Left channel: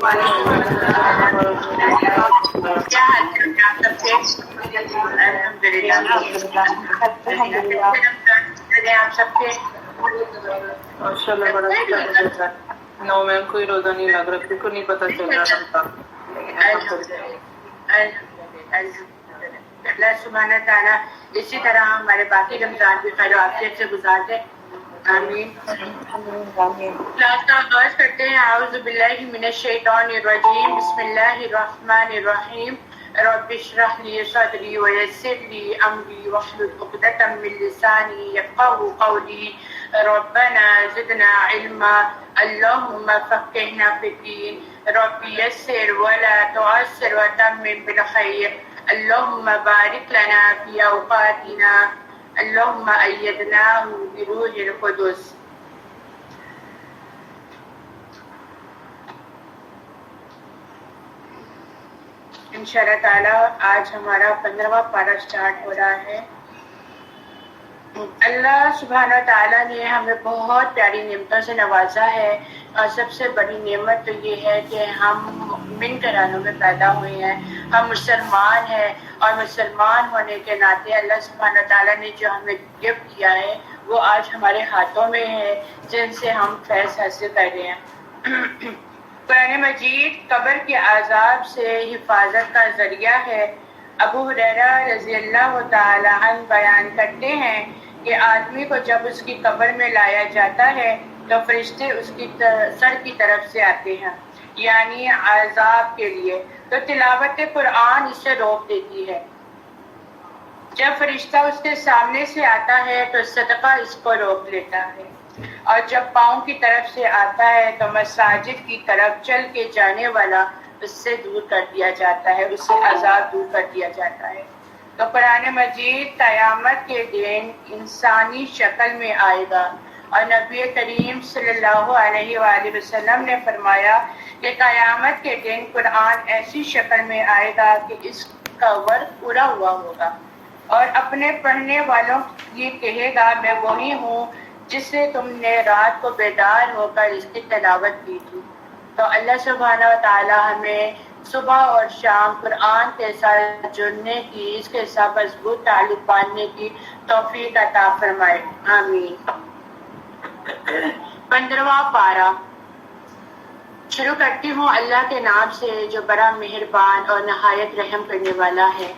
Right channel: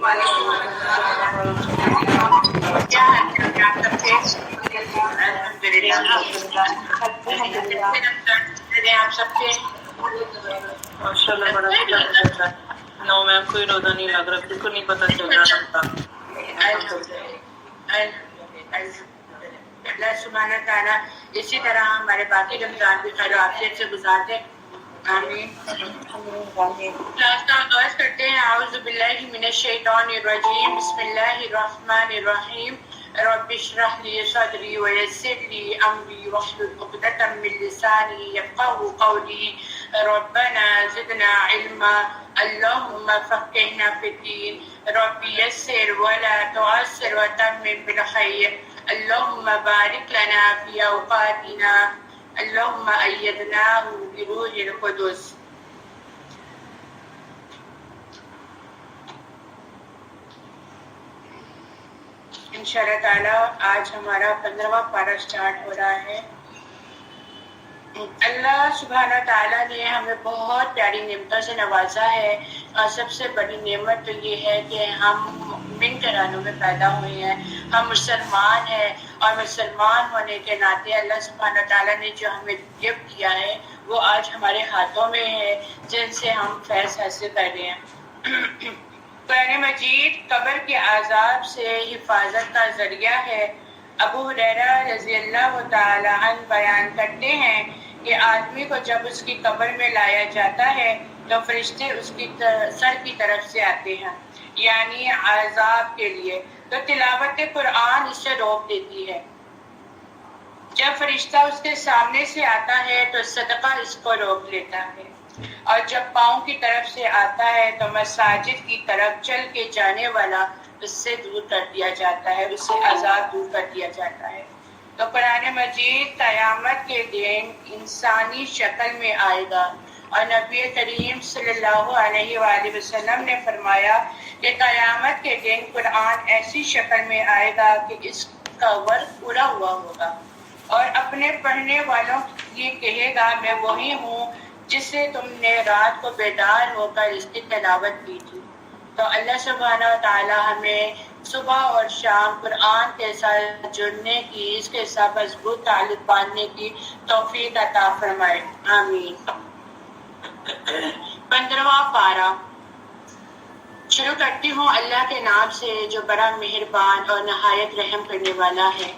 کیا حال چال آپ سب کے؟ الحمدللہ آپ سب کے ماشاء اللہ بڑا شکر ہے. نو میم کوئی روزہ نہیں لگ رہا, بالکل نہیں پتا چل رہا تھا. اللہ سبحانہ تعالیٰ اسی طرح ہمارے باقی رمضان بھی خیر و عافیت سے گزار دے. آمین. کلاس کا آغاز کرتے ہیں. اعوذ باللہ من الشیطان الرجیم. بسم اللہ الرحمن الرحیم. رب اشرح لي صدري ويسر لي امري واحلل عقدة من لساني يفقهوا قولي. ربنا زدنا علما اللهم فقهنا في الدين. رب يسر ولا تعسر وتمم بالخير. اللهم بارك لنا في اوقاتنا. اللهم أيدناه بروح القدس. انشاءاللہ تعالیٰ آج ہمارا 15واں پارہ سٹارٹ ہو رہا ہے. اللہ سبحانہ تعالیٰ نے ہمیں بہت پیاری نعمتوں سے نوازا ہے, اور سب سے بڑی نعمت تو یہ ہے کہ ہم مومن گھرانوں میں پیدا ہوئے ہیں, ہم مسلمان ہیں, اور مسلمان ہونے کے ناطے اللہ سبحانہ تعالیٰ نے جو ہمیں گفٹ کیا ہے وہ آج ہمارے ہاتھوں میں ہے, جن سے ہم فیض حاصل کر رہے ہیں. قرآن مجید قبر کے عذاب سے حفاظت کا ذریعہ ہے. ابو ہریرہ رضی اللہ تعالی عنہ بیان کرتے ہیں کہ آدمی کو جب اس کی قبر میں لایا جاتا ہے تو فرشتے اس کی سر کی طرف سے آتے ہیں, یعنی عذاب کے لیے, تو تلاوت قرآن اس سے روک دیتی ہے. جب فرشتہ اس کے سامنے سے آتا ہے تو صدقہ اس کو روک لیتا ہے, اور جب پاؤں کی طرف سے آتا ہے تو مساجد کی طرف چل کے جانے والا اس سے دور کر دیا جاتا ہے, اس سے عذاب دور کر دیا جاتا ہے. تو قرآن مجید قیامت کے دن انسانی شکل میں آئے گا, اور نبی کریم صلی اللہ علیہ وآلہ وسلم نے فرمایا کہ قیامت کے دن قرآن ایسی شکل میں آئے گا کہ اس کا ورق پورا ہوا ہوگا, اور اپنے پڑھنے والوں یہ کہے گا میں وہی ہوں جس سے تم نے رات کو بیدار ہو کر اس کی تلاوت کی تھی. تو اللہ سبحانہ و تعالی ہمیں صبح اور شام قرآن کے ساتھ جڑنے کی, اس کے ساتھ مضبوط تعلق باندھنے کی توفیق عطا فرمائے. آمین. 15واں پارہ شروع کرتی ہوں اللہ کے نام سے جو بڑا مہربان اور نہایت رحم کرنے والا ہے.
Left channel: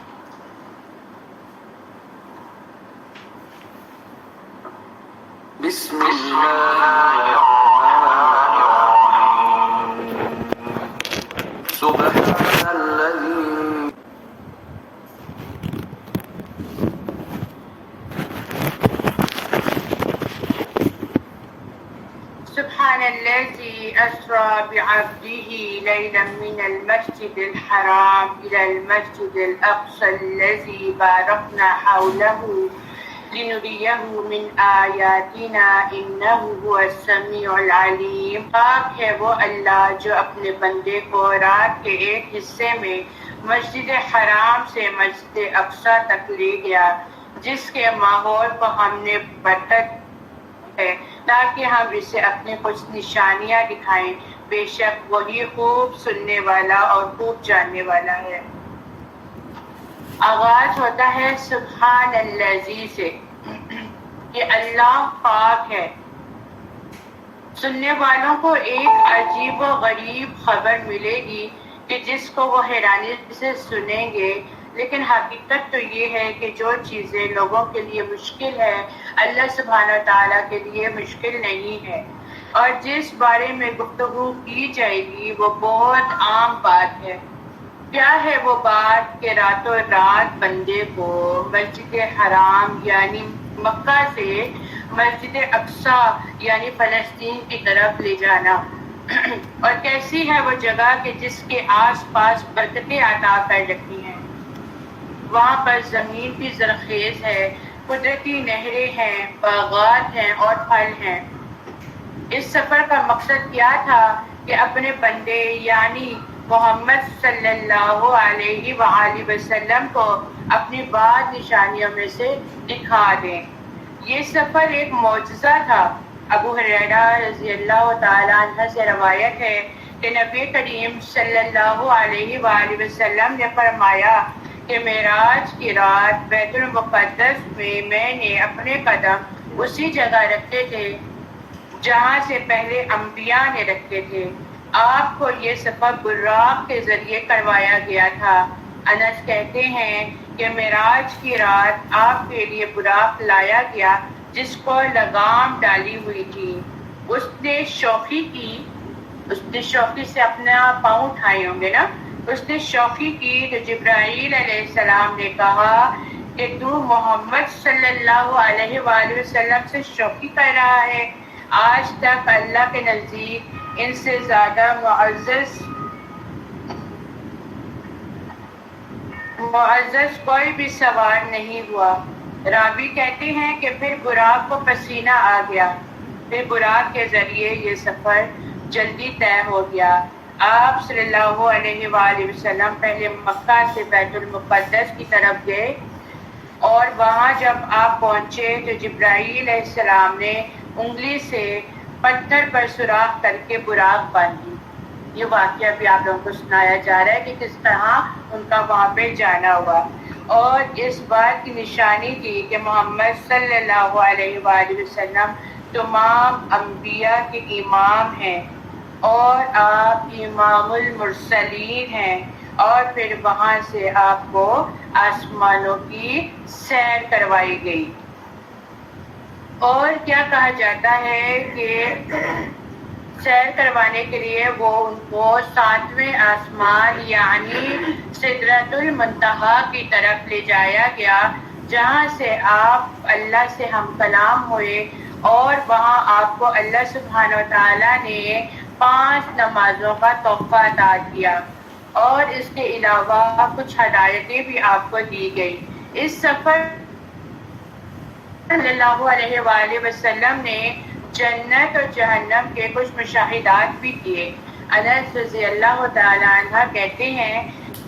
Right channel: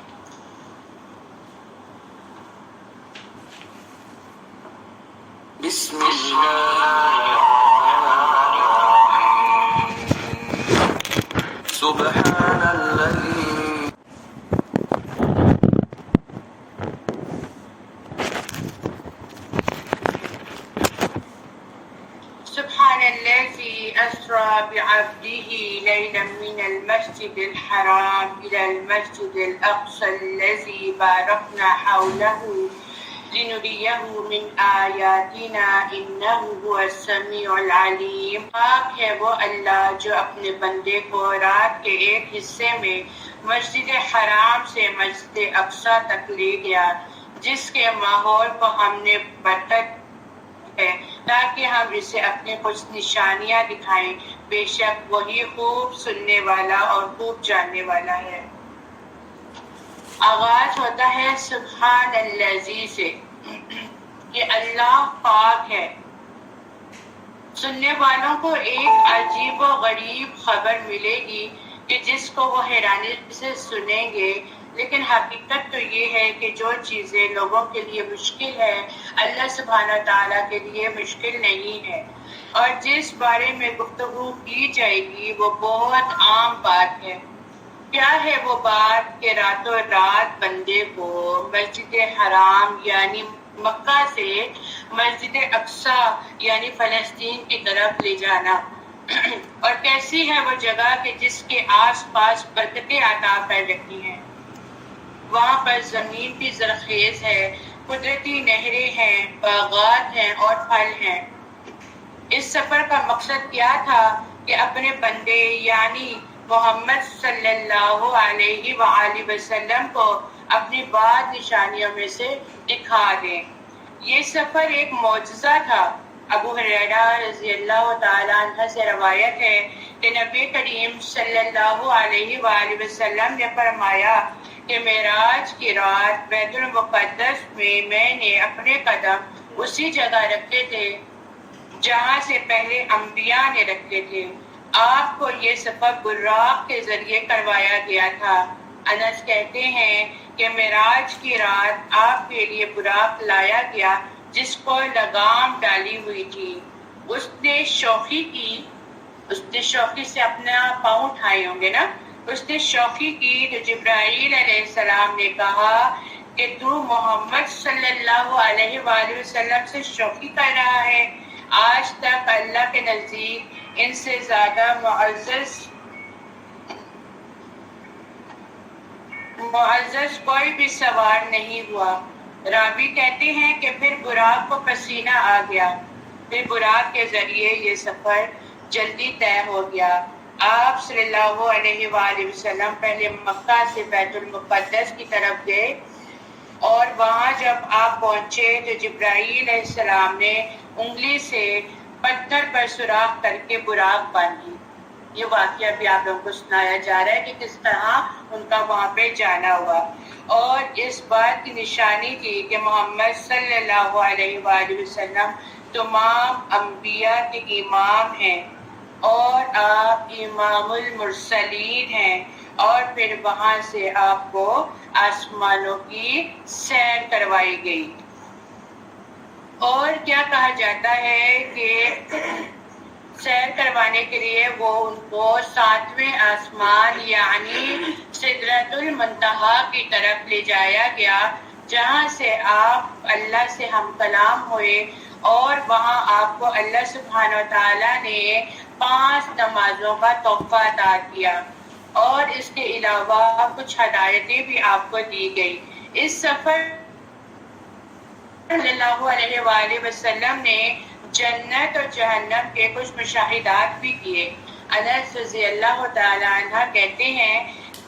بسم اللہ سبحان الذی سبحان الذي أسرى بعبده ليلا من المسجد الحرام إلى المسجد الأقصى الذي باركنا حوله لنريه من آیاتنا انہ هو السمیع العلیم. پاک ہے وہ اللہ جو اپنے بندے کو رات کے ایک حصے میں مسجد حرام سے مسجد اقصی تک لے گیا, جس کے ماحول کو ہم نے برکت ہے تاکہ ہم اسے اپنی کچھ نشانیاں دکھائیں. بے شک وہی خوب سننے والا اور خوب جاننے والا ہے. آغاز ہوتا ہے سبحان الذی سے کہ اللہ پاک ہے. سننے والوں کو ایک عجیب و غریب خبر ملے گی کہ جس کو وہ حیرانی سے سنیں گے, لیکن حقیقت تو یہ ہے کہ جو چیزیں لوگوں کے لیے مشکل ہے اللہ سبحانہ تعالیٰ کے لیے مشکل نہیں ہے, اور جس بارے میں گفتگو کی جائے گی وہ بہت عام بات ہے. کیا ہے وہ بات کہ راتوں رات بندے کو مسجد حرام یعنی مکہ سے مسجد اقصی یعنی فلسطین کی طرف لے جانا, اور کیسی ہے وہ جگہ کہ جس کے آس پاس برکتیں عطا کر رکھی ہیں. وہاں پر زمین بھی زرخیز ہے, قدرتی نہریں ہیں, باغات ہیں اور پھل ہیں. اس سفر کا مقصد کیا تھا کہ اپنے بندے یعنی محمد صلی اللہ علیہ وآلہ وسلم کو اپنی بعض نشانیوں میں سے دکھا دیں. یہ سفر ایک معجزہ تھا. ابو ہریرہ رضی اللہ تعالیٰ عنہ سے روایت ہے کہ نبی کریم صلی اللہ علیہ وآلہ وسلم نے فرمایا کہ معراج کی رات بیت المقدس میں نے اپنے قدم اسی جگہ رکھے تھے جہاں سے پہلے انبیاء نے رکھے تھے. آپ کو یہ سفر براق کے ذریعے کروایا گیا تھا. انس کہتے ہیں کہ معراج کی رات آپ کے لیے براق لایا گیا جس کو لگام ڈالی ہوئی تھی. اس نے شوخی سے اپنا پاؤں اٹھائے ہوں گے نا. اس نے شوخی کی تو جبرائیل علیہ السلام نے کہا کہ تو محمد صلی اللہ علیہ وآلہ وسلم سے شوخی کر رہا ہے. آج تک اللہ کے نزدیک ان سے زیادہ معزز کوئی بھی سوار نہیں ہوا. راوی کہتے ہیں کہ پھر براق کو پسینہ آ گیا. پھر براق کے ذریعے یہ سفر جلدی طے ہو گیا. آپ صلی اللہ علیہ وآلہ وسلم پہلے مکہ سے بیت المقدس کی طرف گئے اور وہاں جب آپ پہنچے تو جبرائیل علیہ السلام نے انگلی سے پتھر پر سوراخ کر کے براق باندھی. یہ واقعہ بھی آپ لوگوں کو سنایا جا رہا ہے کہ کس طرح ان کا وہاں پہ جانا ہوا. اور اس بات کی نشانی تھی کہ محمد صلی اللہ علیہ وآلہ وسلم تمام انبیاء کے امام ہیں اور آپ امام المرسلین ہیں. اور پھر وہاں سے آپ کو آسمانوں کی سیر کروائی گئی. اور کیا کہا جاتا ہے کہ سیر کروانے کے لیے وہ ان کو 7ویں آسمان یعنی سدرۃ المنتہا کی طرف لے جایا گیا جہاں سے آپ اللہ سے ہم کلام ہوئے. اور وہاں آپ کو اللہ سبحانہ و تعالیٰ نے 5 نمازوں کا تحفہ عطا کیا اور اس کے علاوہ کچھ ہدایتیں بھی آپ کو دی گئی. اس سفر صلی اللہ علیہ وآلہ وسلم نے جنت اور جہنم کے کچھ مشاہدات بھی کیے. انس رضی اللہ تعالی عنہ کہتے ہیں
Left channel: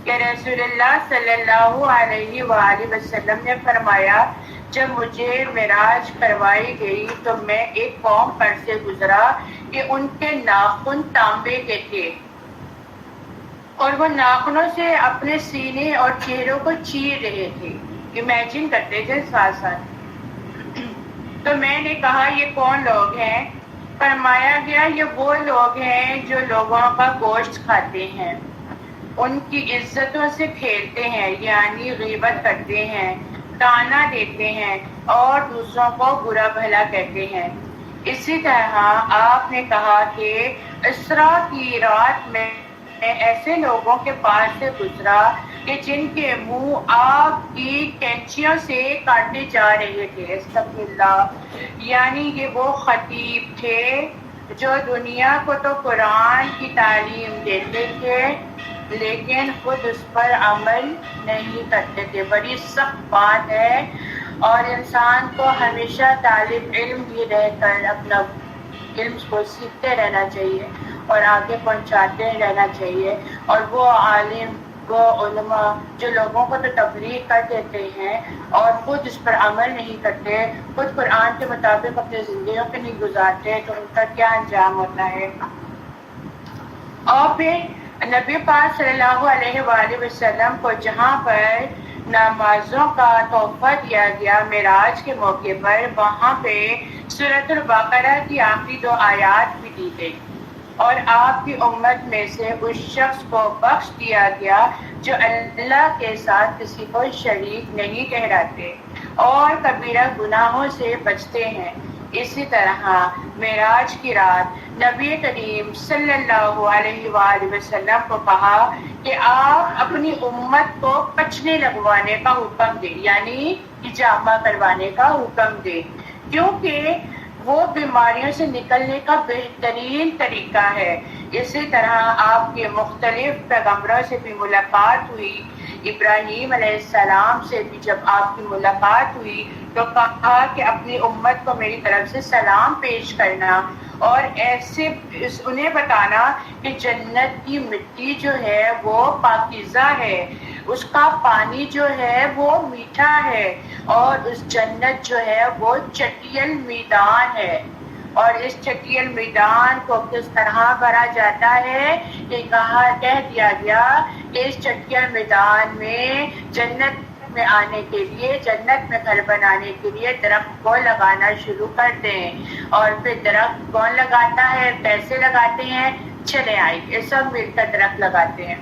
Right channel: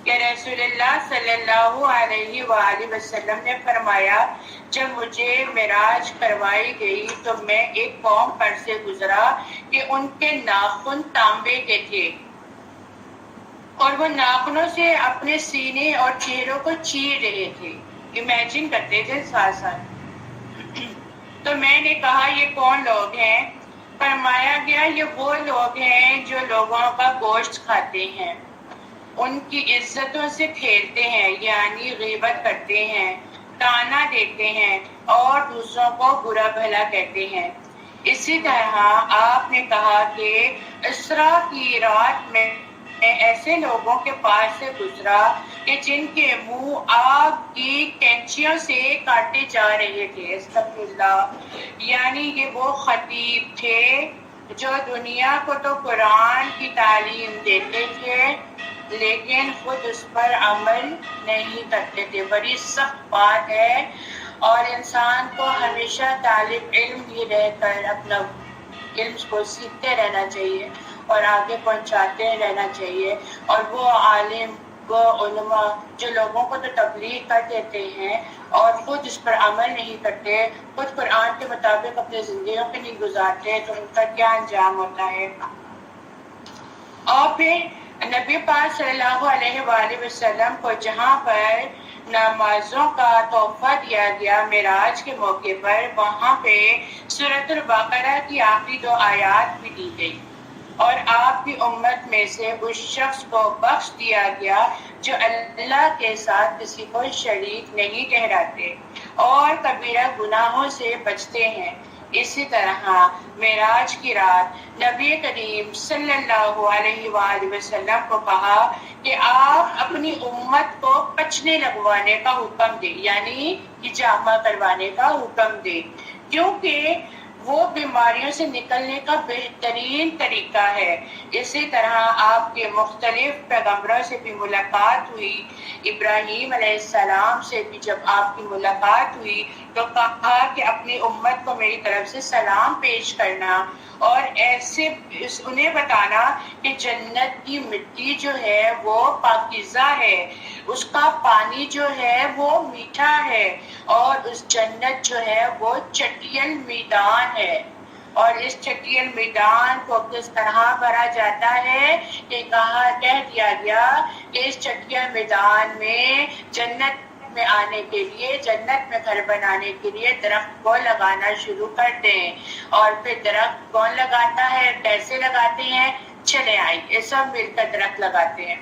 کہ رسول اللہ صلی اللہ علیہ وآلہ وسلم نے فرمایا جب مجھے معراج کروائی گئی تو میں ایک قوم پر سے گزرا کہ ان کے ناخن تانبے کے تھے اور وہ ناخنوں سے اپنے سینے اور چہروں کو چیر رہے تھے. امیجن کرتے تھے ساتھ ساتھ. تو میں نے کہا یہ کون لوگ ہیں؟ فرمایا گیا یہ وہ لوگ ہیں جو لوگوں کا گوشت کھاتے ہیں، ان کی عزتوں سے کھیلتے ہیں یعنی غیبت کرتے ہیں، تانا دیتے ہیں اور دوسروں کو برا بھلا کہتے ہیں. اسی طرح آپ نے کہا کہ اسراء کی رات میں ایسے لوگوں کے پاس سے گزرا کہ جن کے منہ آگ کی کینچیوں سے کاٹے جا رہے تھے. استغفر اللہ. یعنی یہ وہ خطیب تھے جو دنیا کو تو قرآن کی تعلیم دیتے تھے لیکن خود اس پر عمل نہیں کرتے تھے. بڑی سخت بات ہے اور انسان کو ہمیشہ طالب علم ہی رہ کر اپنا علم کو سیکھتے رہنا چاہیے اور آگے پہنچاتے رہنا چاہیے. اور وہ عالم وہ علماء جو لوگوں کو تو تبلیغ کر دیتے ہیں اور خود اس پر عمل نہیں کرتے، خود قرآن کے مطابق اپنی زندگیوں کو نہیں گزارتے تو ان کا کیا انجام ہوتا ہے. اور پھر نبی پاک صلی اللہ علیہ وآلہ وسلم کو جہاں پر نمازوں کا تحفہ دیا گیا معراج کے موقع پر، وہاں پہ سورۃ البقرہ کی آخری 2 آیات بھی دی گئی اور آپ کی امت میں سے اس شخص کو بخش دیا گیا جو اللہ کے ساتھ کسی کو شریک نہیں ٹھہراتے اور کبیرہ گناہوں سے بچتے ہیں. اسی طرح معراج کی رات نبی کریم صلی اللہ علیہ وآلہ وسلم کو کہا کہ آپ اپنی امت کو پچنے لگوانے کا حکم دیں یعنی حجامہ کروانے کا حکم دیں کیونکہ وہ بیماریوں سے نکلنے کا بہترین طریقہ ہے. اسی طرح آپ کے مختلف پیغمبروں سے بھی ملاقات ہوئی. ابراہیم علیہ السلام سے بھی جب آپ کی ملاقات ہوئی تو کہا کہ اپنی امت کو میری طرف سے سلام پیش کرنا اور ایسے انہیں بتانا کہ جنت کی مٹی جو ہے وہ پاکیزہ ہے، اس کا پانی جو ہے وہ میٹھا ہے اور اس جنت جو ہے وہ چٹیل میدان ہے. اور اس چٹیل میدان کو کس طرح بھرا جاتا ہے کہ کہہ دیا گیا کہ اس چٹیل میدان میں جنت میں آنے کے لیے، جنت میں گھر بنانے کے لیے درخت کو لگانا شروع کر دیں۔ اور پھر درخت کون لگاتا ہے، کیسے لگاتے ہیں؟ چلے آئیے سب مل کر درخت لگاتے ہیں۔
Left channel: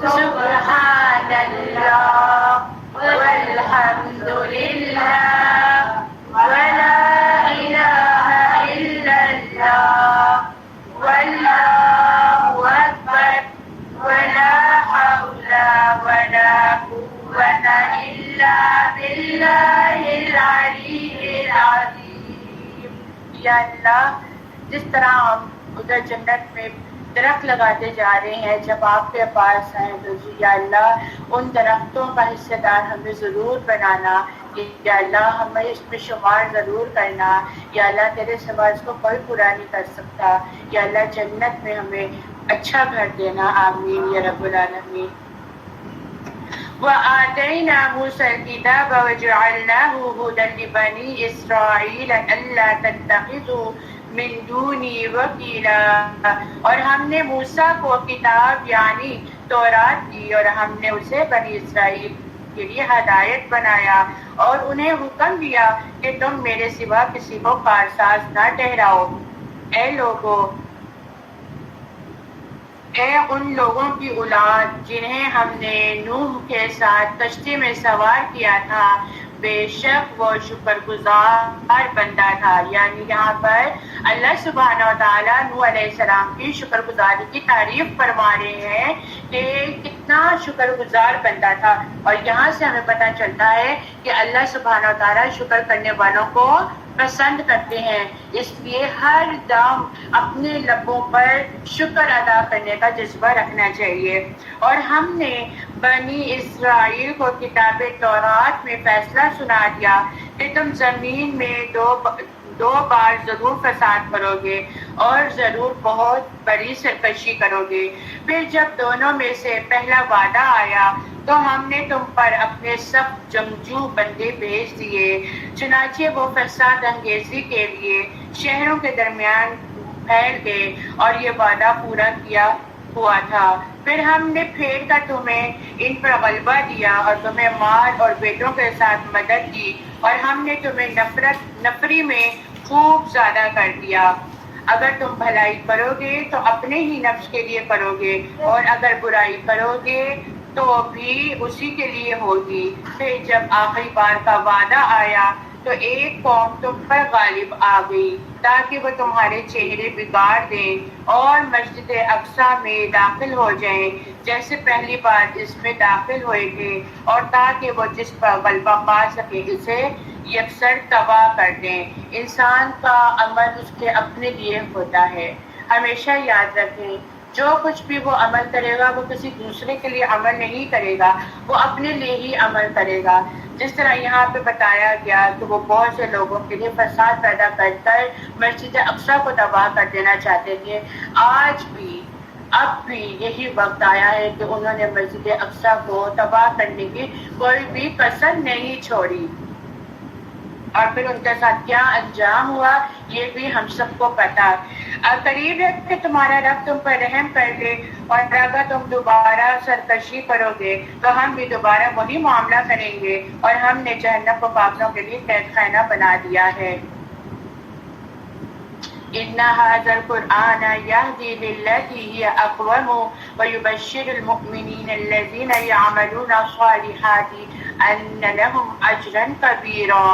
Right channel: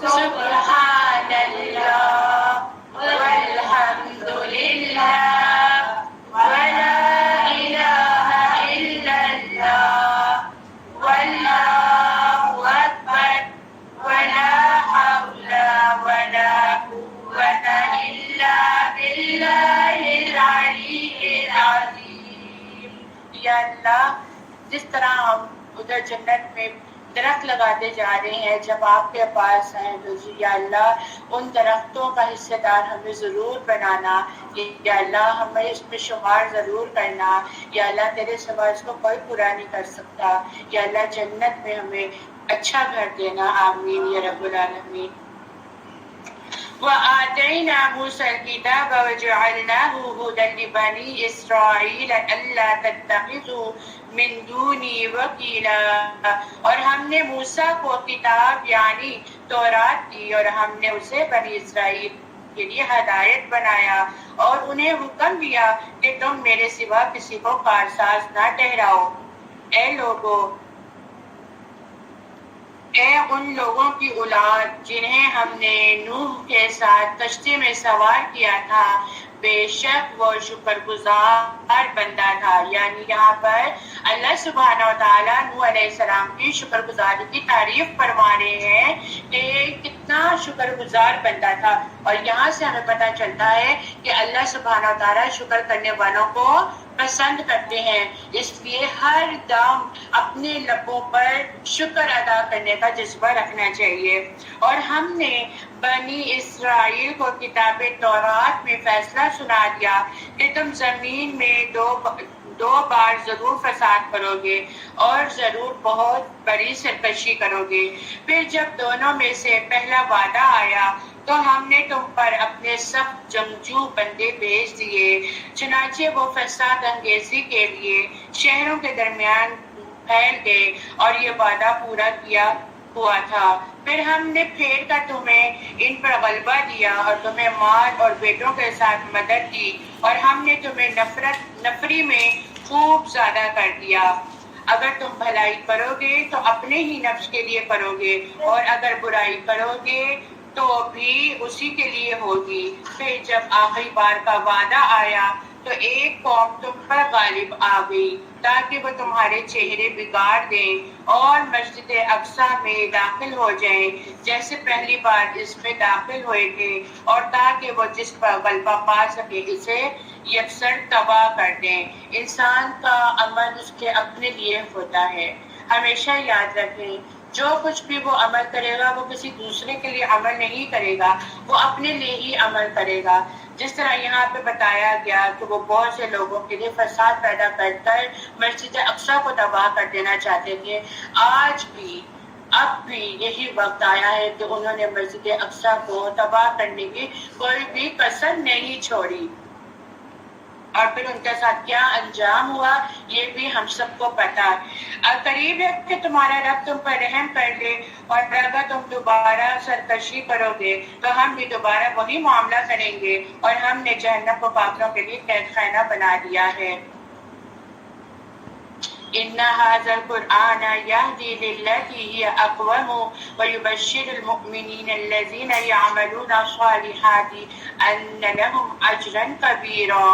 سبحان اللہ والحمد للہ ولا الہ الا اللہ واللہ اکبر ولا حول ولا قوة الا باللہ العلی العظیم۔ یا اللہ، جس طرح ہم ادھر جنت میں درخت لگاتے جا رہے ہیں، جب آپ کے پاس ہیں تو یا اللہ ان درختوں کا حصہ دار ہمیں ضرور بنانا، یا اللہ ہمیں اس میں شمار ضرور کرنا، یا اللہ تیرے سوا اس کو کوئی پورا نہیں کر سکتا، یا اللہ جنت میں ہمیں اچھا گھر دینا، آمین یا رب العالمین۔ وآتينا موسى الكتاب وجعلناه هدى لبني إسرائيل ألا تتخذوا من دوني وكيلا، اور ہم نے موسیٰ کو کتاب یعنی تورات دی، اور ہم نے اسے بنی اسرائیل کے لیے ہدایت بنایا، اور انہیں حکم دیا کہ تم میرے سوا کسی کو کارساز نہ ٹھہراؤ۔ اے لوگو، اے ان لوگوں کی اولاد جنہیں ہم نے نوح کے ساتھ کشتی میں سوار کیا تھا، بے شک وہ شکر گزار بندہ تھا۔ یعنی یہاں پر اللہ سبحانہ و تعالیٰ نوح علیہ السلام کی شکر گزاری کی تعریف فرما رہے ہیں کہ کتنا شکر گزار بندہ تھا، اور یہاں سے ہمیں پتہ چلتا ہے کہ اللہ سبحانہ و تعالیٰ شکر کرنے والوں کو پسند کرتے ہیں، اس لیے ہر دم اپنے لبوں پر شکر ادا کرنے کا جذبہ رکھنا چاہیے۔ اور ہم نے بنی اسرائیل کو کتاب تورات میں فیصلہ سنا دیا کہ تم زمین میں دو بار ضرور فساد کرو گے اور ضرور بہت بڑی سرکشی کرو گے۔ پھر جب دونوں میں سے پہلا وعدہ آیا تو ہم نے تم پر اپنے سخت جنگجو بندے بھیج دیے، چنانچہ وہ فساد انگیزی کے لیے شہروں کے درمیان پھیل گئے اور یہ وعدہ پورا کیا ہوا تھا۔ پھر ہم نے پھیر کر تمہیں ان پر غلبہ دیا اور تمہیں مال اور بیٹوں کے ساتھ مدد دی، اور ہم نے تمہیں نفری میں خوب زیادہ کر دیا۔ اگر تم بھلائی کرو گے تو اپنے ہی نفس کے لیے کرو گے، اور اگر برائی کرو گے تو بھی اسی کے لیے ہوگی۔ پھر جب آخری بار کا وعدہ آیا تو ایک قوم تم پر غالب آ گئی تاکہ وہ تمہارے چہرے بگاڑ دیں اور مسجد اقصی میں داخل ہو جائیں جیسے پہلی بار اس میں داخل ہوئے تھے، اور تاکہ وہ جس پر غلبہ پا سکے اسے یکسر تباہ کر دیں۔ انسان کا عمل اس کے اپنے لیے ہوتا ہے، ہمیشہ یاد رکھیں۔ جو کچھ بھی وہ عمل کرے گا وہ کسی دوسرے کے لیے عمل نہیں کرے گا، وہ اپنے لیے ہی عمل کرے گا۔ جس طرح یہاں پہ بتایا گیا کہ وہ بہت سے لوگوں کے لیے فساد پیدا کر کر مسجد اقصی کو تباہ کر دینا چاہتے تھے، آج بھی اب بھی یہی وقت آیا ہے کہ انہوں نے مسجد اقصی کو تباہ کرنے کی کوئی بھی کسر نہیں چھوڑی، اور پھر ان کے ساتھ کیا انجام ہوا یہ بھی ہم سب کو پتا ہے۔ قریب ہے کہ تمہارا رب تم پر رحم کر دے، اور اگر تم دوبارہ سرکشی کرو گے تو ہم بھی دوبارہ وہی معاملہ کریں گے، اور ہم نے جہنم کو کافروں کے لیے قید خانہ بنا دیا ہے۔ إن هذا القرآن يهدي للتي هي أقوم ويبشر المؤمنين الذين يعملون الصالحات أن لهم أجرا كبيرا۔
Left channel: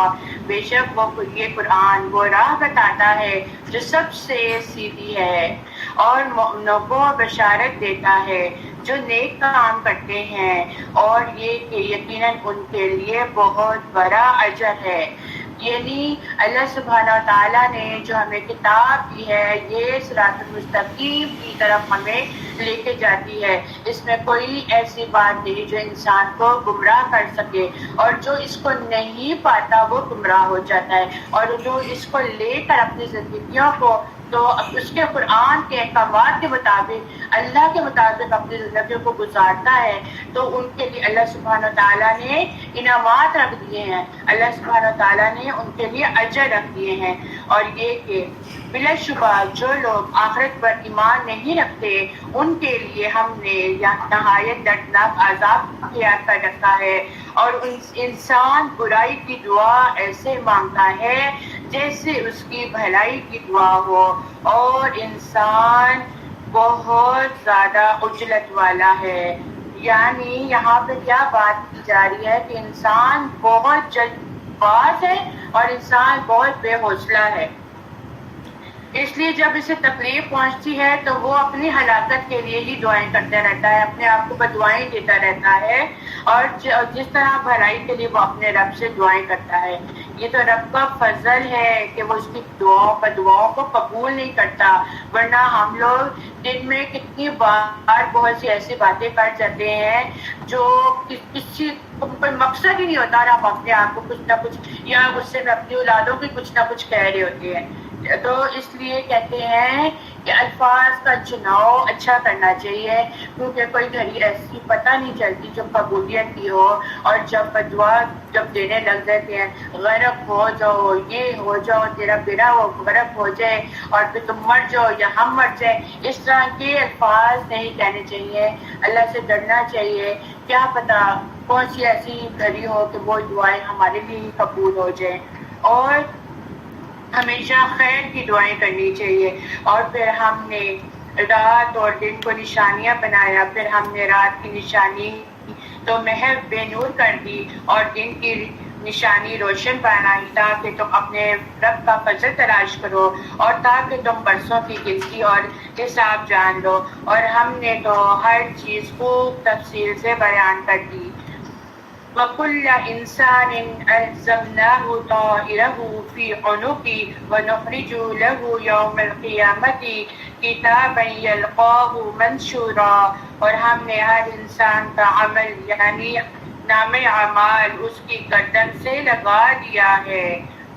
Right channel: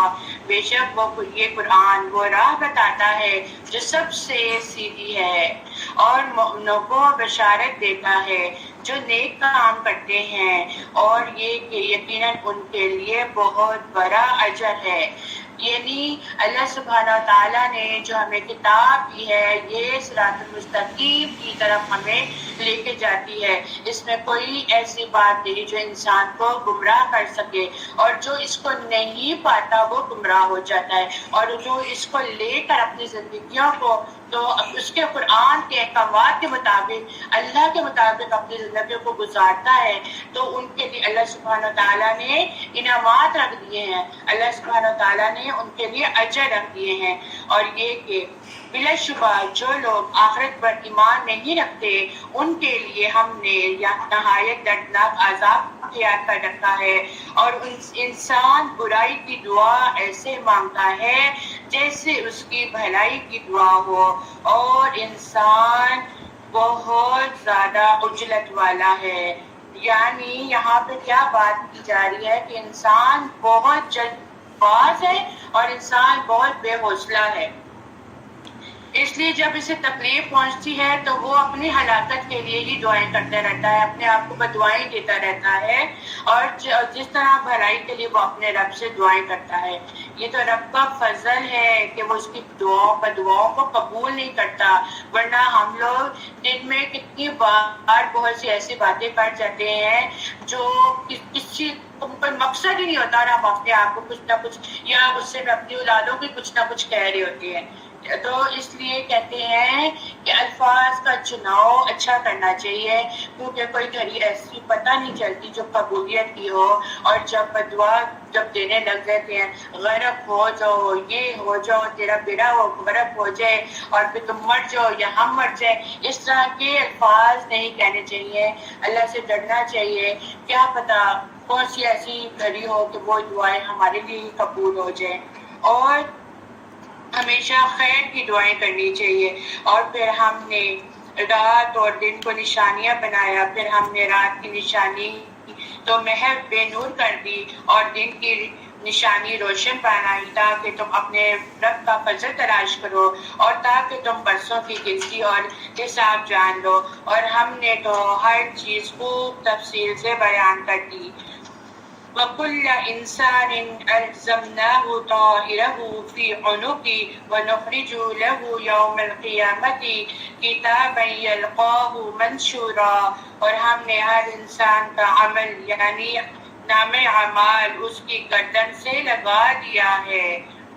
بے شک یہ قرآن وہ راہ بتاتا ہے جو سب سے سیدھی ہے، اور مومنوں کو بشارت دیتا ہے جو نیک کام کرتے ہیں، اور یہ کہ یقیناً ان کے لیے بہت بڑا اجر ہے۔ یعنی اللہ سبحانہ و تعالیٰ نے جو ہمیں کتاب دی ہے یہ صراط المستقیم کی طرف ہمیں لے کے جاتی ہے، اس میں کوئی ایسی بات نہیں جو انسان کو گمراہ کر سکے، اور جو اس کو نہیں پاتا وہ گمراہ ہو جاتا ہے، اور جو اس کو لے کر اپنی زندگیوں کو تو اس کے قرآن کے احکامات کے مطابق اللہ کے مطابق اپنی زندگیوں کو گزارتا ہے تو ان کے لیے اللہ سبحانہ و تعالیٰ نے انعامات رکھ دیے ہیں، اللہ سبحانہ و تعالیٰ نے ان کے لیے اجر رکھ دیے ہیں۔ اور یہ کہ بلا شبہ جو لوگ آخرت پر ایمان نہیں رکھتے ان کے لیے ہم نے نہایت دردناک عذاب تیار کر رکھا ہے، اور انسان برائی کی دعا ایسے مانگتا ہے جیسے اس کی بھلائی کی دعا ہو، اور انسان بہت زیادہ عجلت والا ہے۔ یعنی یہاں پہ کیا بات کی جا رہی ہے کہ انسان بہت جلد باز ہے اور انسان بہت بے حوصلہ ہے، اس لیے جب اسے تکلیف پہنچتی ہے تو وہ اپنی ہلاکت کے لیے ہی دعائیں کرتا رہتا ہے، اپنے آپ کو بددعائیں دیتا رہتا ہے، اور جس طرح بھلائی کے لیے وہ اپنے رب سے دعائیں کرتا ہے۔ یہ تو رب کا فضل ہے کہ وہ اس کی دعاؤں کو قبول نہیں کرتا، ورنہ ہم لوگ دن میں کتنی بار بہت سی ایسی باتیں کر جاتے ہیں جو کسی کوئی مقصد ہی نہیں ہوتا، اور ہم اپنے آپ کو کچھ نہ کچھ یا غصے میں اپنی اولادوں کو کچھ نہ کچھ کہہ رہے ہوتے ہیں۔ تو اس لیے کہتے ہیں کہ الفاظ کا چناؤ اچھا کرنا چاہیے، کیونکہ کوئی گھڑی ایسی پتہ نہیں چلتی جو قبولیت کی ہو، اور جب بدعا جب دینے لگ جاتے ہیں غرق ہو جاؤ، یہ ہو جاؤ، تیرا بیڑا ہو غرق ہو جائے اور پھر تم مر جاؤ یا ہم مر جائے، اس طرح کے الفاظ نہیں کہنے چاہیے۔ اللہ سے ڈرنا چاہیے، کیا پتہ کون سی ایسی گھڑی ہو کہ وہ دعائیں ہمارے لیے ہی قبول ہو جائیں، اور ہمیشہ خیر کی دعائیں کرنی چاہیے۔ اور پھر ہم نے رات اور دن کو نشانیاں بنایا، پھر ہم نے رات کی نشانی تو محض بے نور کر دی اور دن کی نشانی روشن بنائی، تاکہ تم اپنے رب کا فضل تلاش کرو اور تاکہ تم برسوں کی گنتی اور حساب جان لو، اور ہم نے تو ہر چیز خوب تفصیل سے بیان کر دی۔ وَكُلَّ إِنسَانٍ أَلْزَمْنَاهُ طَائِرَهُ فِي عُنُقِهِ وَنُخْرِجُ لَهُ يَوْمَ الْقِيَامَةِ كِتَابًا يَلْقَاهُ مَنشُورًا، اور ہم نے ہر انسان کا عمل یعنی نامِ اعمال اس کی گردن سے لگا دیا ہے۔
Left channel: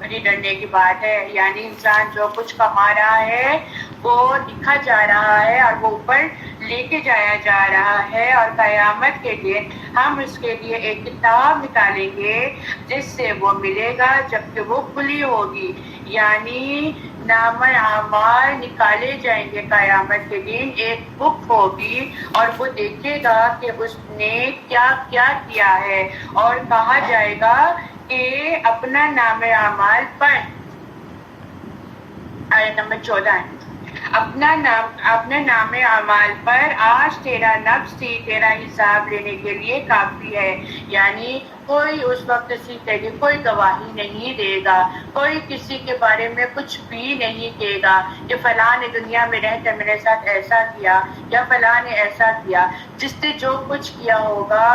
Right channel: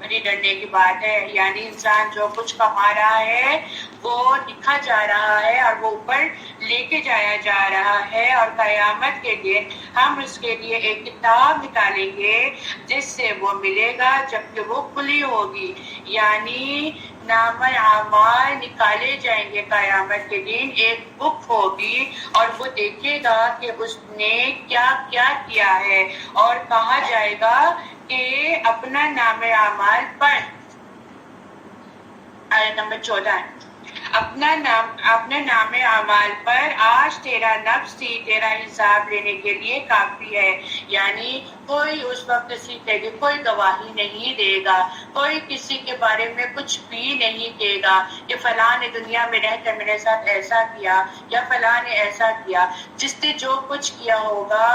بڑی ڈرنے کی بات ہے، یعنی انسان جو کچھ کما رہا ہے وہ لکھا جا رہا ہے اور وہ اوپر لے کے جایا جا رہا ہے، اور قیامت کے دن ہم اس کے لیے ایک کتاب نکالیں گے جس سے وہ ملے گا جبکہ وہ کھلی ہوگی، یعنی نام اعمال نکالے جائیں گے قیامت کے دن، ایک بک ہوگی اور وہ دیکھے گا کہ اس نے کیا کیا کیا ہے، اور کہا جائے گا کہ اپنا نام اعمال پڑھ۔ آیت نمبر 14 ہے، اپنا نام اعمال پر، آج تیرا نفس ہی تیرا حساب لینے کے لیے کافی ہے، یعنی کوئی اس وقت کسی کے لیے کوئی گواہی نہیں دے گا، کوئی کسی کے بارے میں کچھ بھی نہیں کہے گا کہ فلاں نے دنیا میں رہ کر میرے ساتھ ایسا کیا یا فلاں نے ایسا کیا۔ جس نے جو کچھ کیا ہوگا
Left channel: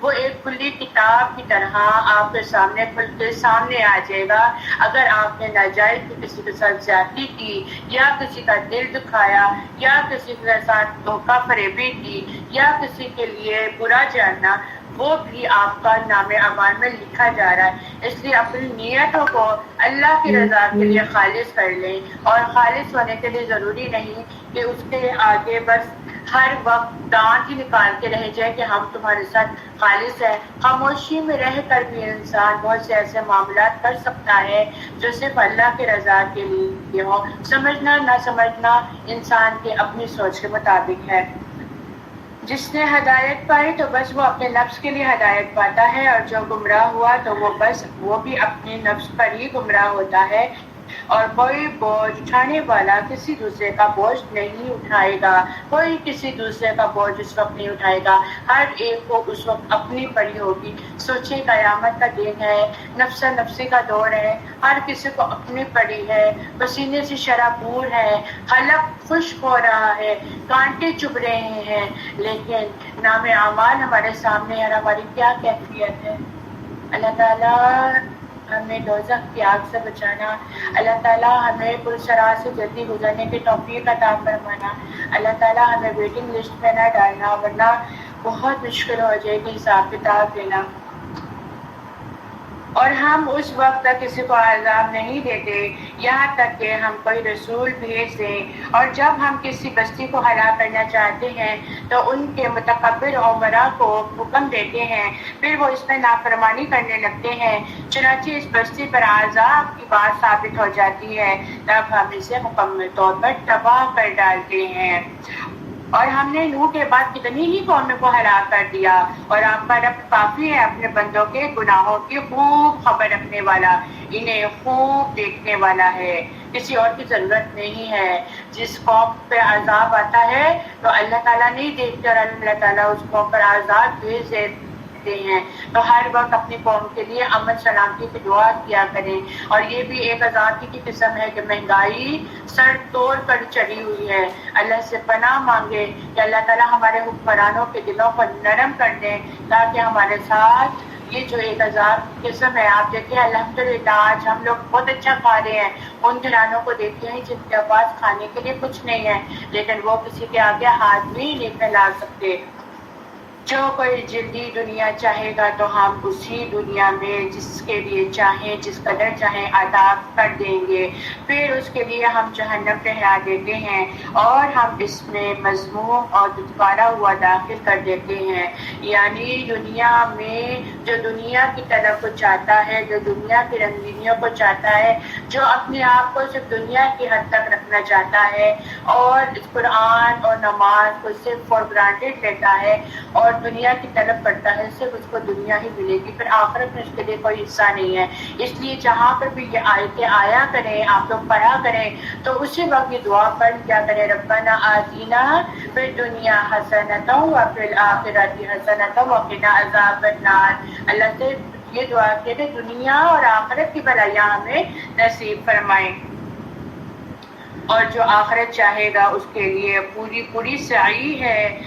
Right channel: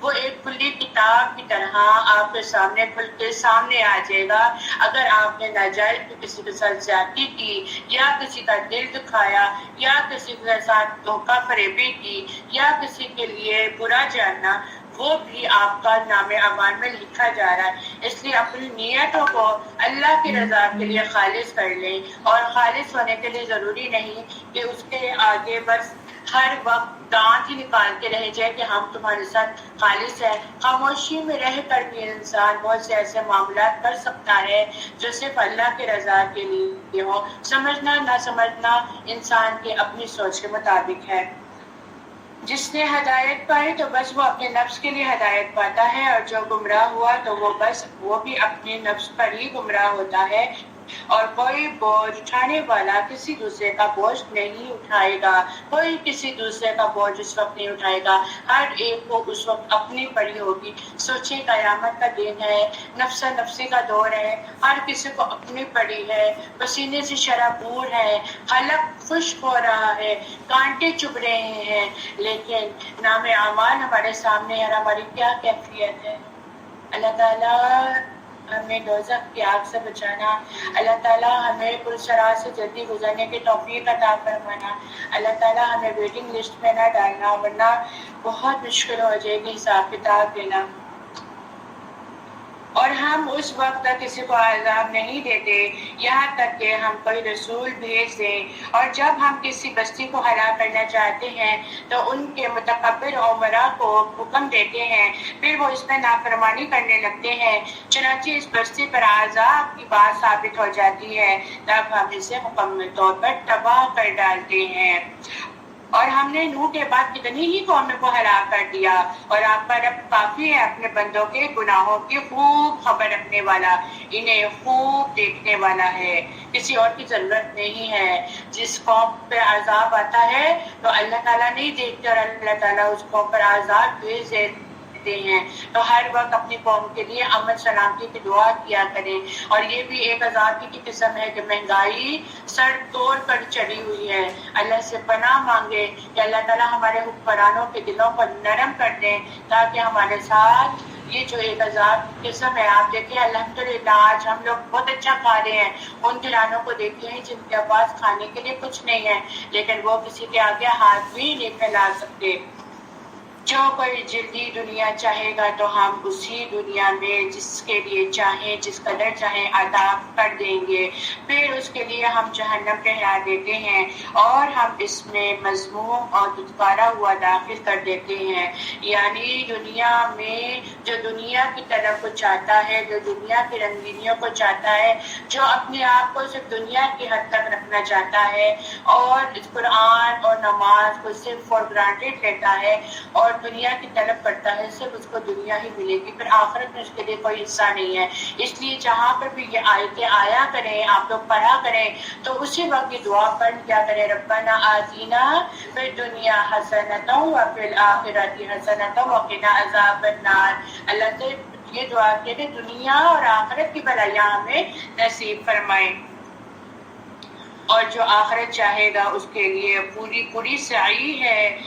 وہ ایک کھلی کتاب کی طرح آپ کے سامنے کھل کے سامنے آ جائے گا۔ اگر آپ نے ناجائز کسی کے ساتھ زیادتی کی یا کسی کا دل دکھایا یا کسی کے ساتھ دھوکہ فریبی کی یا کسی کے لیے برا جاننا، وہ بھی آپ کا نام اعمال میں لکھا جا رہا ہے۔ اس لیے اپنی نیتوں کو اللہ کی رضا کے لیے خالص کر لیں، اور خالص ہونے کے لیے ضروری نہیں کہ اس کے آگے بس ہر وقت دانت ہی نکال کے رہ جائے کہ ہم تمہارے ساتھ خالص ہے۔ خاموشی میں رہ کر بھی انسان بہت سے ایسے معاملات کر سکتا ہے جو صرف اللہ کی رضا کے لیے ہو۔ سمجھنا نہ سمجھنا انسان کے اپنی سوچ کے مطابق ہے۔ جس نے ہدایت پائی تو بس وہ اپنے نفس کے لیے ہدایت پاتا ہے، اور جو گمراہ ہوا تو وہ بھی اپنے نفس پر ہی گمراہ ہوتا ہے، اور کوئی بوجھ اٹھانے والا کسی دوسرے کا بوجھ نہیں اٹھائے گا، کوئی کسی دوسرے کا بوجھ اس وقت نہیں اٹھائے گا، ہر ایک کو اس وقت اپنی پڑی ہوگی۔ سوچے قیامت کا دن ہے، نفس نفسی کا دور ہے، ہر کسی کو اپنی پڑی ہے، پسینے سے شرابور ہے، خلق خشک ہو رہا ہے، کانٹے چبھ رہے ہیں، لیکن نام اعمال ہمارے سامنے ہے، ہماری کیا کیفیت ہے۔ اللہ تعالیٰ ہمیں دوزخ کی آگ سے بچانا، اللہ تعالیٰ ہمیں پرسرات سے جلدی گزرنے کی توفیق عطا فرمانا، اللہ تعالیٰ ہمیں ویٹنگ لسٹ میں نہ ڈالنا، ورنہ بہت مشکل ہو جائے گی حساب کتاب دینا۔ اور ہم اس وقت تک کسی کو عذاب نہیں دیتے یہاں تک کہ ہم کوئی رسول بھیج دیں، اور جب ہم کسی بستی کو ہلاک کرنا چاہتے ہیں تو ان کے متکبر عمرا کو حکم دیتے ہیں، پھر وہ اس میں نافرمانی کرنے لگتے ہیں، چنانچہ اس بستی پر عذاب کی بات ثابت ہو جاتی ہے، تب ہم اسے مکمل طور پر تباہ کر ڈالتے ہیں۔ اور ہم نے نوح کے بعد کتنی ہی قوموں کو ہلاک کر دیا، اور آپ کا رب کافی ہے اپنے بندوں کے گناہوں کی خوب خبر رکھنے والا، انہیں خوب دیکھنے والا ہے، کسی اور کی ضرورت نہیں ہے۔ جس قوم پہ عذاب آتا ہے تو اللہ تعالیٰ نہیں دیکھتے، اور اللہ تعالیٰ اس قوم پر عذاب بھیج دیتے ہیں، تو ہر وقت اپنی قوم کے لیے امن سلامتی کی دعا کیا کریں۔ اور یہ بھی ایک عذاب کی قسم ہے کہ مہنگائی سر توڑ کر چلی ہوئی ہے، اللہ سے پناہ مانگے کہ اللہ تعالیٰ ہمارے حکمرانوں کے دلوں کو نرم کر دیں تاکہ ہمارے ساتھ یہ جو ایک عذاب کی قسم ہے، آپ دیکھیں الحمدللہ آج ہم لوگ بہت اچھا کھا رہے ہیں، ان گھرانوں کو دیکھتے ہیں جن کے پاس کھانے کے لیے کچھ نہیں ہے، لیکن وہ کسی کے آگے ہاتھ بھی نہیں پھیلا سکتے۔ جو کوئی جلدی دنیا چاہے گا تو ہم اسی دنیا میں جس کے لیے چاہیں جس قدر چاہیں عطا کر دیں گے، پھر اس کے لیے ہم جہنم ٹھہرا دیتے ہیں اور ہم اس میں مذموم اور دھتکارا ہوا داخل کر دیتے ہیں۔ یعنی دنیا میں جو دنیا کی طلب کو چاہتا ہے، جو دنیا کی رنگینیوں کو چاہتا ہے، جو اپنے آپ کو صرف دنیا کی حد تک رکھنا چاہتا ہے اور قرآن اور نماز کو صرف فار گرانٹیڈ لیتا ہے اور دنیا کی طلب کرتا ہے، صرف اس کو دنیا ہی ملے گی، پھر آخرت میں اس کے لیے کوئی حصہ نہیں ہے۔ اس لیے جہاں پر بھی یہ آیتیں آیا کریں، آپ لوگ پڑھا کریں تو اسی وقت یہ دعا پڑھ کیا کریں، ربنا آتینا فی الدنیا حسنۃ وفی الآخرۃ حسنۃ وقنا عذاب النار۔ اللہ سے یہ دعا کہ دنیا اور آخرت کی بھلائیاں ہمیں نصیب فرمائیں، اور جو آخرت چاہے گا اس کے لیے پوری سعی ہے،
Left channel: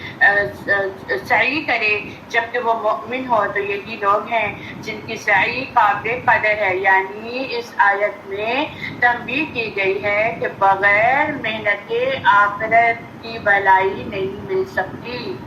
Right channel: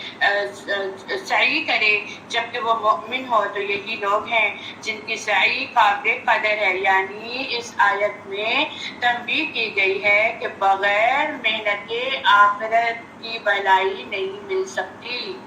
سعی کرے، جبکہ وہ مؤمن ہو تو یہی لوگ ہیں جن کی سعی قابل قدر ہے۔ یعنی اس آیت میں تنبیہ کی گئی ہے کہ بغیر محنت کے آخرت کی بھلائی نہیں مل سکتی۔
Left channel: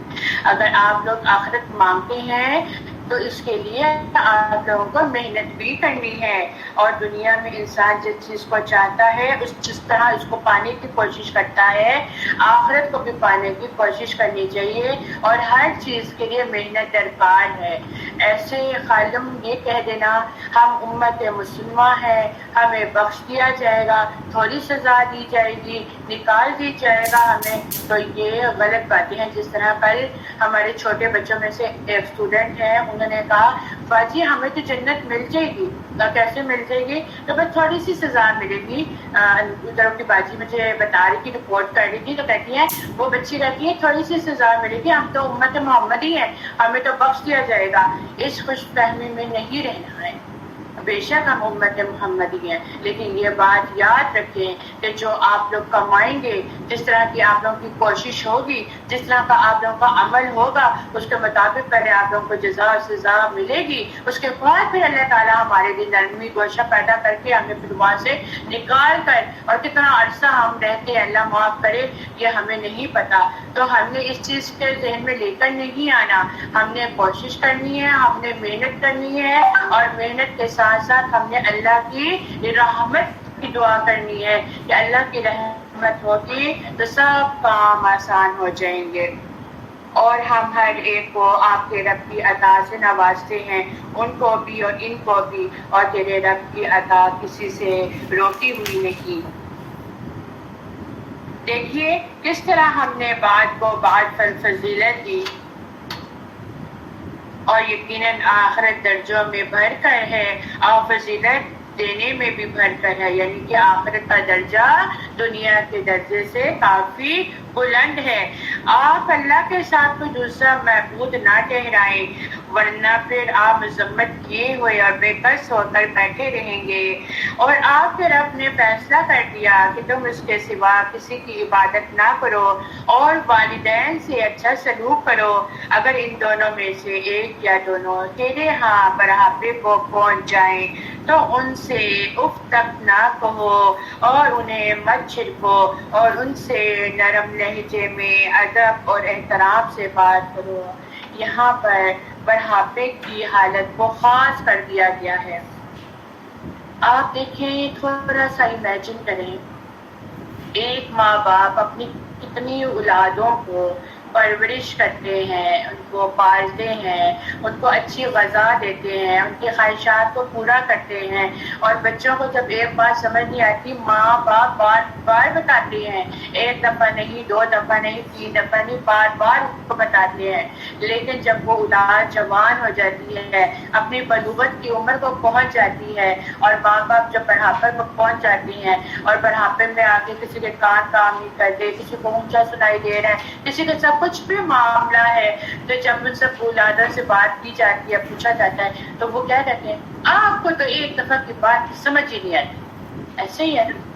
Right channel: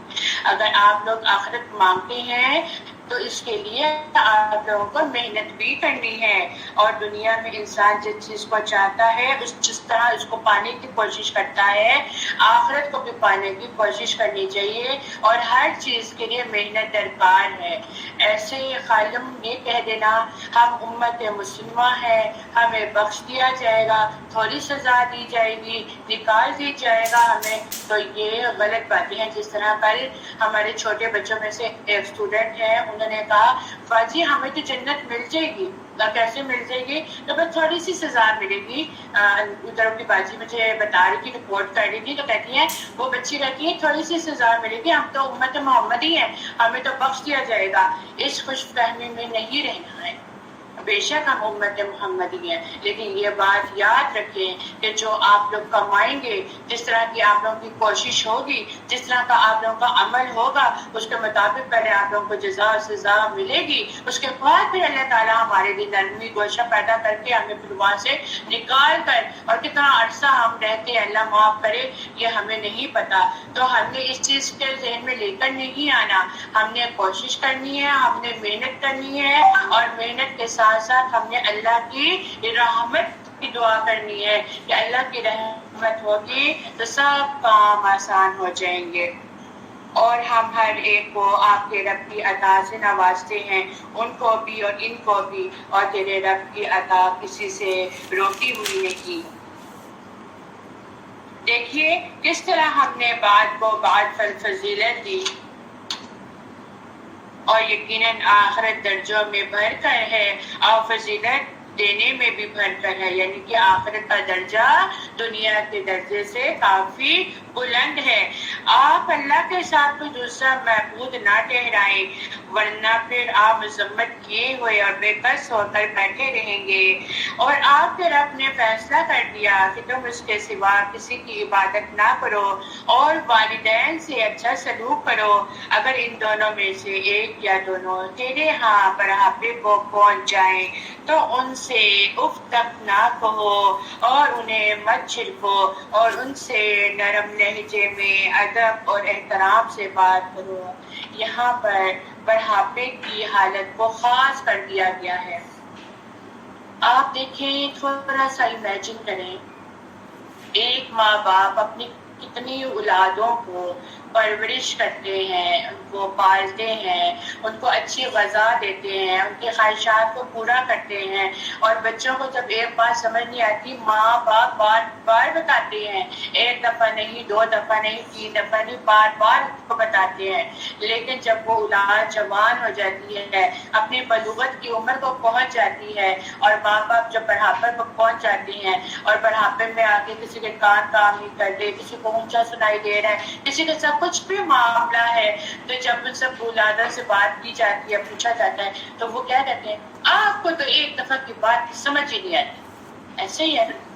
اگر آپ لوگ آخرت مانگتے ہیں تو اس کے لیے آپ لوگوں کو محنت بھی کرنی ہے، اور دنیا میں انسان جس چیز کو چاہتا ہے جس طرح اس کو پانے کی کوشش کرتا ہے، آخرت کو بھی پانے کی کوشش کرنی چاہیے، اور ہر چیز کے لیے محنت درکار ہے۔ ایسے خالم یہ کہہ دینا ہم امت مسلمہ ہیں، ہمیں بخش دیا جائے گا، تھوڑی سزا دی جائے گی، نکال دی جائے گا ہمیں، تو یہ غلط باتیں ہیں۔ جس طرح کل ہمارے چھوٹے بچوں میں سے ایک اسٹوڈنٹ ہے، انہوں نے کہا باجی ہمیں تو جنت مل جائے گی، کیسے مل جائے گی؟ تو بس تھوڑی سی سزا ملے گی۔ ادھر کی باجی مجھے بتا رہی تھی، رپورٹ کر رہی تھی، تو کہتی ہے وہ بچی کہتی ہے تھوڑی سی سزا ملے گی، ہم تو امت محمد ہی ہیں، ہمیں تو بخش دیا جائے گا۔ اس خوش فہمی میں نہیں رہنا ہے، بے شک ہم امت محمدی ہیں، لیکن یہ بات یاد رکھیں کہ جو آپ لوگ کمائیں گے، جس طرح کی آپ لوگوں کی کوشش ہوگی، جس طرح کا آپ لوگوں کا عمل ہوگا، اس کے مطابق پہلے آپ لوگوں کو جزا و سزا ملے گی، اس کے بعد پھر اللہ تعالیٰ ہمارے لیے نرمی گوشہ پیدا کر کے ہمیں پھر وہاں سے نکال کر، اور کتنا عرصہ ہم رہتے ہیں اللہ معاف کرے یہ ہمیں نہیں پتا، تو ہم نے اس چیز کے ذہن میں لے کر نہیں آنا، ہم نے کوشش کرنی ہے، ہم نے محنت کرنی ہے، اور محنت کے ساتھ ساتھ ہم نے اللہ کی رحمت کی دعا کرنی ہے کہ اللہ کی رحمت ہوگی تو سب کام آسان ہو جائیں گے، اور ہم ہر ایک کو آپ کے رب کی عطا سے نوازتے ہیں، ان کو بھی اور ان کو بھی، اور تیرے رب کی عطا کسی سے روکی ہوئی نہیں۔ دیکھیے کس طرح ہم نے بعد کو بعد فضیلت دی، اور یقیناً آخرت درجوں میں بڑھ کر ہے اور فضیلت دینے میں بھی بڑھ کر ہے، یعنی کہ آخرت کا درجہ دنیا کے درجے سے کافی بلند ہے۔ آپ اللہ کے ساتھ کوئی دوسرا معبود نہ ٹھہرائیں، ورنہ پھر آپ مذمت کیے ہوئے اور بے کس ہو کر بیٹھے رہیں گے، اور آپ کے رب نے فیصلہ کر دیا کہ تم اس کے سوا کسی کی عبادت نہ کرو اور والدین سے اچھا سلوک کرو، اگر ان دونوں میں سے ایک یا دونوں تیرے ہاں بڑھاپے کو پہنچ جائیں تو ان سے اف تک نہ کہو اور انہیں مت چھڑکو، اور ان سے نرم لہجے میں ادب اور احترام سے بات کرو۔ یہاں پر بڑھاپے کی حالت کو خاص کر دیا گیا ہے۔ آپ دیکھیں، تھوڑا سا امیجن کریں، ایک ماں باپ اپنی کتنی اولادوں کو پرورش کرتے ہیں، ان کو پالتے ہیں، ان کو اچھی غذا دیتے ہیں، ان کے خواہشات کو پورا کرتے ہیں، اور بچوں کو جب ایک بات سمجھ نہیں آتی ماں باپ بار بار بتاتے ہیں، ایک دفعہ نہیں، دو دفعہ نہیں، تین دفعہ نہیں، بار بار ان کو بتاتے ہیں۔ لیکن جب وہ اولاد جوان ہو جاتی ہے، اپنی بلوغت کی عمر کو پہنچ جاتی ہے، اور ماں باپ جب بڑھاپے کو پہنچ جاتی ہیں، اور بڑھاپے میں آگے کسی کے کان کام نہیں کرتے، کسی کو اونچا سنائی دے رہا ہے، کسی کے ساتھ کچھ بھی معاملہ ہے، تو جب ان سب اولادوں سے بات کی جاتی ہے، پوچھا جاتا ہے، تو وہ کیا کہتے ہیں؟ آپ کو تو ایک دفعہ کی بات سمجھ ہی نہیں آتی۔ ایسے ہی ہے نا؟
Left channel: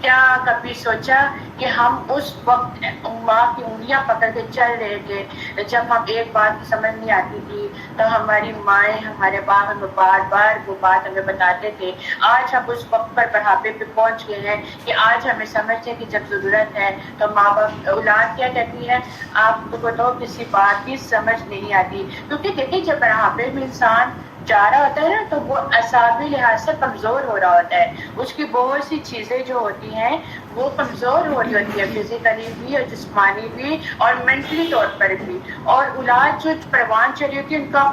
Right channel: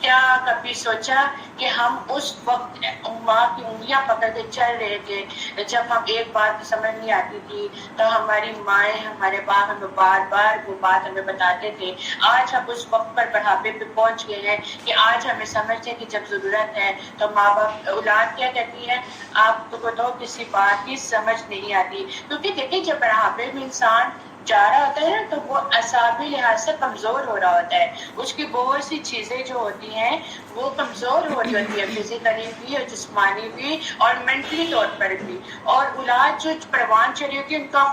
کیا کبھی سوچا کہ ہم اس وقت ماں کی انگلیاں پکڑ کے چل رہے تھے جب ہم ایک بات سمجھ نہیں آتی تھی تو ہماری مائیں، ہمارے باپ ہمیں بار بار وہ بات ہمیں بتاتے تھے۔ آج ہم اس وقت پر بڑھاپے پہ پہنچ گئے ہیں کہ آج ہمیں سمجھتے ہیں کہ جب ضرورت ہے تو ماں باپ، اولاد کیا کہتی ہے؟ آپ کو تو کسی بات کی سمجھ نہیں آتی، کیونکہ دیکھیں جب بڑھاپے میں انسان جا رہا ہوتا ہے نا تو وہ اعصابی لحاظ سے کمزور ہو رہا ہوتا ہے، اس کی بہت سی چیزیں جو ہوتی ہیں وہ کمزور ہو رہی ہوتی ہے، فزیکلی بھی اور جسمانی بھی اور مینٹلی طور پر بھی۔ اور اولاد جو پروان چڑھی ہوتی ہے ان کا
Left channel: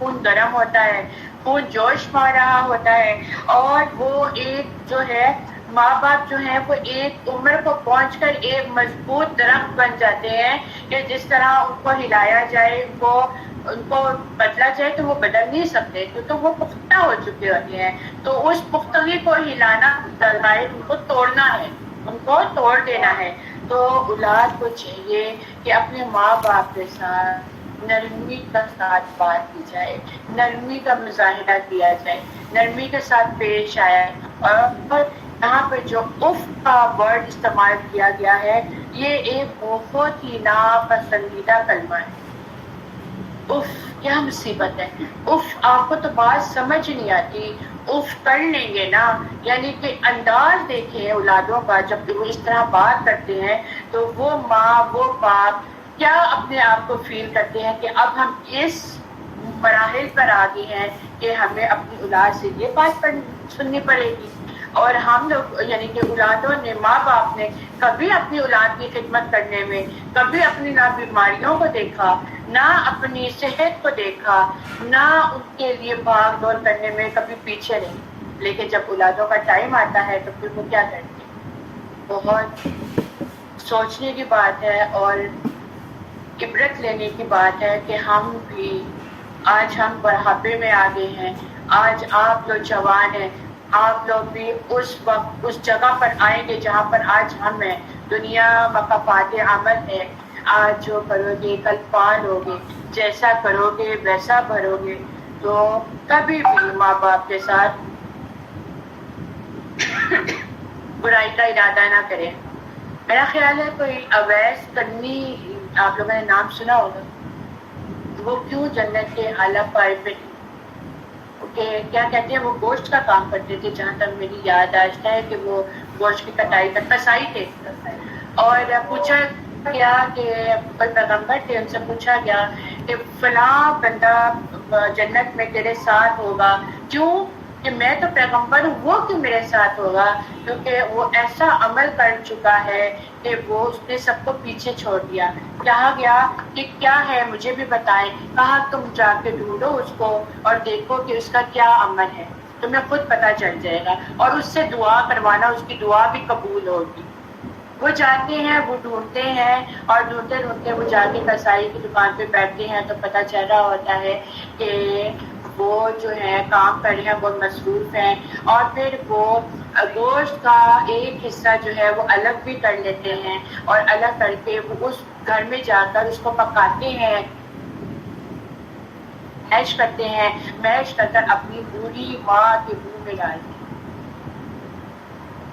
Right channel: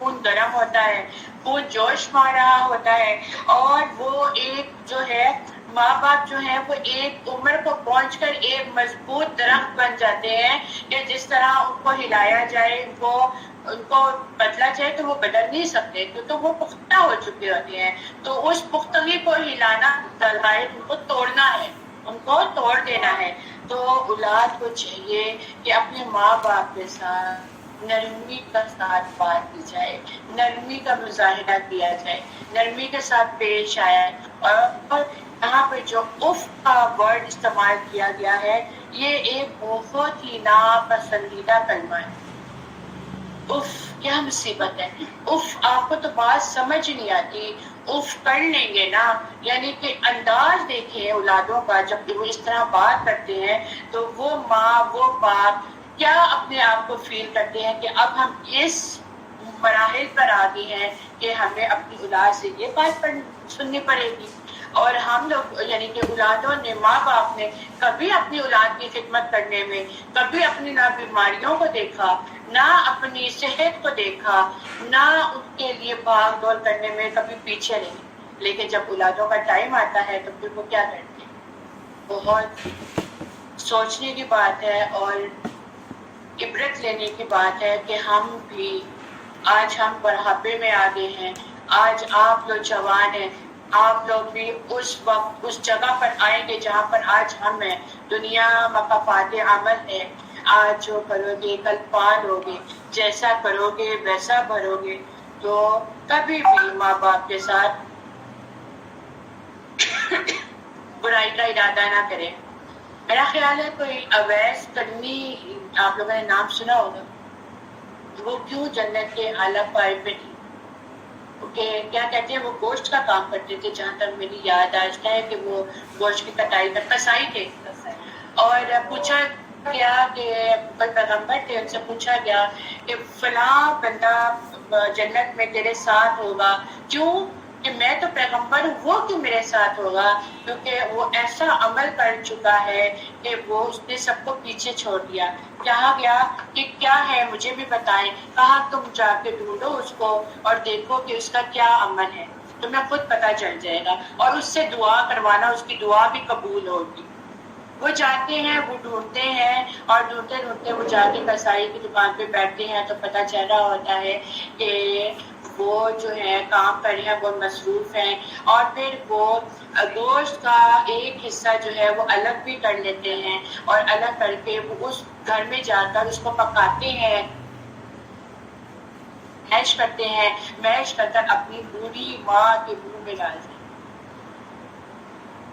خون گرم ہوتا ہے، خون جوش مار رہا ہوتا ہے، اور وہ ایک جو ہے ماں باپ جو ہیں وہ ایک عمر کو پہنچ کر ایک مضبوط درخت بن جاتے ہیں کہ جس طرح ان کو ہلایا جائے، ان کو بدلا جائے تو وہ بدل نہیں سکتے کیونکہ وہ پختہ ہو چکے ہوتے ہیں۔ تو اس پختگی کو ہلانا درائے، ان کو توڑنا ہے، ان کو توڑ دینا ہے۔ تو اولاد کو چاہیے کہ اپنے ماں باپ کے ساتھ نرمی کا ساتھ بات کی جائے، نرمی کا مظاہرہ کیا جائے، نرمی کے ساتھ پیش آیا ہے۔ اور یہاں پہ جو اف کا ورڈ استعمال کیا گیا ہے یہ ایک بہت ہی ناپسندیدہ کلمہ ہے۔ اف کیا مصیبت ہے! اف آپ کو تو بات سمجھ نہیں آتی، اف کر لیں گے نا، یعنی کہ انداز دیکھیں اولادوں کا جب وہ اس طرح بات کرتے ہیں تو وہ ماں وہ باپ کیا اپنے آپ کو فیل کرتے ہیں کہ اب ہم اس مراحل پر آ گئے ہیں کہ ہمیں اپنی اولاد سے یہ بات سننی پڑے گی۔ اور ہم لوگ یعنی کہ اولادوں نے، ماں باپ نے کبھی اپنی اولاد کی خدمت کرنے میں کبھی اپنی نہ بیماریوں کو دیکھا، نہ اپنی صحت کو دیکھا، نہ ان کے لیے بھاگ دور کرنے میں کبھی پیچھے نہیں۔ لیکن جب اولادوں کا ٹائم آتا ہے تو پھر وہ کیا کرتے ہیں؟ بہت سوچنے کی بات ہے اور عبرت لینے کی بات ہے کہ ہم بھی آج ہم بڑھاپے میں آ گئے ہیں، آج آپ لوگ جوان ہیں، آپ لوگ بھی اس وقت اس جگہ پر آئیں گے جہاں پر آج ہم ہیں۔ دنیا مقافات عمل ہے، آج جو کرو گے کل پال ہوگے، جیسا کرو گے ویسا بھرو گے۔ تو کبھی بھی ماں باپ کے ساتھ برائی کا ارادہ نہ کریں۔ میرا خیال ہے کوئی اویس کرنی، آپ لوگوں نے نام سنا ہوگا، وہ کیوں جنت کے اعلیٰ پائے پہ کہ کیا کہتے ہیں وہ گوشت کا کام کرتے تھے، جہاں تک میری یاد آتا ہے کہ وہ گوشت کی کٹائی کا کسائی تھے۔ اور پوچھا گیا کہ پیغمبر تھے، ان سے پوچھا گیا کہ فلاں بندہ جنت میں تیرے ساتھ ہوگا، کیوں کہ میں تو پیغمبر ہوں، وہ کیوں میرے ساتھ ہوگا؟ کیونکہ وہ ایسا عمل کر چکا ہے کہ وہ اس نے سب کو پیچھے چھوڑ دیا۔ کہا گیا کہ کیا ہے مجھے بھی بتائیں، کہا تم جا کے ڈھونڈو اس کو اور دیکھو کہ اس کا کیا عمل ہے، تمہیں خود پتہ چل جائے گا، اور اس سے دعا کروانا، اس کی دعا بھی قبول ہوگی۔ وہ جاتے ہیں، وہ ڈھونڈتے ہیں، اور ڈھونڈتے ڈھونڈتے وہ جا کے کسائی کی دکان پہ بیٹھتے ہیں تو پتہ چل رہا ہوتا ہے کہ وہ جو ہے کام کر رہے ہیں، وہ مصروف ہیں، اور پھر وہ گوشت کا ایک حصہ جو ہے وہ الگ بھی کر لیتے ہیں، اور الگ کر کے وہ اس گھر میں جا کر اس کو پکاتے ہیں، میش کرتے ہیں، میش کر کر اپنی بوڑھی ماں کے منہ میں ڈالتے ہیں۔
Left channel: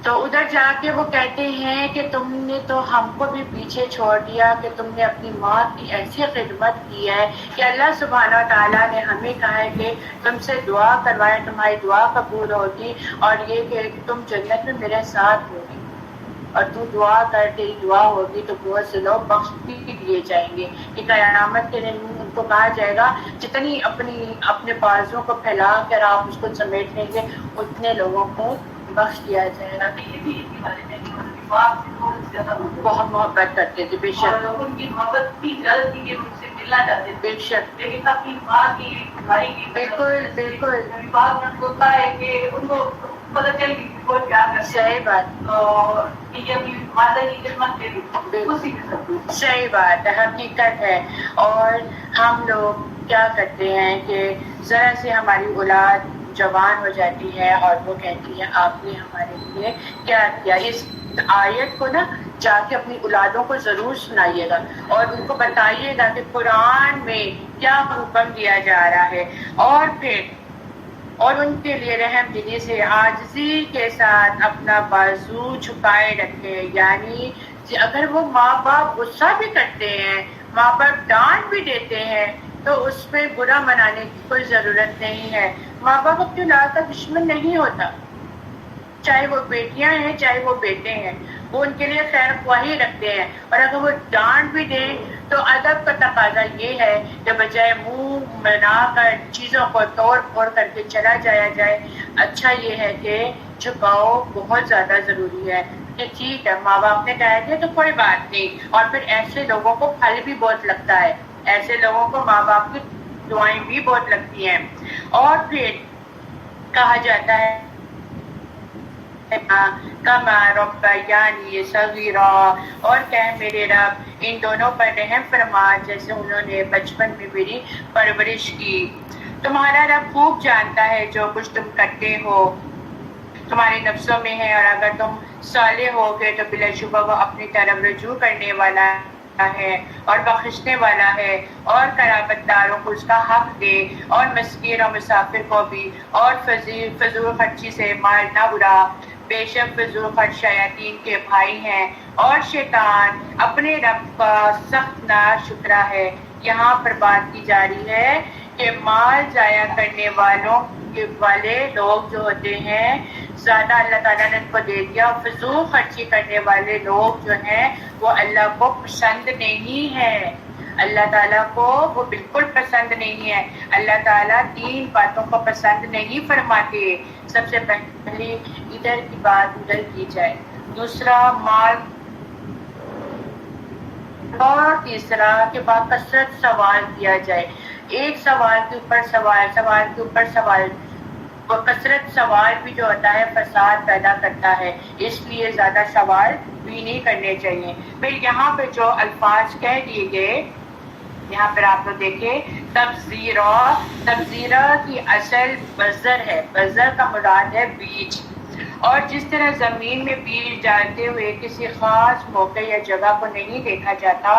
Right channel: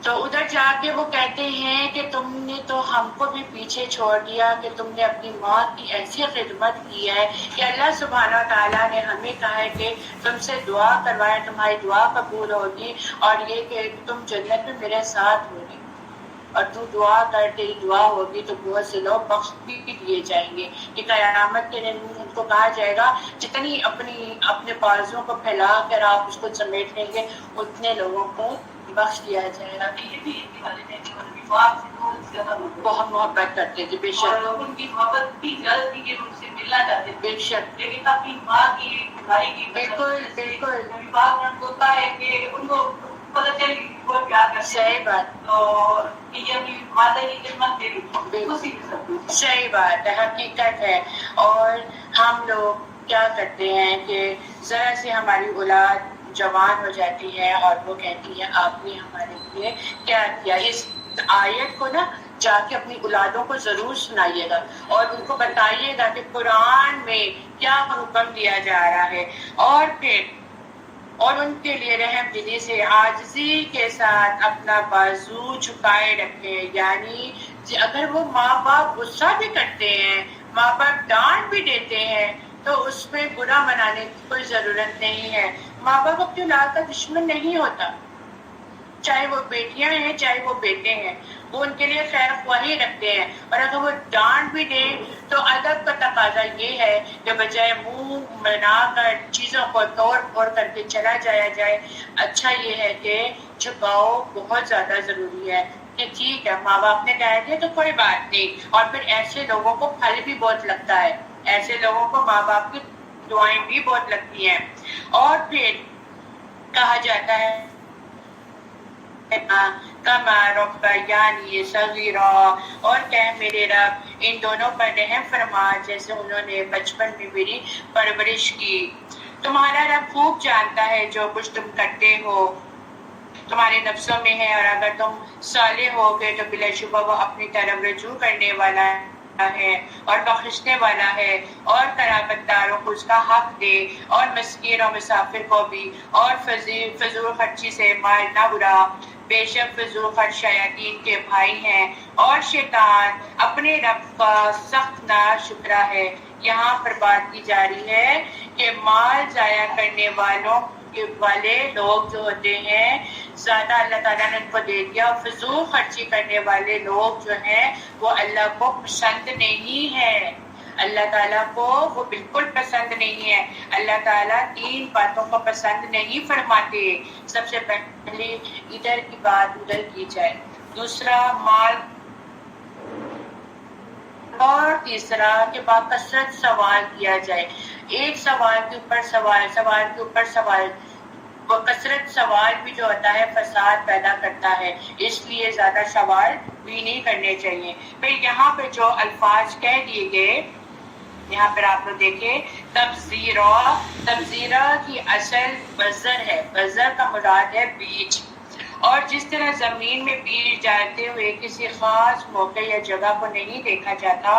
تو ادھر جا کے وہ کہتے ہیں کہ تم نے تو ہم کو بھی پیچھے چھوڑ دیا، کہ تم نے اپنی ماں کی ایسی خدمت کی ہے کہ اللہ سبحانہ تعالیٰ نے ہمیں کہا ہے کہ تم سے دعا کروائے، تمہاری دعا قبول ہوگی، اور یہ کہ تم جنت میں میرے ساتھ ہوگی، اور تو دعا کر، تیری دعا ہوگی تو بہت سے لوگ بخش بھی دیے جائیں گے کہ قیامت کے دن ان کو کہا جائے گا جتنی اپنے بازوں کو پھیلا کر آپ اس کو سمیٹ لیں گے اتنے لوگوں کو بخش دیا جائے گا. بہت محبت کرتے تھے بے شک, ان کی محبت کی غلط تھی کہ ان سے ملنا چاہتے تھے بے شک, لیکن اپنی ماں کی بھائی کی بالکل بالکل بات ہوتا ہے کہ ان کو پتہ چل گئی وہ کیا کرتے ہیں. صحیح بات, اور یہ اپنی مادہ کی خدمت کے لیے اسی کے ساتھ صحیح بات ہے, حقیقت ہے. اور ہم لوگ کیا کرتے ہیں کہ ذرا سے ہماری اولاد جوان ہو جاتی ہے اور وہ کہتی ہے آپ نے ہمارے لیے کیا کیا. اس آیت کو نا جا کے اپنی اولادوں کو ضرور سنائیے گا اور ان کو بتائیے گا کہ قرآن میں کیا حکم دیا جا رہا ہے, اور ان کے لیے رحم دلی سے عاجزی کے ساتھ اپنا بازو چھپائے رکھے. یعنی اگر وہ ماں باپ غصہ بھی کرتے ہیں, ماں باپ ڈانٹ بھی دیتے ہیں تو اس پہ برا منانے کی کوئی ضرورت نہیں ہے. ماں باپ اپنی اولاد کا دشمن نہیں ہوتا, چاہے وہ بیٹیاں ہیں چاہے وہ بیٹے ہیں, وہ ان کے لیے خیر خواہی رکھتے ہیں. اور اگر وہ ڈانٹ بھی دیں تو ادب کا تقاضا یہ ہے کہ بجائے منہ بنا کر چیزوں کو توڑ پھوڑ کر کے چلا جایا جائے, اچھا یہ ہے کہ چھپاؤ بہت زیادہ ضروری ہے کہ ٹھیک ہے ماں باپ نے ڈانٹ دیا تو کوئی بات نہیں. اور پھر ایسے لوگوں کو پھل بھی بہت لگتا ہے, ایسے لوگوں کو ماں باپ کی دعائیں بھی بہت لگتی ہیں. اور پھر کہا جاتا ہے کما ربیانی صغیرا, اور کہ میرے رب ان دونوں پر رحم فرما جیسے انہوں نے بچپن میں میری پرورش کی. تمہارا رب خوب جانتا ہے جو کچھ تم کرتے ہو تمہارے نفسوں میں ہے, اور اگر تم صالح ہو گے تو بلا شبہ وہ اپنی طرف رجوع کرنے والا ہے اور بخشنے والا ہے. اور قرابت داروں کو اس کا حق دے اور مسکین اور مسافر کو بھی, اور فضول خرچی سے مال نہ اڑا, بے شک فضول خرچ شیاطین کے بھائی ہیں اور شیطان اپنے رب کا سخت ناشکرا ہے. یہاں پر بات کی جا رہی ہے کہ مال ضائع کرنے والے لوگ جو ہوتے ہیں زیادہ اللہ تعالیٰ نے ان کو دے دیا, فضول خرچی کرنے والے لوگ جو ہیں وہ اللہ کو پسند نہیں ہے, اللہ تعالیٰ کو وہ بالکل پسند نہیں ہے. اللہ تعالیٰ 3 باتوں کو پسند نہیں فرماتے. سب سے پہلے ادھر کی بات ادھر کی جائے, دوسرا مال, اور تیسرا کہ باکثرت سوال کیا جائے. ایک سوال کے اوپر سوال, سوال کے اوپر سوال. کثرت سوال بھی جو ہوتا ہے فساد پیدا کرتا ہے, اس لیے زیادہ سوال بھی نہیں کرنے چاہیے. پھر یہاں پہ جو الفاظ کہہ دیے گئے یہاں پر آپ لوگ دیکھیں, تبذیرہ کی اصل بذر ہے, بذر کا مراد ہے بیج, اور جس طرح زمین میں بیج ڈالتے ہوئے کسی خاص موقع یا جگہ کو نہیں دیکھا جاتا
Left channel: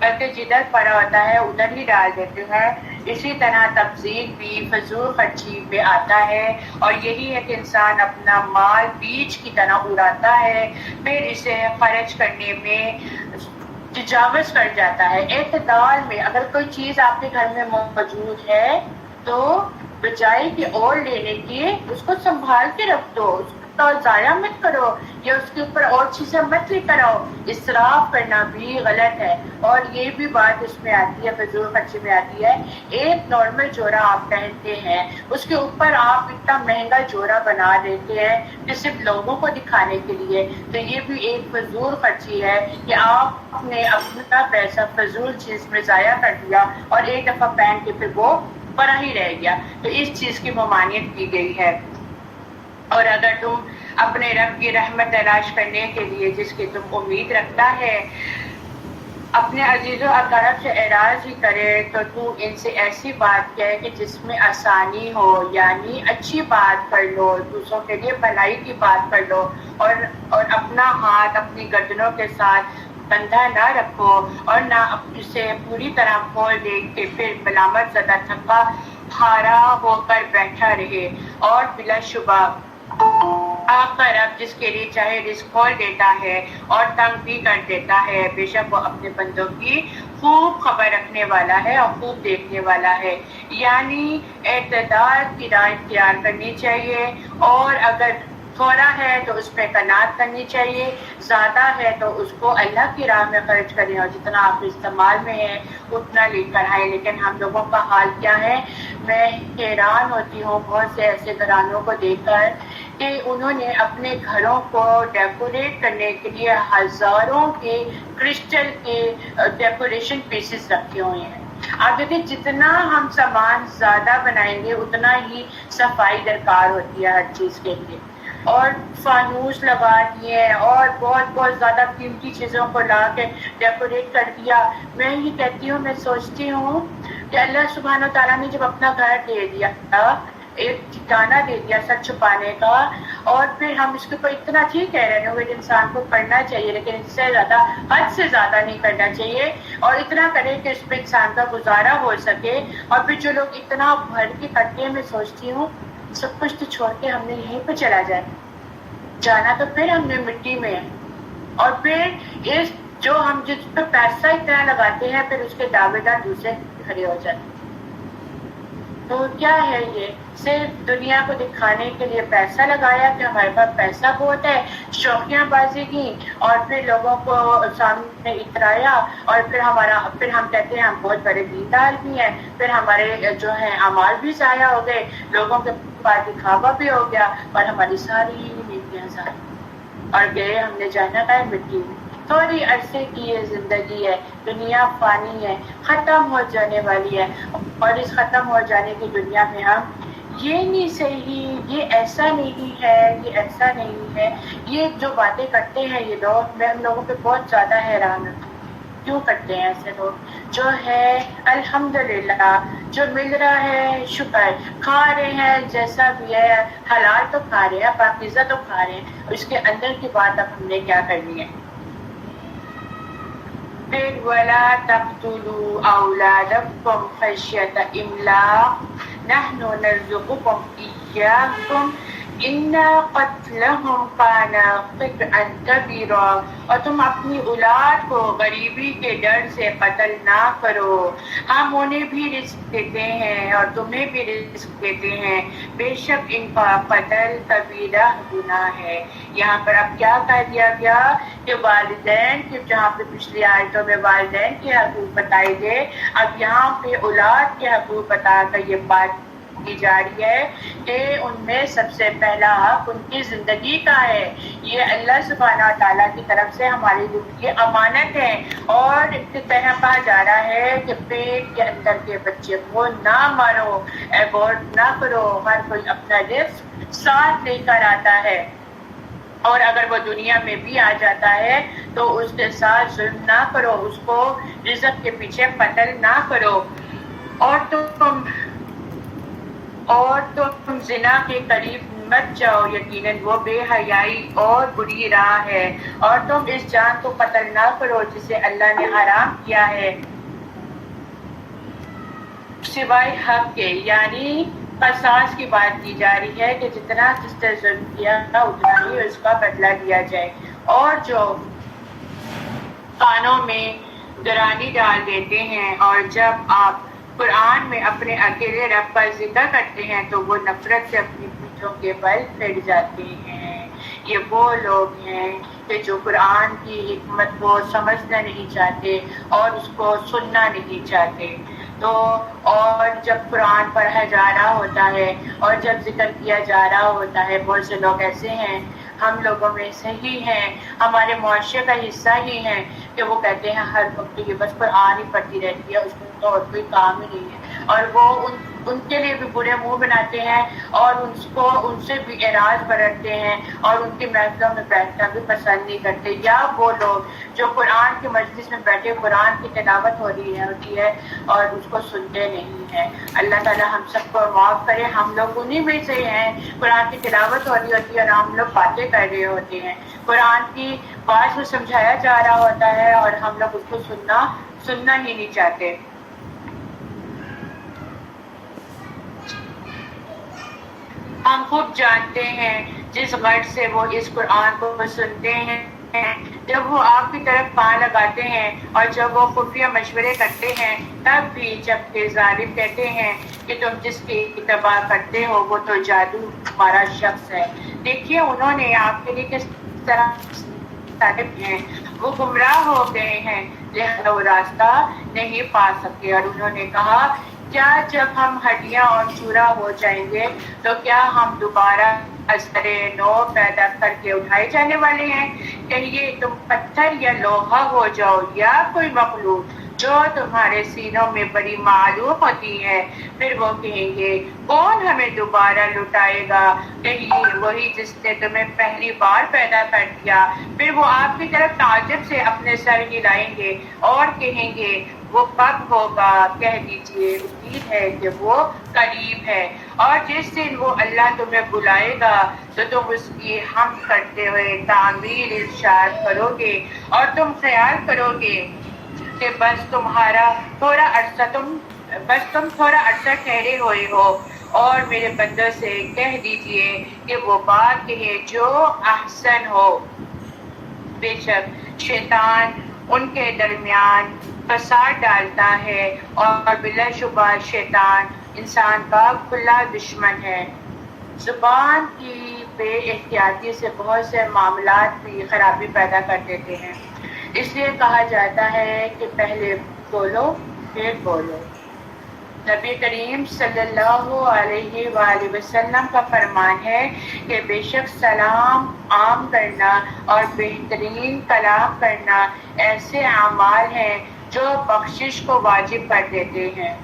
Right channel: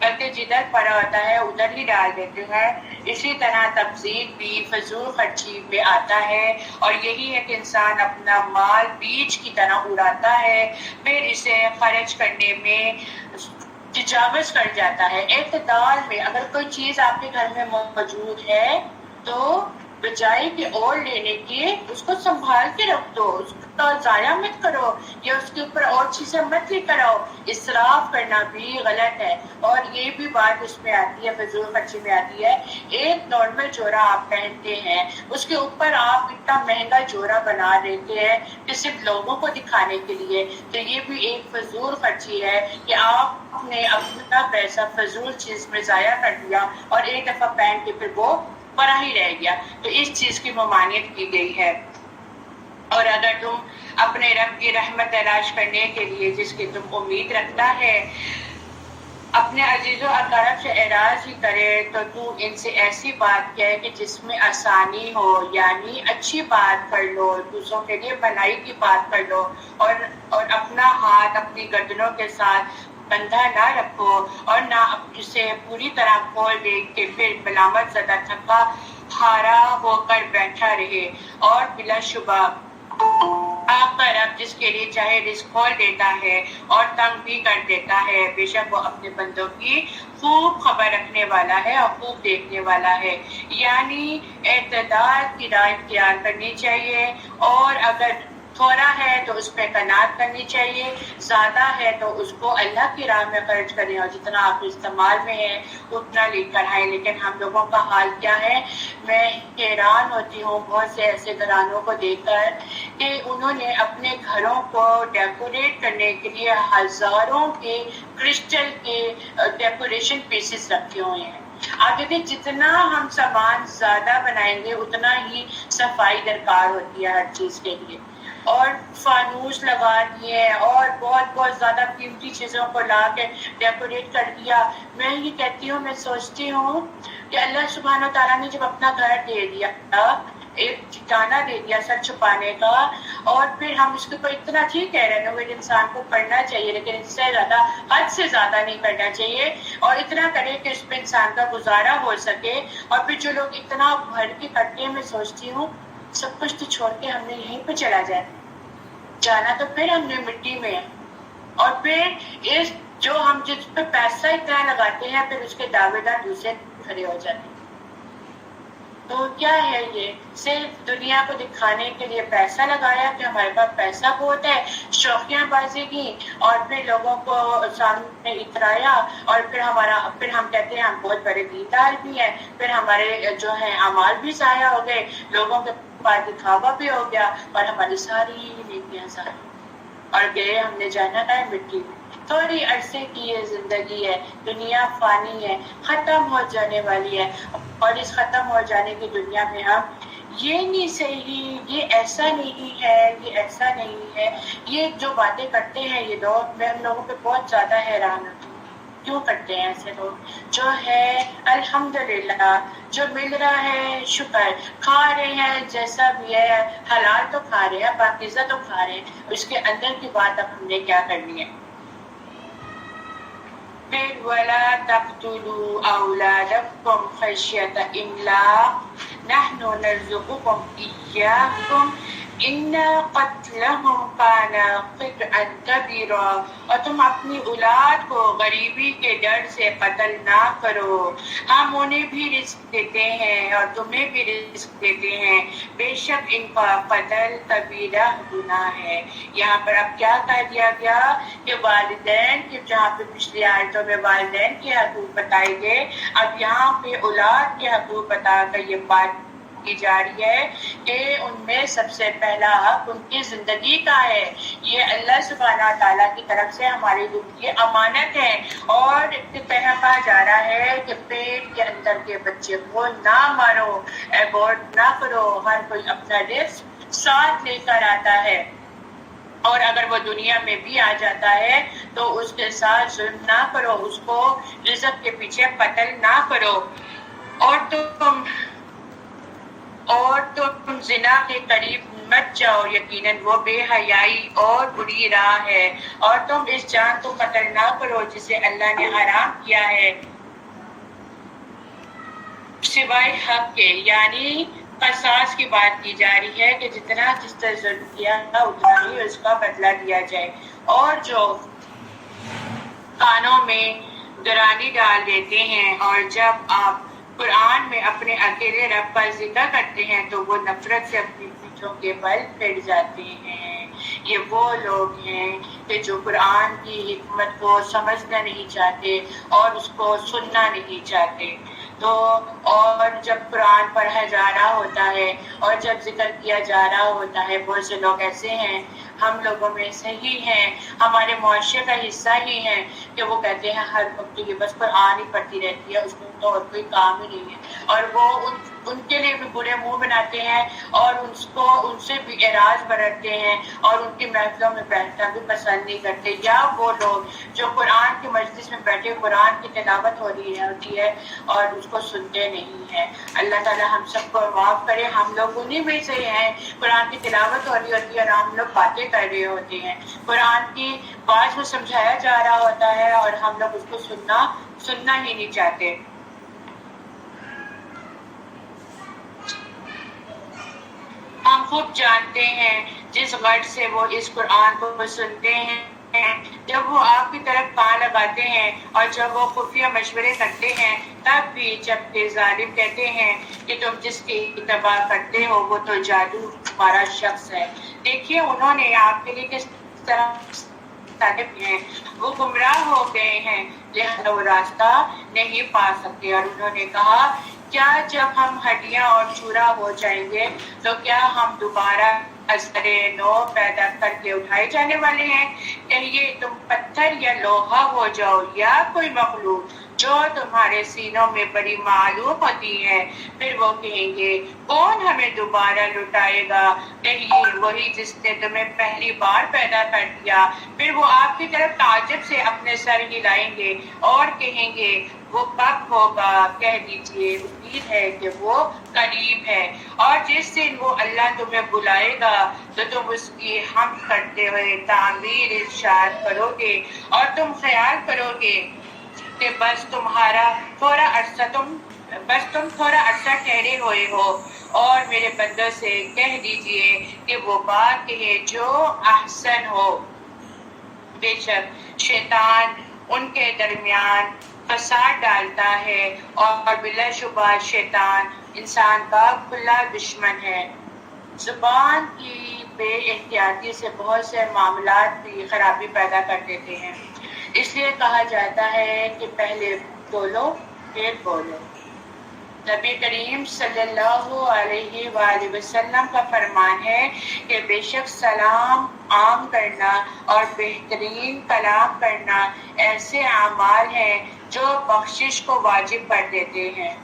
بلکہ جدھر پڑا ہوتا ہے ادھر ہی ڈال دیتے ہیں, اسی طرح تبذیر بھی فضول خرچی میں آتا ہے. اور یہی ہے کہ انسان اپنا مال بیج کی طرح اڑاتا ہے, پھر اسے خرچ کرنے میں تجاوز کر جاتا ہے. اعتدال میں اگر کوئی چیز آپ کے گھر میں موجود ہے تو بجائے کہ اور لینے کی اس کو سنبھال کے رکھ دو, اس کو ضائع مت کرو یا اس کے اوپر اور چیزیں مت لے کر آؤ. اسراف کرنا بھی غلط ہے, اور یہ بھی بات اس میں آتی ہے, فضول خرچی میں آتی ہے. ایک نارمل جوڑا آپ پہنتے ہیں اس کے اوپر آپ اتنا مہنگا جوڑا بنا دیتے ہیں کہ صرف لوگوں کو دکھانے کے لیے, تو یہ بھی ایک فضول خرچی ہے کہ آپ نے اپنا پیسہ فضول چیز میں ضائع کر دیا اور ایک دفعہ پہن کے پھر وہ پڑا ہی رہ گیا. تو اس چیز کی ممانعت کی گئی ہے. اور اگر تم اپنے رب کی رحمت تلاش کرنے کے لیے جس کی تم امید رکھتا ہے اپنے عزیز و اقارب سے اعراض ہی کرے تو تو ان سے ایسی بات کہے کہ جس میں آسانی ہو, یعنی اچھی بات کر لو, دوسروں کے لیے بھلائی کی بات کر لو, اور اپنا ہاتھ اپنی گردنوں کے ساتھ بندھا نہ رکھو اور نہ اسے پوری طرح کھول دے کہ پھر ملامت زدہ تھکا ہارا ہو کر بیٹھا رہے. اور بلا شبہ آپ کا رب جس کے لیے چاہے رزق کھول دیتا ہے اور تنگ بھی کر دیتا ہے, بے شک وہ اپنے بندوں کی خوب خبر رکھنے والا ہے اور خوب دیکھنے والا ہے. یعنی اعتدال کی راہ اختیار کرنی چاہیے, اور اگر تھوڑا ہے تو اس پہ قناعت کرنی چاہیے، زیادہ ہے تو اس کو اللہ کی راہ میں خرچ کریں، اور جتنا آپ استعمال میں ہے اتنا لے کر آئیں۔ لیکن ہم لوگوں کا حال کیا ہے؟ میں حیران ہوتی ہوں بہت سے ایسے گھرانوں کو دیکھ کر کہ انہوں نے اپنے گھروں کو ڈیکوریٹ کرنے کے لیے ہزاروں کے کرسٹل کے ڈیکوریشن پیسز رکھے ہوئے ہیں۔ آپ دیکھیں جتنا ہم سامان زیادہ بنائیں گے اتنا ہی صفائی درکار ہوتی ہے ہر چیز کے لیے، اور فانوس لگا دیے اور بہت بہت زیادہ قیمتی چیزوں کو لا کے ڈیکوریٹ کر دیا۔ میں یہ کہتی ہوں، میں سوچتی ہوں کہ اللہ سبحانہ و تعالیٰ نے جب اپنا گھر دے دیا، ایک ٹھکانہ دے دیا سر چھپانے کا، اور پھر ہم اس کے اوپر اتنا ٹھیک ہے رینوویٹ انسان کو کرنا چاہیے لیکن اس سے زیادہ حد سے زیادہ نہیں کرنا چاہیے، اور اتنا کرے کہ اس پہ انسان کا گزارا ہو سکے۔ اور پھر جو لوگ اتنا بھر کے کرتے ہیں، میں سوچتی ہوں سب کچھ تو چھوڑ کے ہم نے یہیں پہ چلا جائے، جانا تو پھر ہم نے مٹی میں ہے، اور پھر اس جو ہم جس پہ پیسہ اتنا لگاتے ہیں پھر اس کے دعوے دار دوسرے کھڑے ہو جاتے ہیں۔ تو کیا ہے؟ یہ صرف دنیا کو دکھانے کے لیے پیسہ لگایا کہ ہمارے پاس پیسہ بہت ہے، شوخیاں بازی کی، اور پھر لوگوں کو سامنے اترایا، اور پھر ہم کہتے ہیں ہم بہت بڑے دیندار بھی ہیں، پھر ہمارے جو ہیں اعمال بھی ضائع ہو گئے، لوگوں کے پاس دکھاوا بھی ہو گیا، اور ہماری ساری نیکیاں ضائع، اور گئے ہم نے جانا ہے مٹی میں۔ تھوڑی عرصے کی یہ زندگی ہے، دنیا فانی ہے، ختم ہو جانے والی ہے، اور اس ختم ہو جانے کی دنیا میں ہم یہ نہیں صحیح، یہ ایسا نہیں ہے، یہ ایسا نہیں ہے، یہ جو باتیں کرتے ہیں یہ لوگ، میں ان لوگوں پہ بہت زیادہ حیران ہوتی ہوں، کیوں کرتے ہیں ایسے لوگ؟ جو ہے الحمدللہ جو مل رہا ہے شکر، کھا رہے ہیں جیسا بھی ہے، حلال تو کھا رہے ہیں، پاکیزہ تو کھا رہے ہیں، اس کے اندر کی بات اب ہم نے کیا کرنی ہے؟ پھر وَلَا تَقْتُلُوا أَوْلَادَكُمْ خَشْيَةَ إِمْلَاقٍ نَحْنُ نَرْزُقُكُمْ إِيَّاهُمْ إِنَّ قَتْلَهُمْ كَانَ خِطْئًا كَبِيرًا، اور تم اپنی اولاد کو غریبی کے ڈر سے قتل نہ کرو، ہم انہیں بھی رزق دیتے ہیں اور تمہیں بھی رزق دیتے ہیں، بے شک ان کا قتل کبیرہ گناہ ہے۔ یہاں پر اب کیا کہہ دیا گیا کہ والدین کے، جہاں پہ پچھلی آیتوں میں والدین کے حقوق بتائے گئے، اب یہاں پہ اولاد کے حقوق بتا کر یہ بات کی جا رہی ہے کہ ان میں سب سے پہلا حق ان کی زندگی کا ہے۔ یہ اللہ سبحانہ تعالیٰ کی طرف سے ہماری لیے امانت ہے، اور کہا جا رہا ہے کہ پیٹ کے اندر کے بچے کو نہ مارو، ایبورٹ نہ کرو، ہر کوئی اپنا رزق ساتھ لے کر آتا ہے، اور اگر وہ دنیا میں بھی آ جاتا ہے تو اس کے ساتھ ظلم نہ کرو، اس کو رزق کے پیچھے قتل نہ کرو، اور تم زنا کے قریب مت جاؤ، یقیناً وہ بے حیائی اور بری راہ ہے، اور تم اس جان کو قتل نہ کرو جسے اللہ نے حرام کیا ہے سوائے حق کے، یعنی قصاص کی بات کی جا رہی ہے کہ جتنا جس سے ظلم کیا اتنا ہی اس کا بدلہ دیا جائے، اور جو کانوں میں گرانی ڈال دیتے ہیں اور جب آپ قرآن میں اپنے اکیلے رب کا ذکر کرتے ہیں تو وہ نفرت سے اپنی پیٹھوں کے بل پھٹ جاتے ہیں۔ یہ وہ لوگ ہیں کہ جو قرآن کی حکمت کو سمجھنا نہیں چاہتے اور اس کو سننا نہیں چاہتے۔ تو اور جب قرآن پڑھا جا رہا ہوتا ہے اور جب ذکر کیا جا رہا ہوتا ہے، بہت سے لوگ ایسے ہیں، ہم لوگوں میں صحیح ہیں، ہمارے معاشرے کا حصہ ہی ہیں کہ وہ کہتے ہیں ہر وقت یہ بس قرآن ہی پڑھتی رہتی ہے، اس میں تو اور کوئی کام ہی نہیں ہے، اور وہ ان کے لیے بھی برے منہ بناتے ہیں اور ان سے بھی اعراض برتتے ہیں اور ان کی محفلوں میں بیٹھنا بھی پسند نہیں کرتے۔ یا وہ لوگ جو قرآن کی مجلس میں بیٹھے قرآن کی تلاوت ہو رہی ہوتی ہے اور اس کو سنتے نہیں ہیں۔ اللہ تعالیٰ ہم سب کو معاف کرے، ہم لوگ انہی میں سے ہیں، قرآن کی تلاوت ہو رہی ہوتی ہے اور ہم لوگ باتیں کر رہے ہوتے ہیں، قرآن کی بات کو سمجھایا جا رہا ہوتا ہے اور ہم لوگ اس کو سننا ہی نہیں چاہتے۔ ہم خوب جانتے ہیں جس غرض سے وہ اس قرآن کو سنتے ہیں ہیں جب وہ آپ کی طرف کان لگاتے ہیں اور جب وہ خفیہ مشورے کرتے ہیں تب بھی جب کہ ظالم کہتے ہیں کہ تم جس کی اتباع کرتے ہو وہ تو جادو تمہارا شخص ہے. دیکھیے انہوں نے آپ کے لیے کس طرح ہیں، وہ گمراہ ہو گئے ہیں لہذا وہ راستہ نہیں پا سکتے. اور انہوں نے کہا کیا جب ہم ہڈیاں اور چورا ہو جائیں گے تو کیا ہم دوبارہ ازر نو پیدا کر کے اٹھائے جانے والے ہیں؟ کہیے تم پتھر یا لوہا ہو جاؤ یا کوئی مخلوق جو تمہارے سینوں میں بڑی معلوم ہوتی ہے. پھر وہ کہیں گے کون ہمیں دوبارہ لٹائے گا؟ کہیے وہی جس نے تمہیں پہلی بار پیدا کر دیا. پھر وہ آپ کی طرف تعجب سے اپنے سر ہلائیں گے اور کہیں گے وہ کب ہوگا؟ کہہ دیجیے امید ہے کہ وہ قریب ہے. اور جس دن وہ اللہ تمہیں بلائے گا تو تم اس کی حمد کرتے ہوئے تعمیر ارشاد کرو گے اور تم خیال کرو گے کہ بس تم تھوڑا عرصہ ٹھہرے ہوئے ہو. اور میرے بندوں سے کہہ دیجیے کہ وہ بات کہے جو احسن ہو. بے شک شیطان ان کے درمیان فساد ڈالتا ہے اور بلا شبہ شیطان انسان کا کھلا دشمن ہے. زبان کی بے احتیاطی سے بہت سے معاملات کی خرابی پیدا کر دیتے ہیں. اس لیے کہا جاتا ہے کہ پہلے بولو پھر بولو. نبی کریم صلی اللہ علیہ وآلہ وسلم کا فرمان ہے کہ بے شک سلام عام کرنا اور بہترین کلام کرنا ایسے اعمال ہیں جو بخشش کو واجب کر دیتے ہیں.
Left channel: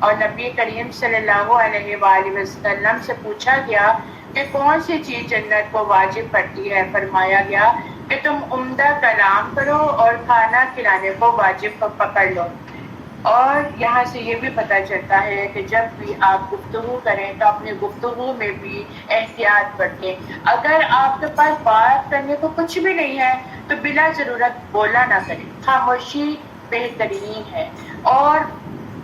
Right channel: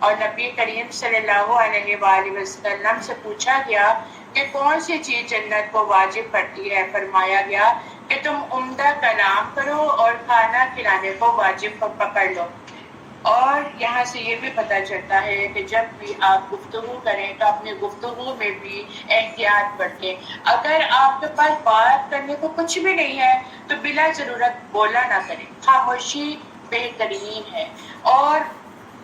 اور نبی کریم صلی اللہ علیہ وآلہ وسلم سے پوچھا گیا کہ کون سی چیز جنت کو واجب کرتی ہے؟ فرمایا گیا کہ تم عمدہ کلام کرو اور کھانا کھلانے کو واجب پکڑ لو. اور یہاں سے یہ بھی پتہ چلتا ہے کہ جب بھی آپ گفتگو کریں تو اپنی گفتگو میں بھی احتیاط برتیں. اگر آپ کے پاس بات کرنے کو کچھ بھی نہیں ہے تو بلا ضرورت بولا نہ کریں. خاموشی بہترین ہے. اور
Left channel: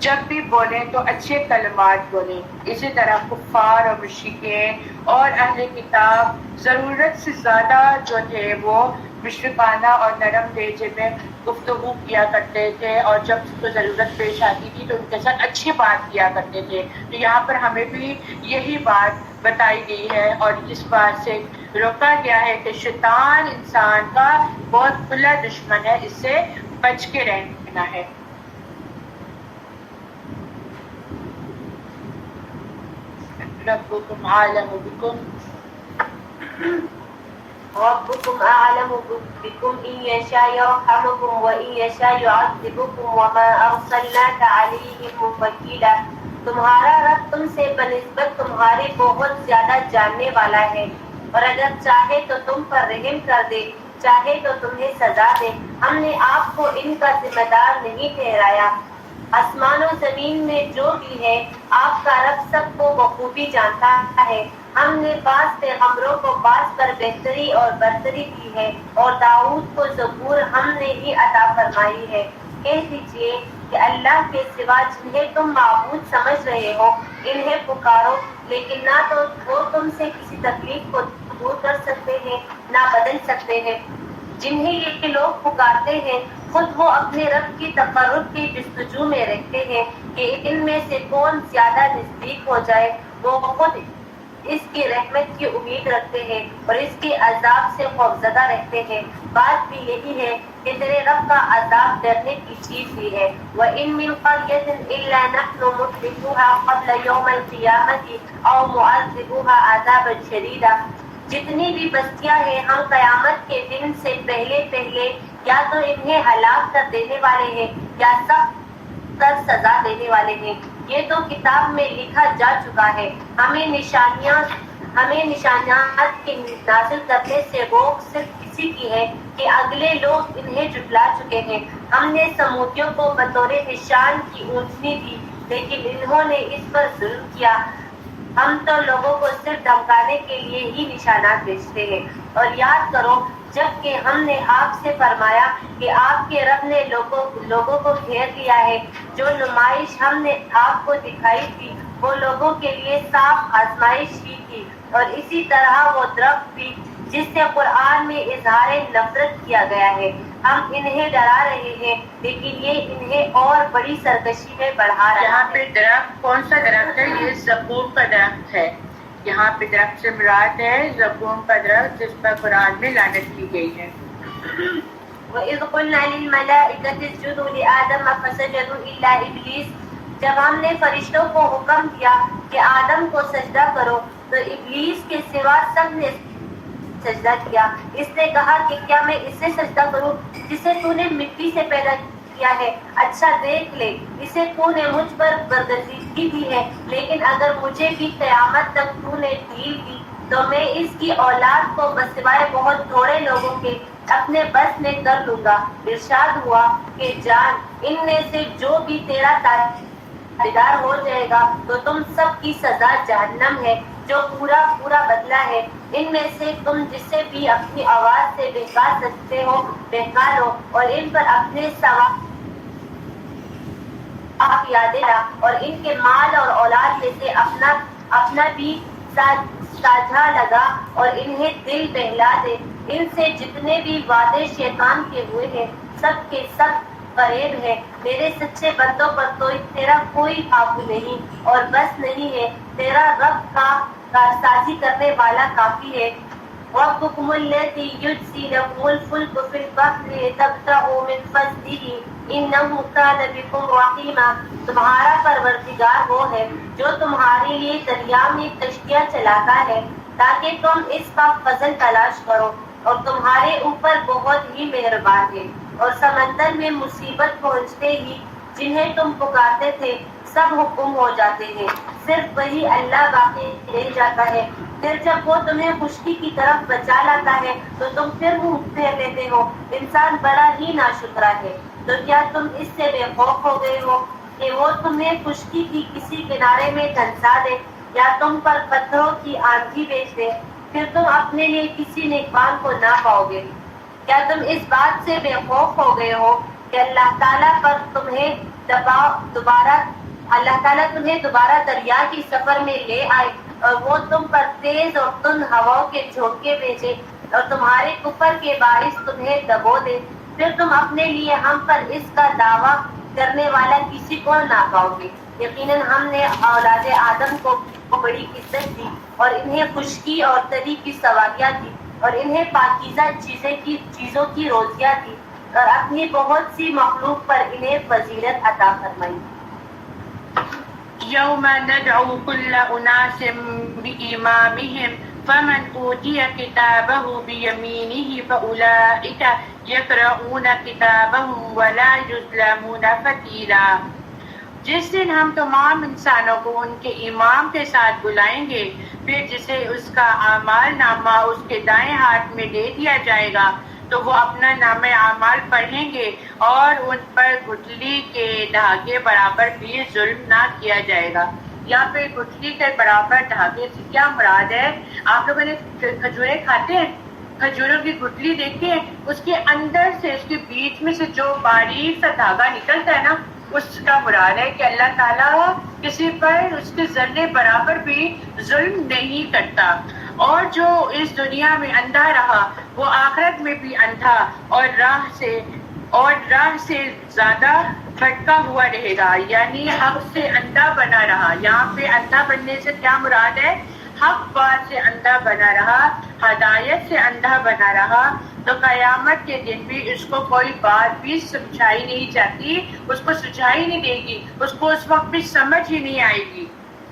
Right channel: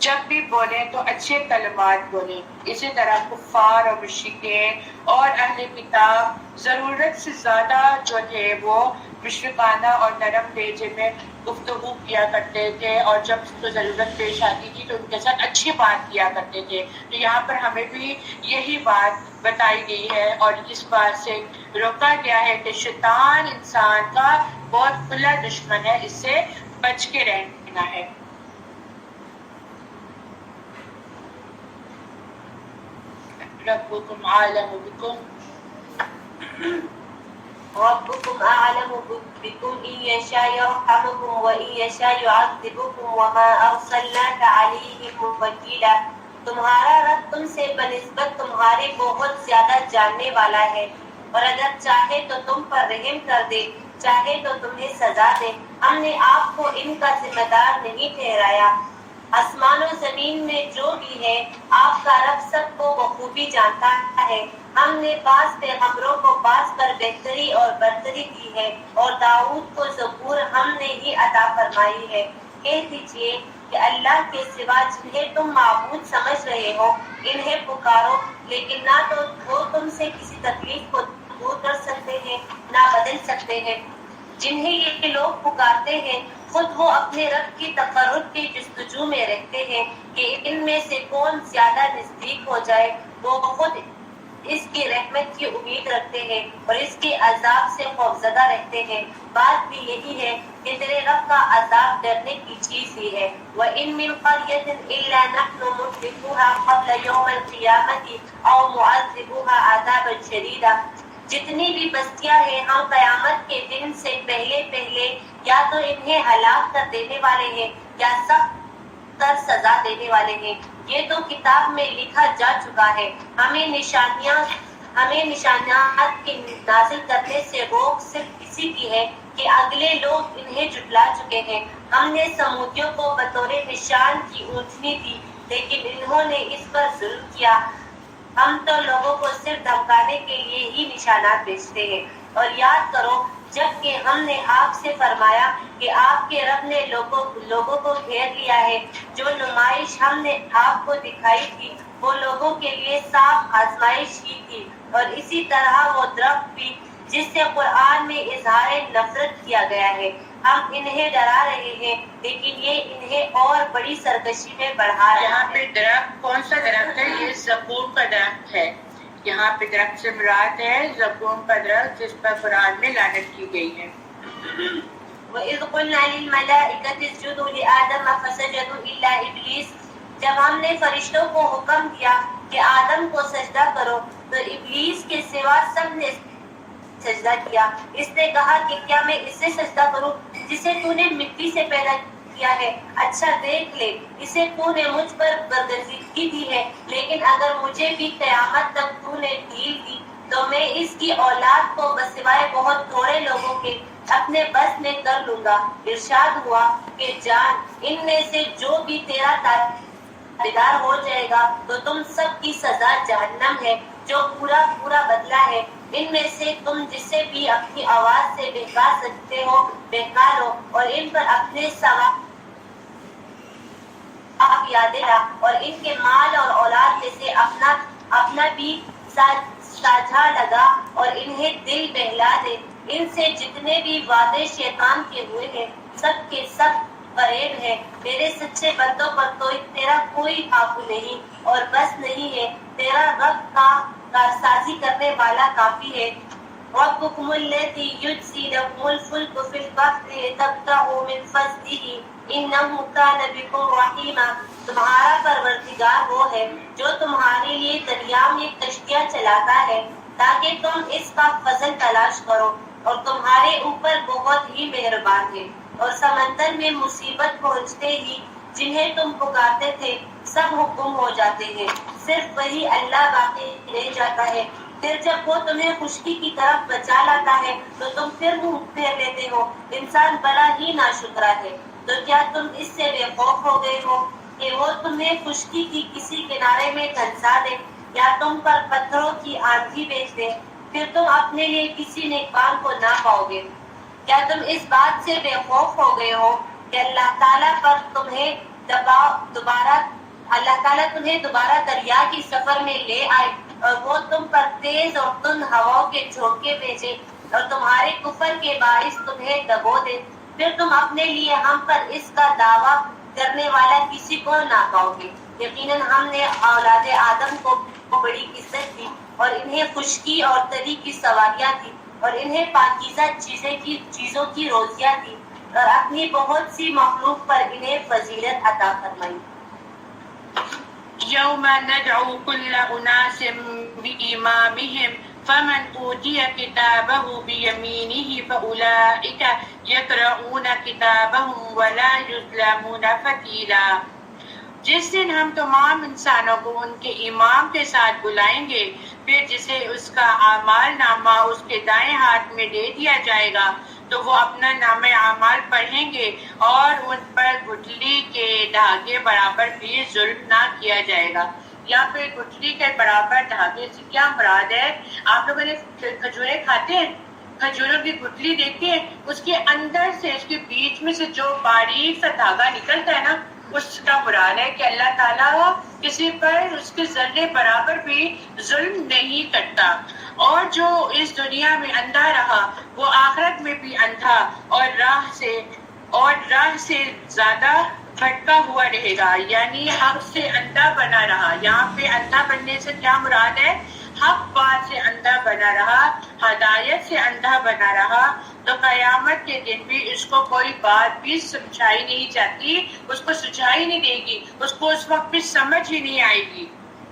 جب بھی بولیں تو اچھے کلمات بولیں. اسی طرح کفار اور مشرکین اور اہل کتاب ضرورت سے زیادہ جو تھے وہ مشرکانہ اور نرم لہجے میں گفتگو کیا کرتے تھے اور جب تو ضرورت پیش آتی تھی تو ان کے ساتھ اچھی بات کیا کرتے تھے. تو یہاں پر ہمیں بھی یہی بات بتائی گئی ہے اور اس بات سے روکا گیا ہے کہ شیطان انسان کا بہت کھلا دشمن ہے، اس سے بچ کے رہنا ہے. ربكم عالم بكم ربكم أعلم بكم إن يشاء يرحمكم وإن يشاء يعذبكم وما أرسلناك عليهم وكيلا. تمہارا رب تم سے بنسبت تمہارے بہت زیادہ جاننے والا ہے اور اگر چاہے تو تم پر رحم کر دے، چاہے تو تمہیں سزا دے. ہم نے آپ کو ان کا ذمہ دار نہیں ٹھہرایا. آسمان و زمین میں جو بھی ہے آپ کا رب سب کو بخوبی جانتا ہے. ہم نے بعض پیغمبروں کو بعض پر بہتری اور برتری دی ہے اور داؤد کو زبور ہم نے ہی عطا فرمائی ہے. کہہ دیجئے کہ اللہ کے سوا جنہیں تم معبود سمجھ رہے ہو انہیں پکارو، لیکن نہ تو وہ تم سے کسی تکلیف کو دور کر سکتے ہیں نہ بدل سکتے ہیں. جنہیں یہ لوگ پکارتے ہیں خود وہ اپنے رب کی تقرب کی جستجو میں رہتے ہیں کہ ان میں سے کون زیادہ نزدیک ہو جائے. وہ خود اس کی رحمت کی امید رکھتے ہیں اور اس کے عذاب سے خوفزدہ رہتے ہیں. بات بھی یہی ہے کہ تیرے رب کا عذاب ڈرنے کی چیز ہی ہے. وَإِن مِّن قَرْيَةٍ إِلَّا نَحْنُ مُهْلِكُوهَا قَبْلَ يَوْمِ الْقِيَامَةِ أَوْ مُعَذِّبُوهَا عَذَابًا شَدِيدًا. جتنی بھی بستیاں ہیں ہم قیامت کے دن سے پہلے یا تو انہیں ہلاک کر دینے والے ہیں یا سخت تر سزا دینے والے ہیں. یہ تو کتاب میں لکھا جا چکا ہے. ہمیں نشانیات کے نازل کرنے سے روک صرف اسی کی ہے کہ اگلے لوگ انہیں جھٹلا چکے ہیں. ہم نے سمودیوں کو بطور نشان کی اونچنی دی لیکن انہوں نے اس پر ظلم کیا. ہم تو لوگوں کو صرف دھمکانے کے لیے ہی نشانات بھیجتے ہیں. اور یاد کرو جب کہ ہم نے آپ سے فرمایا کہ آپ کے رب نے لوگوں کو گھیر لیا ہے. جو نمائش ہم نے آپ کو دکھائی تھی وہ لوگوں کے لیے صاف آزمائش ہی تھی. اور اسی طرح وہ درخت بھی جس سے قرآن میں اظہار نفرت کیا گیا ہے۔ ہم انہیں ڈرا رہے ہیں لیکن یہ انہیں اور بڑی سرکشی میں بڑھا رہا یہاں ہے۔ پہ درخت کون سا درخت ہے؟ یہ زقوم کا درخت ہے۔ یہاں پہ درخت سے مراد ہے زقوم کا درخت جس پر قرآن میں لعنت کی گئی ہے۔ وَإِذْ قُلْنَا لِلْمَلَائِكَةِ اسْجُدُوا لِآدَمَ فَسَجَدُوا إِلَّا إِبْلِيسَ، جب ہم نے فرشتوں کو حکم دیا کہ آدم کو سجدہ کرو تو ابلیس کے سوا سب نے سجدہ کیا۔ اس نے کہا کہ کیا میں اس سے سجدہ کروں جسے تو نے مٹی سے پیدا کیا ہے؟ اچھا دیکھ لے، اسے تو نے مجھ پر برگزیدگی دی ہے، لیکن اگر مجھے بھی قیامت تک تو نے ڈھیل دی تو میں اس کی اولاد کو بسوائے بہت تھوڑے لوگوں کے اپنے بس میں کر لوں گا۔ ارشاد ہوا کہ جان، ان میں سے جو بھی تیرا تابعدار ہو جائے گا تو تم سب کی سزا جہنم ہے جو پورا بدلہ ہے۔ ان میں سے تم جسے بھی اپنی آواز سے بہکا سکتے ہو بہکا لو، اور ان پر اپنے ثواب آپ یاد لا، اور ان کے مال اور اولاد میں سے اپنا بھی ساجھا لگا اور انہیں دل بہلا دے۔ ان سے جتنے بھی وعدے شیطان کے ہوئے ہیں سب کے سب فریب ہے۔ میرے سچے بندوں پر تو تیرا کوئی قابو نہیں اور بس نہیں ہے، تیرا رب کا کارسازی کرنے والا کافی ہے۔ ربکم الذی یجزی لکم الفلک فی البحر لتبتغوا من فضلہ انہ کان بکم رحیما، تمہارا پروردگار وہ ہے جو تمہارے لیے دریا میں کشتیاں چلاتا ہے تاکہ تم اس کا فضل تلاش کرو، اور تمہارے اوپر بہت ہی مہربان ہے۔ اور سمندر میں مصیبت پہنچتے ہی جنہیں تم پکارتے تھے سب حکم ہو جاتے ہیں، صرف وہی اللہ باقی رہ جاتا ہے۔ پھر جب وہ تمہیں خشکی کی طرف بچا لاتا ہے تو تم پھر منہ پھیر لیتے ہو۔ انسان بڑا ہی ناشکرا ہے۔ تو کیا تم اس سے بے خوف ہو گئے ہو کہ وہ تمہیں خشکی کی کسی کنارے میں دھنسا دے یا تم پر پتھروں کی آندھی بھیج دے، پھر تم اپنے لیے کسی نیکبان کو نہ پاؤ گے؟ کیا تم اس بات سے بے خوف ہو گئے ہو کہ اللہ تعالیٰ تمہیں دوبارہ دریا کی سفر میں لے آئے اور وہ تم پر تیز اور تند ہواؤں کے جھونکے بھیجے اور تمہارے کفر کے باعث تمہیں دبو دے، پھر تم اپنے لیے ہم پر اس کا دعویٰ کرنے والا کسی کو نہ پاؤ گے۔ یقیناً ہم نے اولاد آدم کو بڑی عزت دی اور انہیں خشکی اور تری کی سواریاں دی اور انہیں پاکیزہ چیزوں کی روزیاں دی اور اپنی بہت سی مخلوق پر انہیں فضیلت عطا فرمائی۔ یوم ندعو کل اناس بإمامہم فمن اوتی کتابہ بیمینہ فاولئک یقرؤون کتابہم ولا یظلمون فتیلا۔ جس دن ہم تمام انسانوں کو ان کے امام کے ساتھ بلائیں گے، پھر جسے اس کا اعمال نامہ اس کے دائیں ہاتھ میں دے دیا جائے گا تو وہ اپنا نام اعمال پڑھیں گے اور ان پر گٹھلی کے دھاگے برابر بھی ظلم نہ کیا جائے گا۔ یہاں پہ گٹھلی کے برابر دھاگے سے کیا مراد ہے؟ آپ لوگوں نے کھجوریں کھاتے ہیں، کھجوروں کی گٹھلی دیکھتے ہیں، اس کے اندر سے اس کے بیچ میں سے جو باریک سا دھاگا نکلتا ہے نا، اس کا مراد ہے کہ اللہ تعالیٰ کسی پر اس کے ذرے برابر بھی ظلم نہیں کرتا، اور جو اس دنیا میں اندھا رہا وہ آخرت میں بھی اندھا اور راہ سے زیادہ بھٹکا ہوا رہے گا، یعنی حق سے اندھا بنا رہا۔ یہاں پہ اندھا بننے سے کیا مراد ہے؟ حق بات سے اندھا بنا رہا، ہدایت سے اندھا بنا رہا، تو قیامت کے دن بھی اس کو کوئی بات بھی سمجھائی نہیں جاتی، اس کو سجھائی نہیں دے گی، اس کو اس وقت بھی سمجھ ہی نہیں آئے گی۔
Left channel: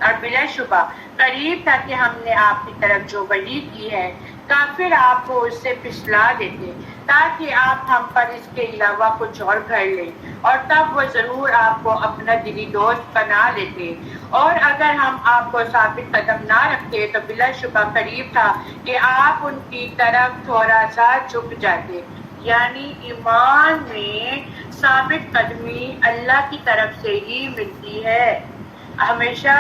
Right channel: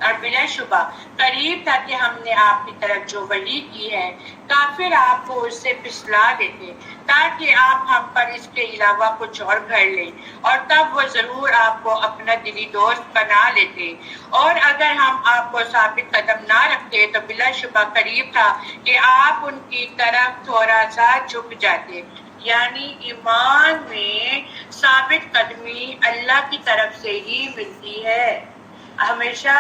اور بلا شبہ قریب تھا کہ ہم نے آپ کی طرف جو وحی کی ہے کافر آپ کو اس سے پھسلا دیتے تاکہ آپ ہم پر اس کے علاوہ کچھ اور گھڑ لیں، اور تب وہ ضرور آپ کو اپنا دلی دوست بنا لیتے، اور اگر ہم آپ کو ثابت قدم نہ رکھتے تو بلا شبہ قریب تھا کہ آپ ان کی طرف تھوڑا سا جھک جاتے۔ یعنی ایمان میں ثابت قدمی اللہ کی طرف سے ہی ملتی ہے۔ ہمیشہ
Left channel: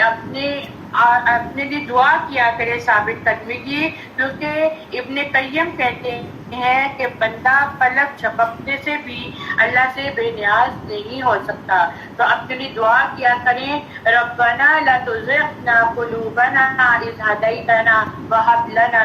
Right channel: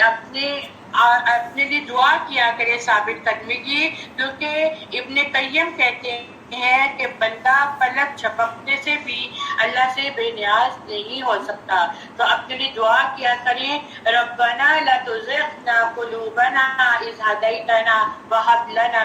اپنے لیے دعا کیا کرے ثابت قدمی کی، کیونکہ ابن قیم کہتے ہیں کہ بندہ پلک جھپکنے سے بھی اللہ سے بے نیاز نہیں ہو سکتا، تو اپنے لیے دعا کیا کریں، ربنا لا تزغ قلوبنا اذ ہدیتنا وہب لنا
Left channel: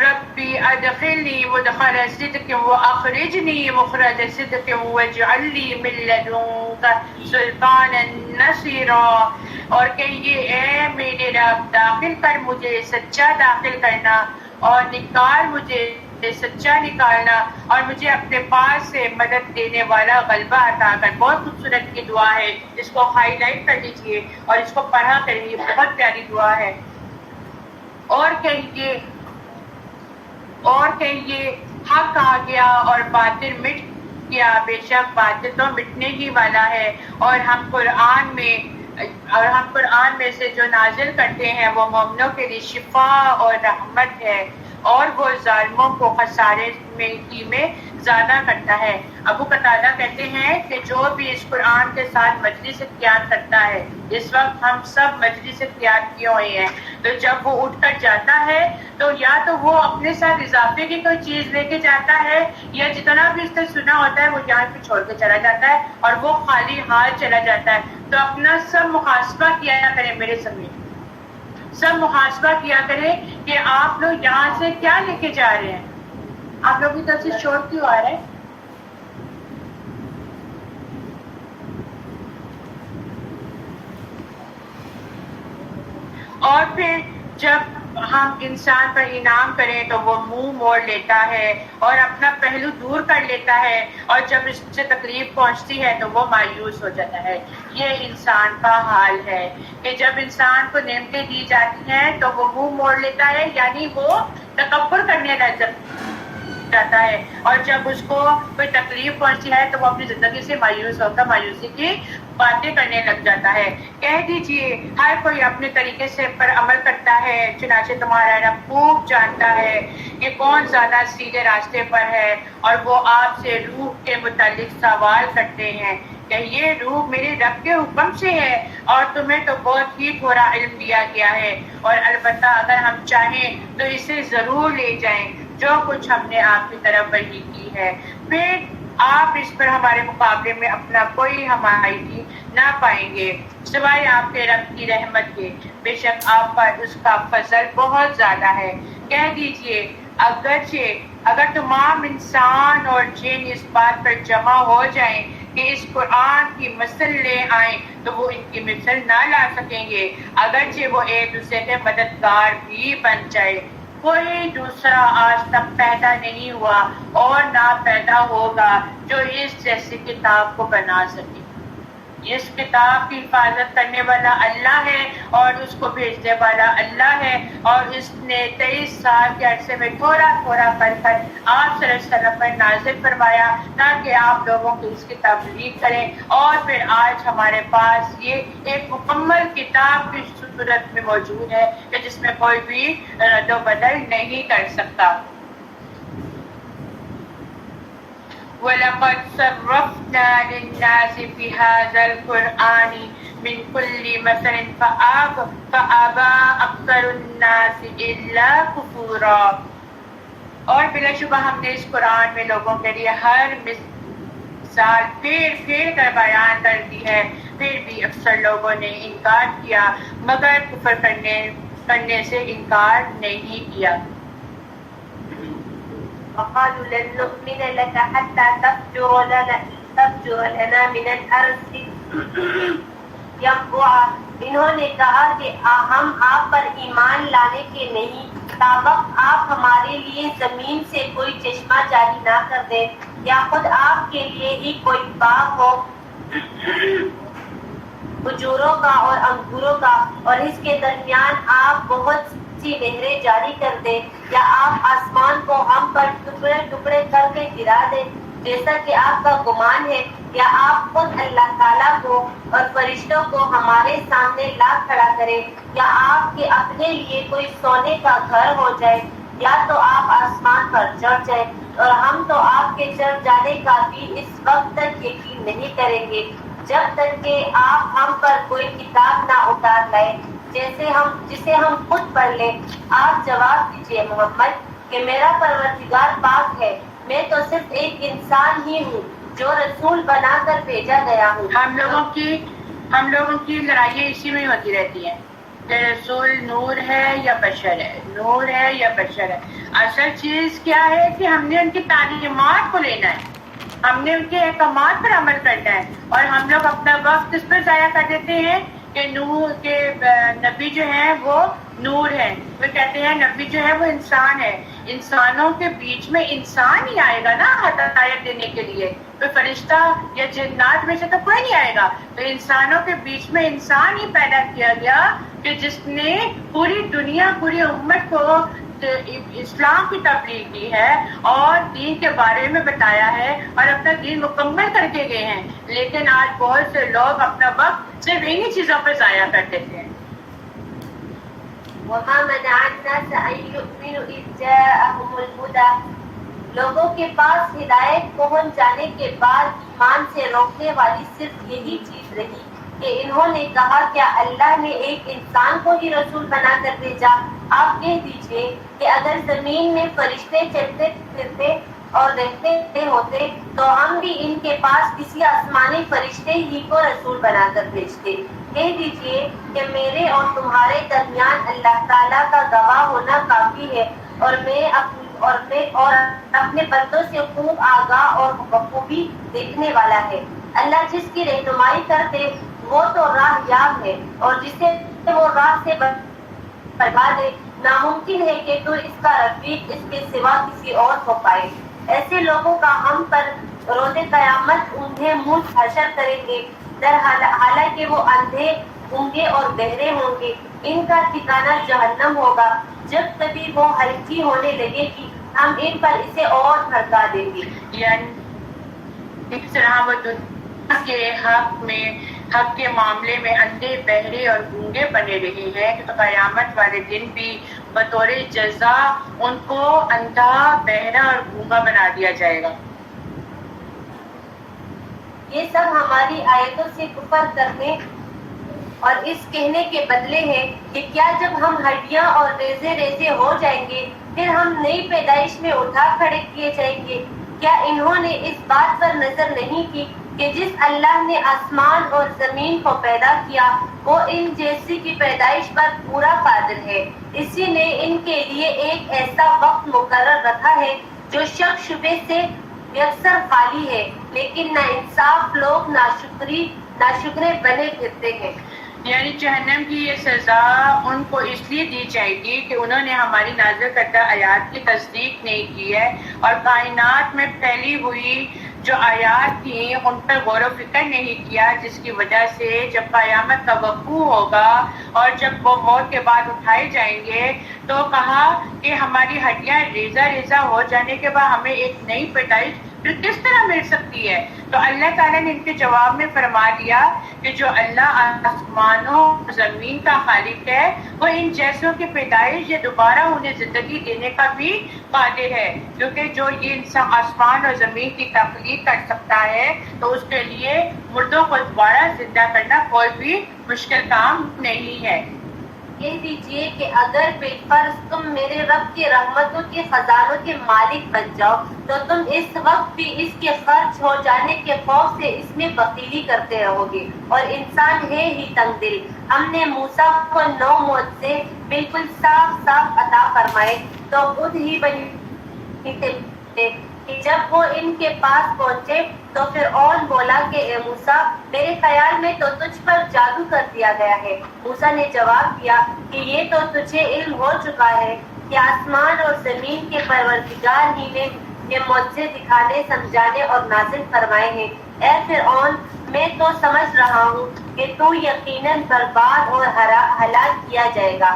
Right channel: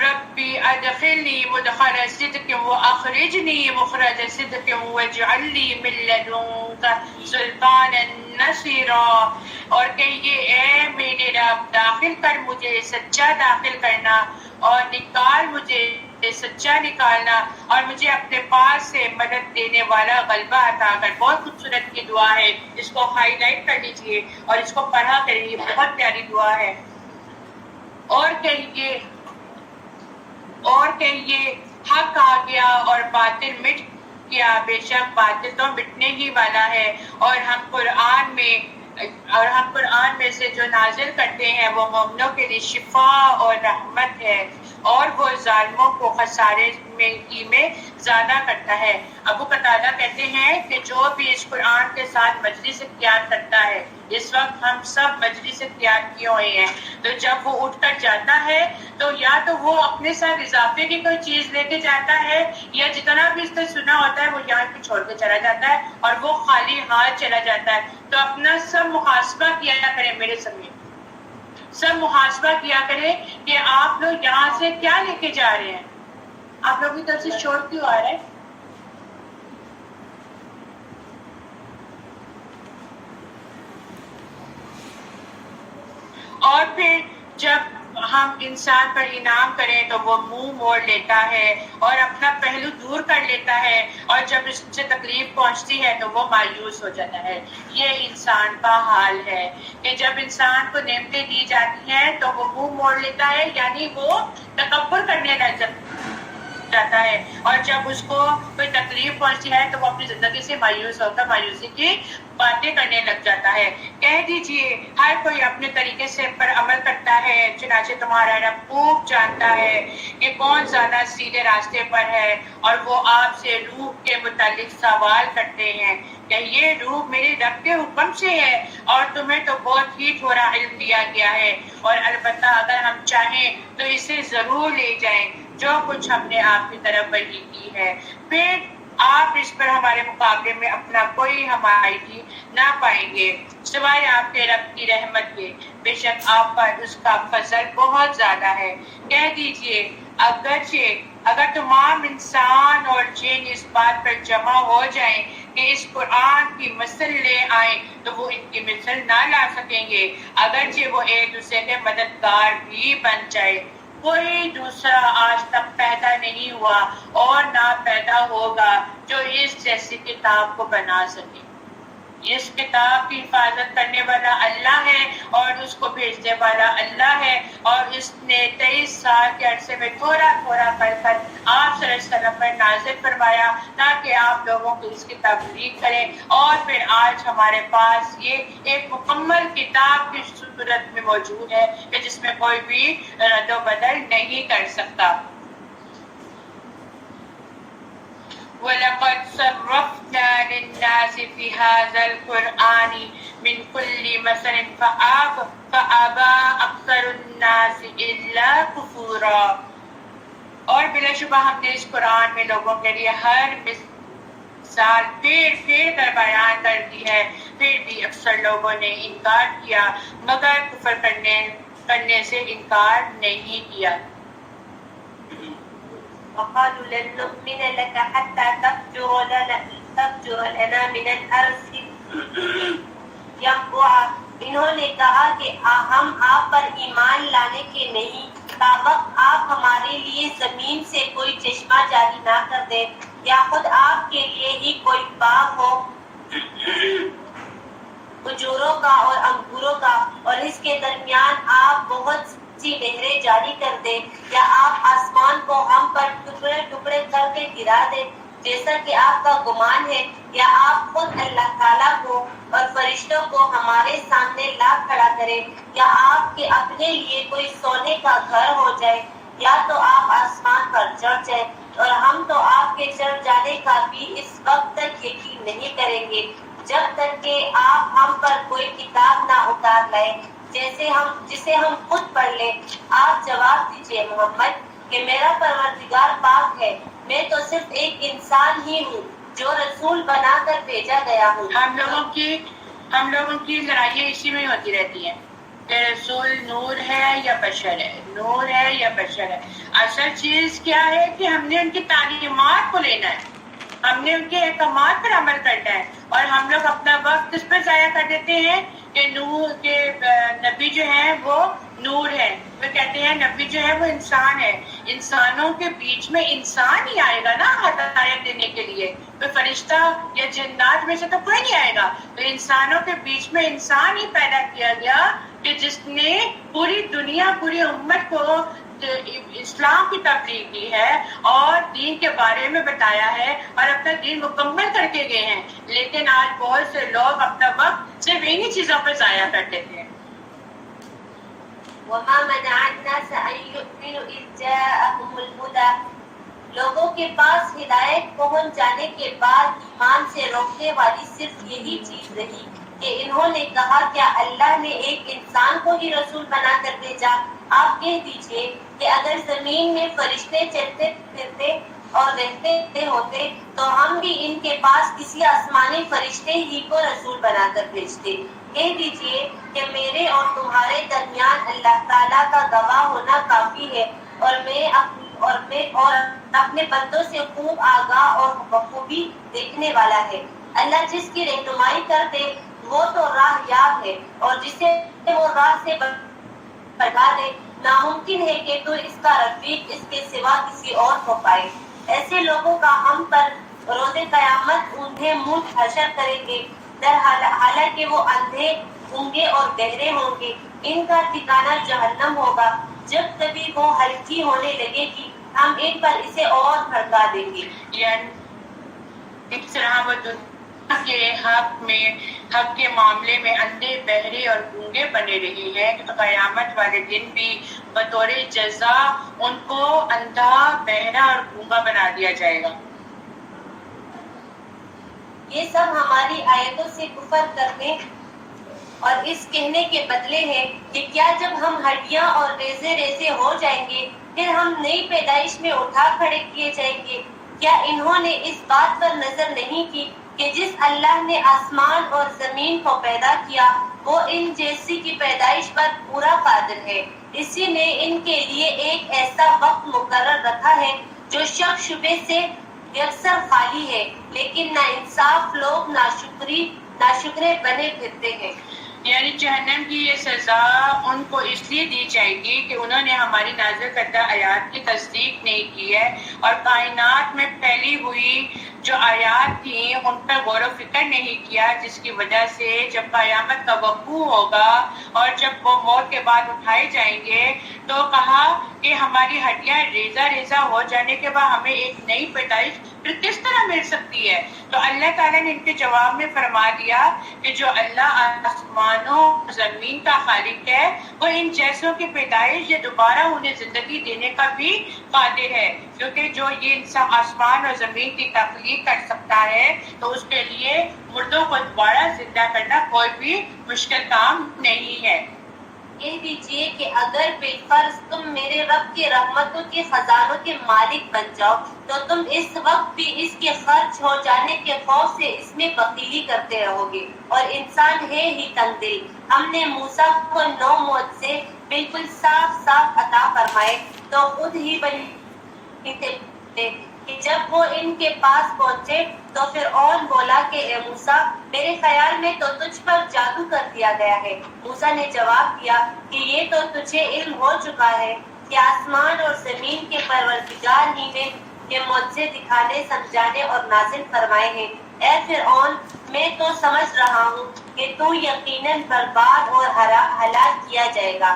ربی ادخلنی مدخل صدق واخرجنی مخرج صدق واجعل لی من لدنک سلطانا نصیرا، اور کہیے اے میرے رب داخل کر مجھے سچا داخل کرنا اور نکال مجھے سچا نکالنا، اور مجھے اپنے پاس سے مدد دینے والا غلبہ عطا کر۔ بہت خوبصورت کی دعا ہے، اس کو ہائی لائٹ کر لیجئے اور اس کو پڑھا کریے، بہت پیاری دعا ہے۔ اور کہیے حق آ گیا اور باطل مٹ گیا، بے شک باطل تو مٹنے ہی والا ہے، اور ہم قرآن میں سے جو نازل کرتے ہیں وہ مومنوں کے لیے شفا اور رحمت ہے، اور وہ ظالموں کو خسارے میں زیادہ کرتا ہے۔ ابو قتادہ کہتے ہیں کہ جو بھی اس قرآن کے ساتھ مجلس اختیار کرتا ہے، اس وقت ہم سب مجلس اختیار کیے ہوئے ہیں، تو جب وہ اٹھ کر جاتا ہے تو یا تو وہ اپنے ساتھ اضافے کی کوئی چیز لے کے جاتا ہے، یا جتنا بھی اس نے سنا ہوتا ہے وہ یہاں پہ چھوڑ کے چلا جاتا ہے اور وہ خالی ہاتھ چلا جاتا ہے۔ تو اپنا سب محاسبہ کیا کریں، میرے سمجھ سب محاسبہ کیا کریں کہ آپ لوگ یہاں سے کیا لے کے جا رہے ہیں۔ آپ لوگوں کی طرف سے شور کیوں آ رہا ہے؟ اور پھر جب ہم انسان پر انعام کریں تو وہ منہ موڑ لیتا ہے اور اپنا پہلو دور کر لیتا ہے، اور جب اس سے تکلیف پہنچتی ہے تو وہ مایوس ہو جاتا ہے۔ یہ انسان کا حال ہے کہ جب انسان کو نعمتیں دی جاتی ہیں تو وہ منہ موڑ لیتا ہے، یعنی وہ تکبر کرنے لگ جاتا ہے، اور جب اس کو کوئی تکلیف پہنچتی ہے تو وہ اپنی زندگی سے مایوس ہوتا، مایوسی کی باتیں کرنے لگ جاتا ہے۔ کہہ دیجئے ہر کوئی اپنے طریقے سے پر عمل کرتا ہے، چنانچہ تمہارا رب خوب جانتا ہے کہ کون زیادہ سیدھے راستے پر ہے، اور وہ آپ سے روح کے متعلق سوال کرتے ہیں کہ یہ روح میرے رب کے حکم سے ہے، اور تمہیں تو بہت ہی تھوڑا علم دیا گیا ہے، اور البتہ اگر ہم چاہیں تو اسے ضرور لے جائیں جو کچھ ہم نے آپ کی طرف وحی کی ہے، پھر آپ اس پر ہمارے مقابلے میں اپنا کوئی حمایتی نہ پائیں گے سوائے آپ کے رب کی رحمت کے، بے شک آپ پر اس کا فضل بہت زیادہ ہے۔ کہہ دیجئے اگر تمام انسان اور جن اس بات پر جمع ہو جائیں کہ اس قرآن کی مثل لے آئیں تو وہ ان کی مثل نہ لا سکیں گے، اگرچہ وہ ایک دوسرے کے مددگار بھی بن جائے۔ کوئی دوسرا آج تک پیدا نہیں ہوا اور نہ پیدا ہوگا جو اس جیسی کتاب کو بنا سکے۔ اس کتاب کی حفاظت کرنے والا اللہ ہے اور اس کو بھیجنے والا اللہ ہے، اور اس نے 23 سال کے عرصے میں تھوڑا تھوڑا کر آپ صلی اللہ علیہ وسلم پر نازل فرمایا تاکہ آپ لوگوں کو اس کی تبلیغ کریں، اور پھر آج ہمارے پاس یہ ایک مکمل کتاب کی صورت میں موجود ہے کہ جس میں کوئی بھی رد و بدل نہیں کر سکتا۔ وَلَقَدْ صَرَّفْنَا لِلنَّاسِ فِي هَذَا الْقُرْآنِ مِنْ كُلِّ مَثَلٍ فَأَبَى أَكْثَرُ النَّاسِ إِلَّا كُفُورًا، اور بلا شبہ ہم نے اس قرآن میں لوگوں کے لیے ہر مثال پھیر کر بیان کر دی ہے، پھر بھی اکثر لوگوں نے انکار کیا مگر کفر کرنے سے انکار نہیں کیا۔ وقالوا لن نؤمن لك حتى تفجر لنا من الأرض ينبوعا، انہوں نے کہا کہ ہم آپ پر ایمان لانے کے نہیں تابق آپ ہمارے لیے زمین سے کوئی چشمہ جاری نہ کر دیں، یا خود آپ کے لیے ہی کوئی باغ ہو کھجوروں کا اور انگوروں کا، اور اس کے درمیان آپ بہت سی نہریں جاری کر دیں، یا آپ آسمان کو ہم پر ٹکڑے ٹکڑے کر کے گرا دیں جیسا کہ آپ کا گمان ہے، یا آپ خود اللہ تعالیٰ کو اور فرشتوں کو ہمارے سامنے لا کھڑا کریں، یا آپ کے اپنے لیے کوئی سونے کا گھر ہو جائے، یا تو آپ آسمان پر چڑھ جائیں، اور ہم تو آپ کے چڑھ جانے کا بھی اس وقت تک یقین نہیں کریں گے جب تک کہ آپ ہم پر کوئی کتاب نہ اتار لائیں جسے ہم خود پڑھ لیں۔ آپ جواب دیجئے محمد کہ میرا پروردگار پاک ہے، میں تو صرف ایک انسان ہی ہوں جو رسول بنا کر بھیجا گیا ہوں۔ ہم لوگوں کی لڑائیاں اسی میں ہوتی رہتی ہیں۔ کہ رسول نور ہے یا بشر ہے، نور ہے یا بشر ہے۔ اصل چیز کیا ہے کہ ہم نے ان کی تعلیمات کو لینا ہے، ہم نے ان کے احکامات پر عمل کرنا ہے، اور ہم لوگ اپنا وقت اس پر ضائع کر دیتے ہیں کہ نور کے نبی جو ہیں وہ نور ہے، وہ کہتے ہیں نبی جو ہے وہ انسان ہے، انسانوں کے بیچ میں انسان ہی آئے گا نا ہدایت دینے کے لیے، کوئی فرشتہ یا جنات میں سے تو کوئی نہیں آئے گا، تو انسانوں کے بیچ میں انسان ہی پیدا کیا گیا کہ جس نے پوری دنیا پوری امت کو اسلام کی تبلیغ کی ہے اور دین کے بارے میں بتایا ہے اور اپنا دین مکمل کر کے گئے ہیں، لیکن آج بہت سے لوگ اپنا وقت صرف انہی چیزوں پر ضائع کر دیتے ہیں۔ وما منع الناس ان يؤمنوا اذ جاءهم الهدى، لوگوں کے پاس ہدایت پہنچ جانے کے بعد ایمان سے روکنے والی صرف یہی چیز رہی کہ انہوں نے کہا کیا اللہ نے ایک انسان کو ہی رسول بنا کر بھیجا؟ آپ کہہ دیجئے کہ اگر زمین میں فرشتے چلتے پھرتے اور رہتے ہوتے تو ہم بھی ان کے پاس کسی آسمانی فرشتے ہی کو رسول بنا کر بھیجتے۔ کہہ دیجئے کہ میرے اور تمہارے درمیان اللہ تعالیٰ کا گواہ ہونا کافی ہے، اور میں اپنے بندوں سے خوب آگاہ اور بخوبی دیکھنے والا ہے۔ اللہ جس کی رہنمائی کر دے وہ تو راہ یاب ہے، اور جسے وہ راہ سے بھٹکا دے ناممکن ہے کہ تو اس کا رفیق اس کے سوا کسی اور ہو پائے۔ ایسے لوگوں کا ہم پر روز قیامت انہیں منہ حشر کریں گے، حالانکہ وہ اندھے گونگے اور بہرے ہوں گے، ان کا ٹھکانہ جہنم ہوگا، جب کبھی وہ ہلکی ہونے لگے گی ہم ان پر اسے اور بھڑکا دیں گے۔ یعنی اس طرح وہ دنیا کے حق کے معاملے میں اندھے بہرے اور گونگے بنے رہے ہیں تو قیامت والے دن بھی بطور جزا ان کو اندھا بہرا اور گونگا بنا دیا جائے گا۔ یہ سب ہماری آیتوں سے کفر کرنے اور اس کہنے کے بدلے ہے کہ کیا جب ہم ہڈیاں اور ریزے ریزے ہو جائیں گے پھر ہم نئی پیدائش میں اٹھا کھڑے کیے جائیں گے؟ کیا انہوں نے اس بات پر نظر نہیں کی کہ جس اللہ نے آسمان اور زمین کو پیدا کیا وہ ان جیسی کی پیدائش پر پورا قادر ہے، اسی نے ان کے لیے ایک ایسا وقت مقرر رکھا ہے جو شک شبے سے یکسر خالی ہے، لیکن ناانصاف لوگ ناشکرے بنے پھرتے ہیں۔ یعنی جہنم کی یہ سزا ان کو اس لیے دی جائے گی کہ انہوں نے ہماری نازل کردہ آیات کی تصدیق نہیں کی ہے اور کائنات میں پھیلی ہوئی جو آیات تھیں ان پر غور و فکر نہیں کیا، جس کی وجہ سے جب قیامت کا وقوع ہوگا اور جب وہ موت کے بعد اٹھائے جائیں گے تو کہا کہ ہماری ہڈیاں ریزہ ریزہ ہو جانے کے بعد ہمیں ایک نئی پیدائش پھر کس طرح مل سکتی ہے؟ تو اللہ تعالیٰ نے ان کے جواب میں فرما دیا کہ جو اللہ آسمانوں زمین کا خالق ہے وہ ان جیسوں کی پیدائش یا دوبارہ انہیں زندگی دینے کا بھی قادر ہے، کیونکہ جو یہ انسان آسمان اور زمین کی تخلیق کر سکتا ہے تو اس کے لیے مردوں کو دوبارہ زندہ کرنا کوئی بھی مشکل کام نہیں ہے۔ کہہ دیجئے کہ اگر بالفرض تم میرے رب کے رحمتوں کے خزانوں کے مالک بن جاؤ تو تم اس وقت بھی اس کے خرچ ہو جانے کے خوف سے اس میں بخیلی کرتے رہو گے، اور انسان ہے ہی تنگ دل۔ ہم نے موسیٰ کو 9 معجزے بالکل صاف صاف عطا فرمائے تو خود ہی بنی تھے کہ جب وہ ان کے پاس پہنچے تو فرعون بولا کہ اے موسیٰ میرے خیال میں تو تجھ پر جادو کر دیا گیا ہے۔ موسیٰ نے جواب دیا کہ یہ تو تجھے علم ہو چکا ہے کہ آسمان اور زمین کے پروردگار ہی نے یہ معجزے دکھانے سمجھانے اور نازل فرمائے ہیں۔ اے فرعون میں تو سمجھ رہا ہوں کہ تو یقیناً برباد اور ہلاک کیا جائے گا۔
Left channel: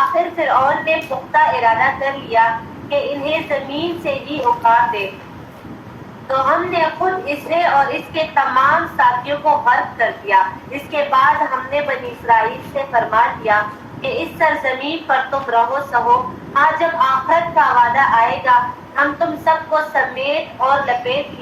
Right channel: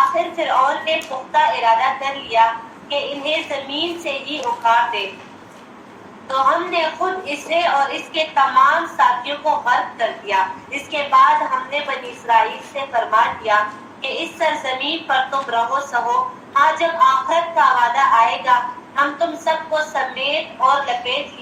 آخر فرعون نے پختہ ارادہ کر لیا کہ انہیں زمین سے ہی اکھاڑ دے، تو ہم نے خود اسے اور اس کے تمام ساتھیوں کو غرق کر دیا۔ اس کے بعد ہم نے بنی اسرائیل سے فرما دیا کہ اس سرزمین پر تم رہو سہو، ہاں جب آخرت کا وعدہ آئے گا ہم تم سب کو سمیٹ اور لپیٹ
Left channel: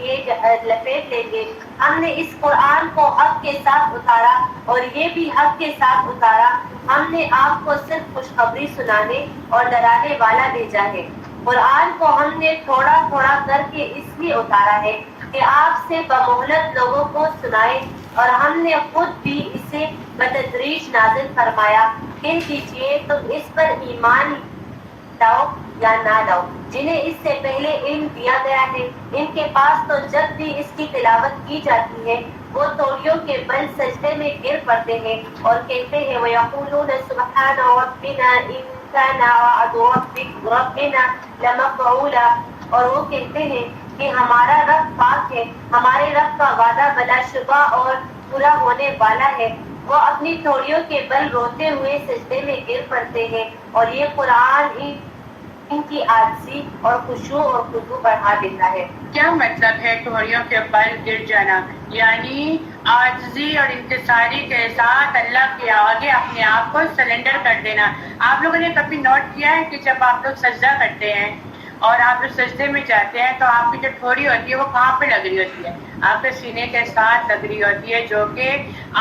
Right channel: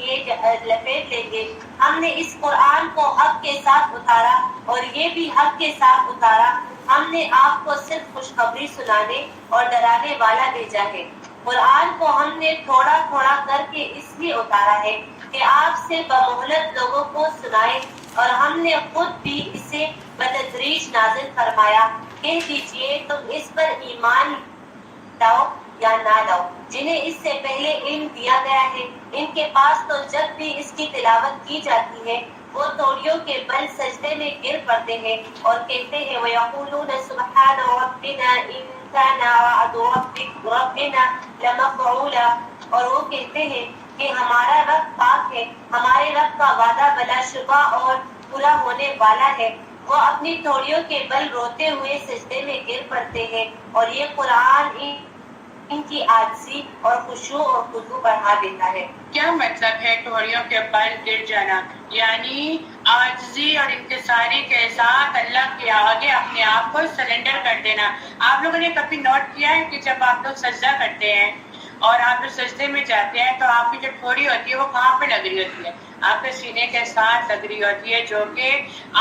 لیں گے۔ ہم نے اس قرآن کو حق کے ساتھ اتارا اور یہ بھی حق کے ساتھ اتارا، ہم نے آپ کو صرف خوشخبری سنانے اور ڈرانے والا بھیجا ہے۔ قرآن کو ہم نے تھوڑا تھوڑا کر کے اس لیے اتارا ہے کہ آپ سے بمہلت لوگوں کو سنائے، اور ہم نے خود بھی اسے بتدریج نازل فرمایا کہہ دیجئے تم اس پر ایمان لاؤ یا نہ لاؤ جنہیں اس سے پہلے علم دیا گیا ہے، ان کے پاس تو جب بھی اس کی تلاوت کی جاتی ہے وہ توڑیوں کے بل سجدے میں گر پڑتے ہیں اور کہتے ہیں وَيَقُولُونَ سُبْحَانَ رَبِّنَا إِن كَانَ وَعْدُ رَبِّنَا لَمَفْعُولًا، اور وہ کہتے ہیں کہ ہمارا رب پاک ہے، ہمارے رب کا وعدہ بلا شبہ اور پورا ہونے والا ہے۔ وہ اپنی تھوڑیوں کے بل روتے ہوئے سجدے میں گر پڑتے ہیں، اور یہ قرآن ان کی عاجزی اور خشوع اور خضوع بڑھا دیتا ہے۔ کیا مطلب ہے ٹھوڑیوں کے بل گر جانا؟ یعنی عاجزی اور انکساری کے ساتھ اللہ کے آگے اپنے آپ کو سرنڈر کر دینا۔ آپ لوگوں نے کبھی نوٹ کیا ہے کہ جب آپ لوگ سجدہ کرتے ہیں اور آپ لوگ سجدے میں جاتے ہیں تو آپ کی جو ٹھوڑی ہوتی ہے وہ کہاں پہ لگ رہی ہوتی ہے؟ آپ کے سینے کے ساتھ لگ رہی ہوتی ہے، جو کہ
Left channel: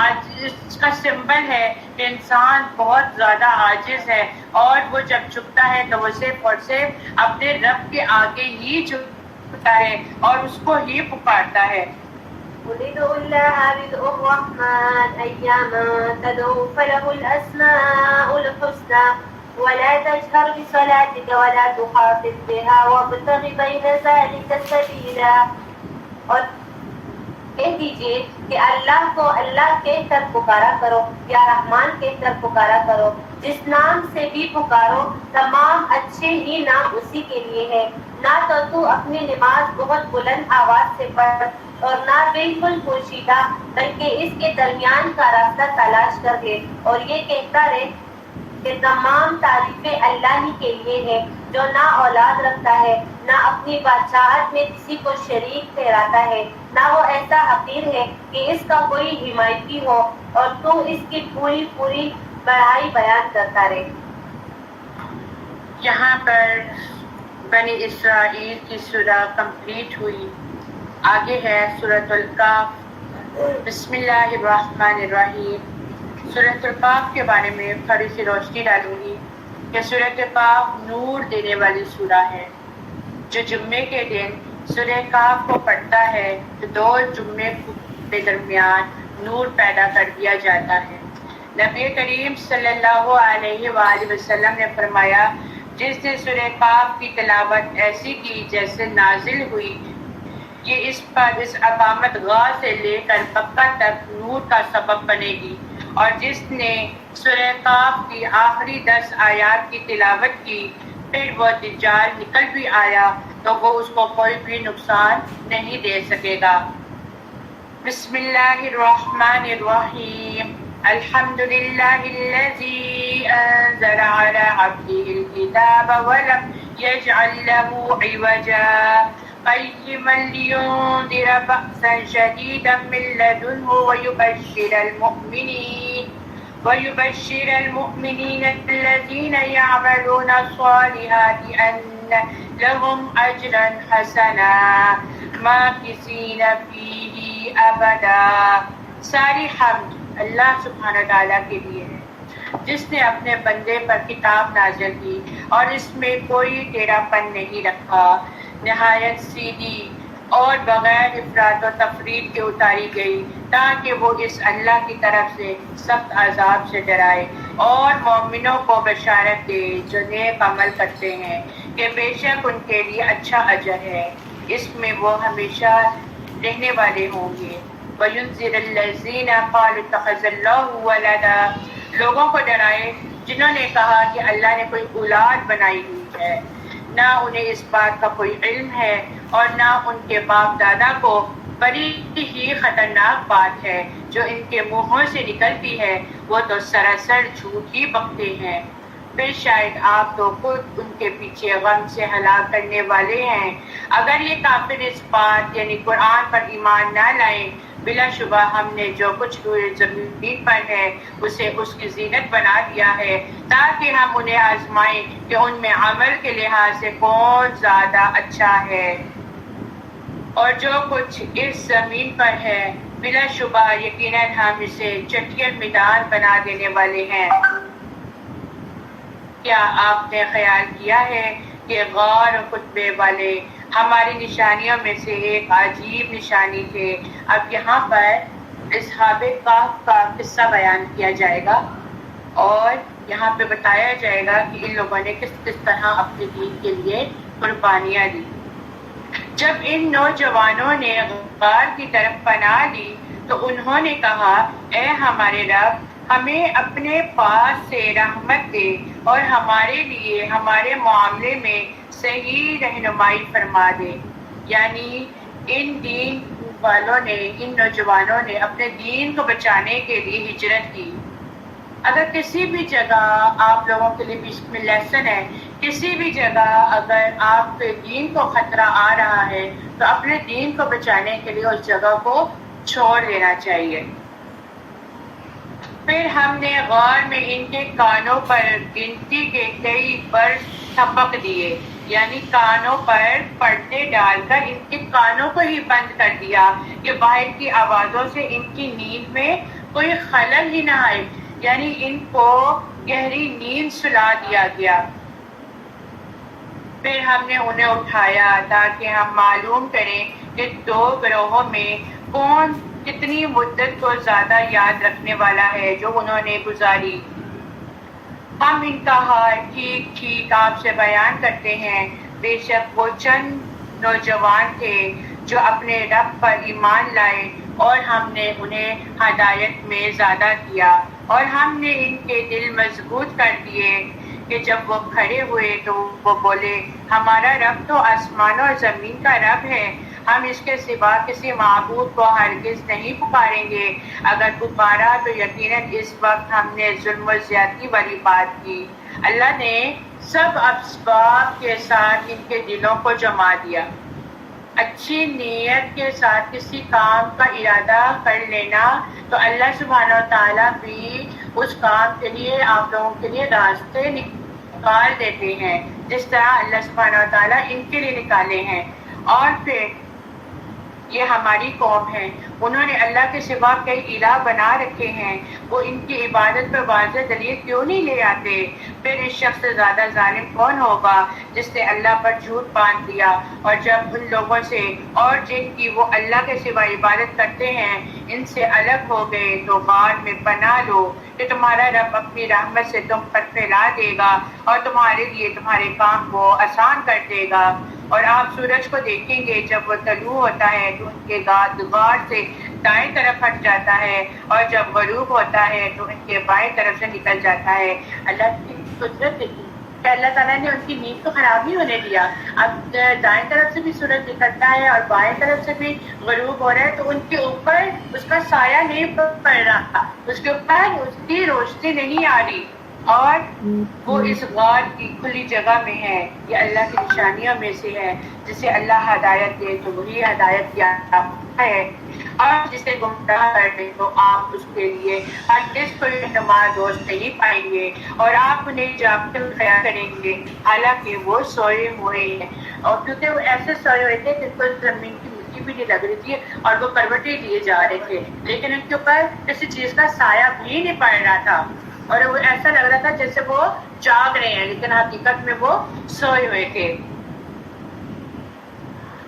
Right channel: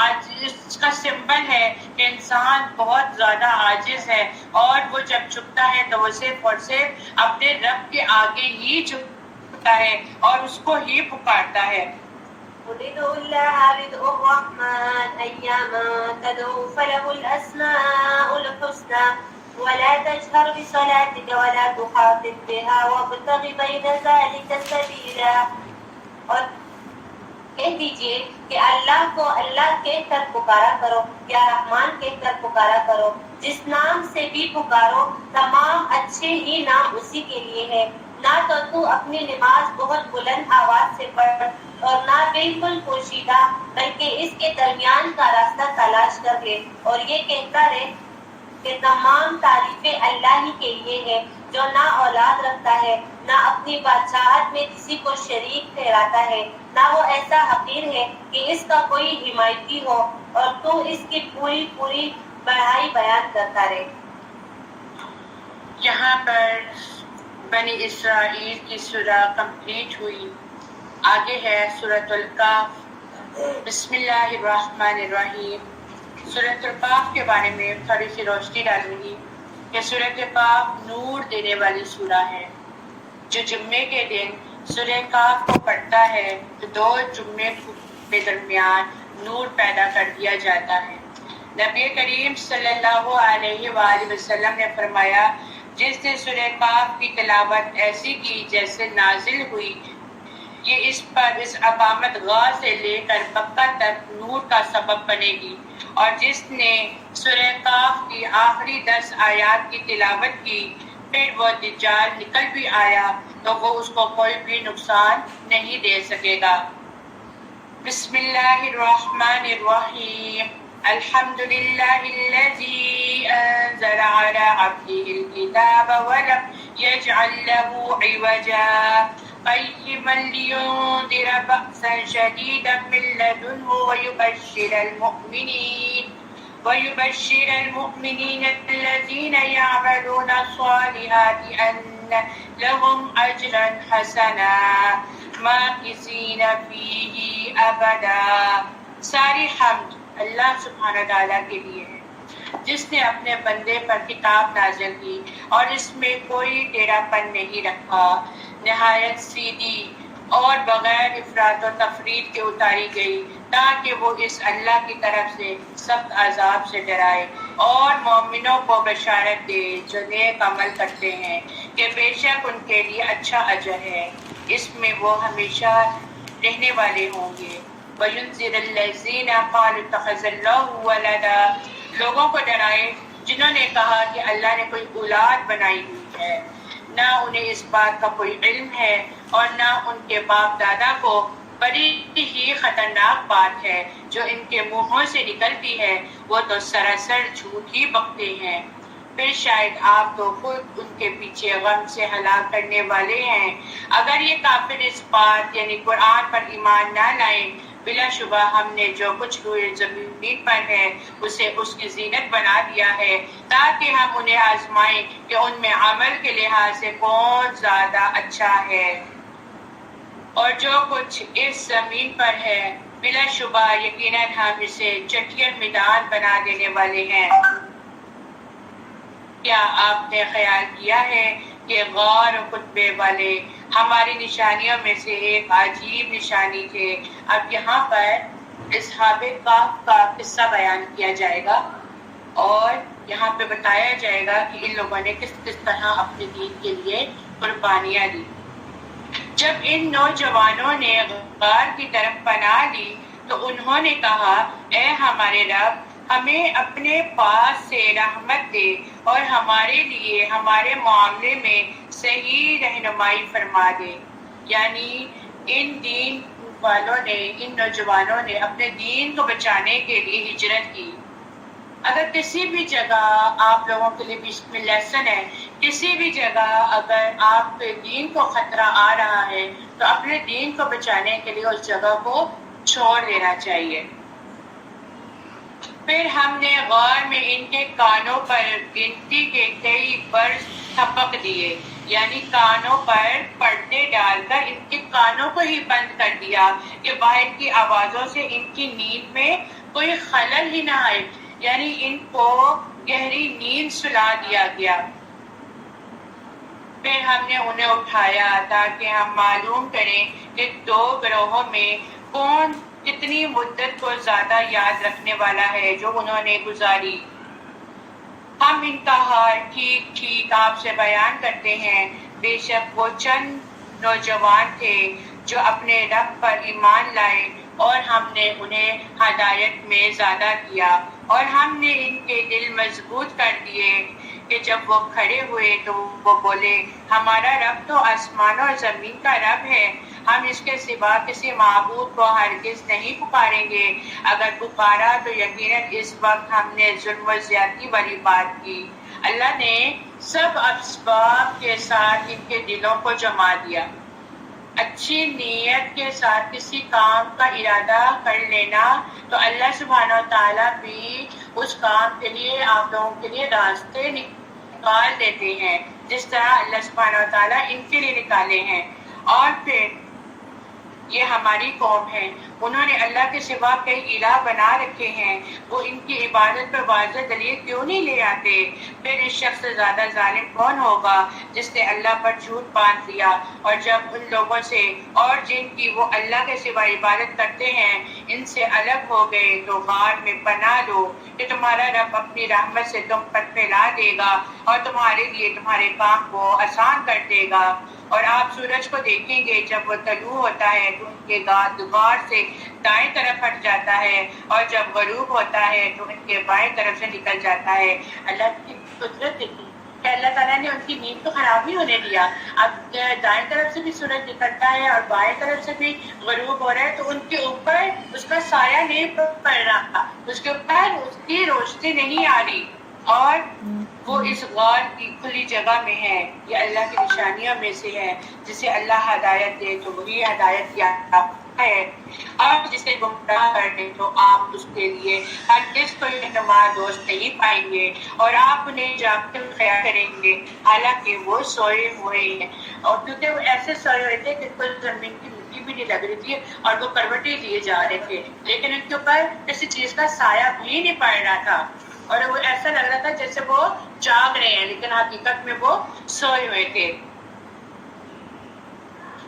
آج اس کا سمبل ہے کہ انسان بہت زیادہ عاجز ہے، اور وہ جب جھکتا ہے تو وہ صرف اور صرف اپنے رب کے آگے ہی جھکتا ہے اور اس کو ہی پکارتا ہے۔ قل ادعوا الله بدعوا الرحمن أياما تدعوا فله الأسماء الحسنى ولا تجهر بصلاتك ولا تخاطب بها وابتغ بين ذلك سبيلا، اور کہہ دیجئے کہ اللہ کو اللہ کہہ کر پکارا کرو یا رحمان کہہ کر پکارا کرو، جس نام سے بھی پکارو تمام اچھے ہی نام اسی کے لیے ہے، نہ تو اپنی نماز بہت بلند آواز سے پڑھ اور نہ بالکل پوشیدہ، بلکہ اس کے درمیان کا راستہ تلاش کر لے، اور یہ کہتا رہے کہ تمام تعریفیں اللہ ہی کے لیے ہے جو نہ اولاد رکھتا ہے، نہ اپنی بادشاہت میں کسی کو شریک ٹھہراتا ہے، نہ وہ ایسا حقیر ہے کہ اس کا کوئی حمایتی ہو، اور تو اس کی پوری پوری بڑائی بیان کرتا رہے۔ یہاں پر بنی اسرائیل کی سورہ کمپلیٹ ہوئی۔ آگے ہے سورۃ الکہف۔ بسم اللہ الرحمن الرحیم۔ سورۃ الکہف کے بارے میں تھوڑی سی روشنی ڈالوں گی کہ سورۃ الکہف نور دینے والی سورہ ہے۔ جو جمعے کے دن سورہ کہف کو پڑھتا ہے تو 2 جمعے کے درمیان نور پیدا کر دیا جاتا ہے۔ نبی کریم صلی اللہ علیہ وآلہ وسلم نے فرمایا، جس نے سورہ کہف کی تلاوت ایسی کی جیسے نازل ہوئی، یہ اس پر اس علامت غا سے لے کر مکہ تک نور کا سبب بنے گی، اور جس نے سورہ کہف کی آخری 10 آیات کی تلاوت کی پھر وہ دجال نکل بھی آیا تو وہ اس کو کوئی بھی نقصان نہیں دے سکے گا۔ بسم اللہ الرحمن الرحیم۔ الحمد للہ الذی انزل علی عبدہ الکتاب ولم یجعل له عوجا قیما لینذر بأسا شدیدا من لدنہ ويبشر المؤمنين الذين يعملون الصالحات أن لهم أجرا حسنا ماكثين فيه أبدا۔ ساری حمد اللہ سبحانہ تعالیٰ کے لیے ہے جس نے اپنے بندے پر کتاب نازل کی اور اس میں کوئی ٹیڑھا پن نہیں رکھا، نہایت سیدھی اور بغیر افراط و تفریط کے اتاری گئی تاکہ وہ اس اللہ کی طرف سے سخت عذاب سے ڈرائے اور مومنوں کو بشارت دے جو نیک عمل کرتے ہیں کہ بے شک ان کے لیے اچھا اجر ہے، اس میں وہ ہمیشہ رہنے والے ہوں گے۔ وَيُنذِرَ الَّذِينَ قَالُوا اتَّخَذَ اللَّهُ وَلَدًا، لوگوں کو ڈرائے جنہوں نے کہا کہ اللہ نے کوئی اولاد بنائی ہوئی ہے، نہ انہیں اس بات کا کوئی علم ہے اور نہ ان کے باپ دادا کو۔ بڑی ہی خطرناک بات ہے جو ان کے منہوں سے نکلتی ہے، وہ تو سراسر جھوٹ ہی بکتے ہیں۔ پھر شاید آپ تو خود ان کے پیچھے غم سے ہلاک کرنے والے ہیں۔ اگر یہ کافر اس بات یعنی قرآن پر ایمان نہ لائیں، بلا شبہ ہم نے جو کچھ روئے زمین پر ہے اسے اس کی زینت بنا دیا ہے تاکہ ہم انہیں آزمائیں کہ ان میں عمل کے لحاظ سے کون زیادہ اچھا ہے، اور جو کچھ اس زمین پر ہے بلا شبہ یقیناً ہم اسے چٹیل میدان بنا دینے والے ہیں۔ کیا آپ نے خیال کیا ہے کہ غار و خطبے والے ہماری نشانیوں میں سے ایک عجیب نشانی تھے؟ اب یہاں پر اصحاب کہف کا قصہ بیان کیا جائے گا، اور یہاں پہ بتایا جائے گا کہ ان لوگوں نے کس کس طرح اپنے دین کے لیے قربانیاں دی۔ جب ان نوجوانوں نے غار کی طرف پناہ لی تو انہوں نے کہا، اے ہمارے رب، ہمیں اپنے پاس سے رحمت دے اور ہمارے لیے ہمارے معاملے میں صحیح رہنمائی فرما دے۔ یعنی ان دین والوں نے، ان نوجوانوں نے اپنے دین کو بچانے کے لیے ہجرت کی۔ اگر کسی بھی جگہ آپ لوگوں کے لیے بھی اس میں لیسن ہے، کسی بھی جگہ اگر آپ کے دین کو خطرہ آ رہا ہے تو اپنے دین کو بچانے کے لیے اس جگہ کو چھوڑ دینا چاہیے۔ پھر ہم نے غار میں ان کے کانوں پر گنتی کے کئی برس تھپک دیے، یعنی کانوں پر پردے ڈال کر ان کے کانوں کو ہی بند کر دیا کہ باہر کی آوازوں سے ان کی نیند میں کوئی خلل ہی نہ آئے، یعنی ان کو گہری نیند سلا دیا گیا۔ پھر ہم نے انہیں اٹھایا تاکہ ہم معلوم کریں کہ دو گروہوں میں کون کتنی مدت کو زیادہ یاد رکھنے والا ہے جو انہوں نے گزاری۔ ہم ان کا حال ٹھیک ٹھیک آپ سے بیان کرتے ہیں۔ بے شک وہ چند نوجوان تھے جو اپنے رب پر ایمان لائے اور ہم نے انہیں ہدایت میں زیادہ کیا، اور ہم نے ان کے دل مضبوط کر دیے کہ جب وہ کھڑے ہوئے تو وہ بولے، ہمارا رب تو آسمان اور زمین کا رب ہے، ہم اس کے سوا کسی معبود کو ہرگز نہیں پکاریں گے۔ اگر پکارا تو یقیناً اس وقت ہم نے ظلم و زیادتی والی بات کی۔ اللہ نے سب اسباب کے ساتھ ان کے دلوں کو جما دیا۔ اچھی نیت کے ساتھ کسی کام کا ارادہ کر لینا تو اللہ سبحانہ و تعالیٰ بھی اس کام کے لیے آپ لوگوں کے لیے راستے نکال دیتے ہیں، جس طرح اللہ سبحانہ و تعالیٰ ان کے لیے نکالے ہیں۔ اور پھر یہ ہماری قوم ہے، انہوں نے اللہ کے سوا کئی الہ بنا رکھے ہیں، وہ ان کی عبادت پر واضح دلیل کیوں نہیں لے آتے؟ پھر اس شخص سے زیادہ ظالم کون ہوگا جس نے اللہ پر جھوٹ باندھ دیا؟ اور جب ان لوگوں سے اور جن کی وہ اللہ کے سوا عبادت کرتے ہیں ان سے الگ ہو گئے تو غار میں پناہ لو کہ تمہارا رب اپنی رحمت سے تم پر پھیلا دے گا اور تمہارے لیے تمہارے کام کو آسان کر دے گا۔ اور آپ سورج کو دیکھیں گے جب وہ طلوع ہوتا ہے تو ان کے غار سے دائیں طرف ہٹ جاتا ہے، اور جب غروب ہوتا ہے تو ان کے بائیں طرف سے نکل جاتا ہے۔ اللہ کی قدرت دیکھیں کہ اللہ تعالیٰ نے ان کی نیند کو خراب نہیں ہونے دیا۔ اب دائیں طرف سے بھی سورج نکلتا ہے اور بائیں طرف سے بھی غروب ہو رہا ہے تو ان کے اوپر اس کا سایہ نہیں پڑ رہا، اس کے اوپر اس کی روشنی نہیں آ رہی، اور وہ اس غار کی کھلی جگہ میں ہے۔ یہ اللہ کی نشانیوں میں سے ہے۔ جسے اللہ ہدایت دے تو وہی ہدایت یافتہ ہے، اور جسے گمراہ کر دے تو آپ اس کے لیے ہرگز کوئی رہنما دوست نہیں پائیں گے، اور آپ انہیں جاگتے ہوئے خیال کریں گے حالانکہ وہ سوئے ہوئے ہیں۔ اور کیونکہ وہ ایسے سوئے ہوئے تھے کہ کوئی زمین کی مٹی بھی نہیں لگ رہی تھی اور وہ کروٹیں لیے جا رہے تھے، لیکن ان کے اوپر کسی چیز کا سایہ بھی نہیں پڑ رہا تھا، اور وہ ایسا لگ رہا تھا جیسے وہ جاگ رہے ہیں لیکن حقیقت میں وہ سوئے ہوئے تھے۔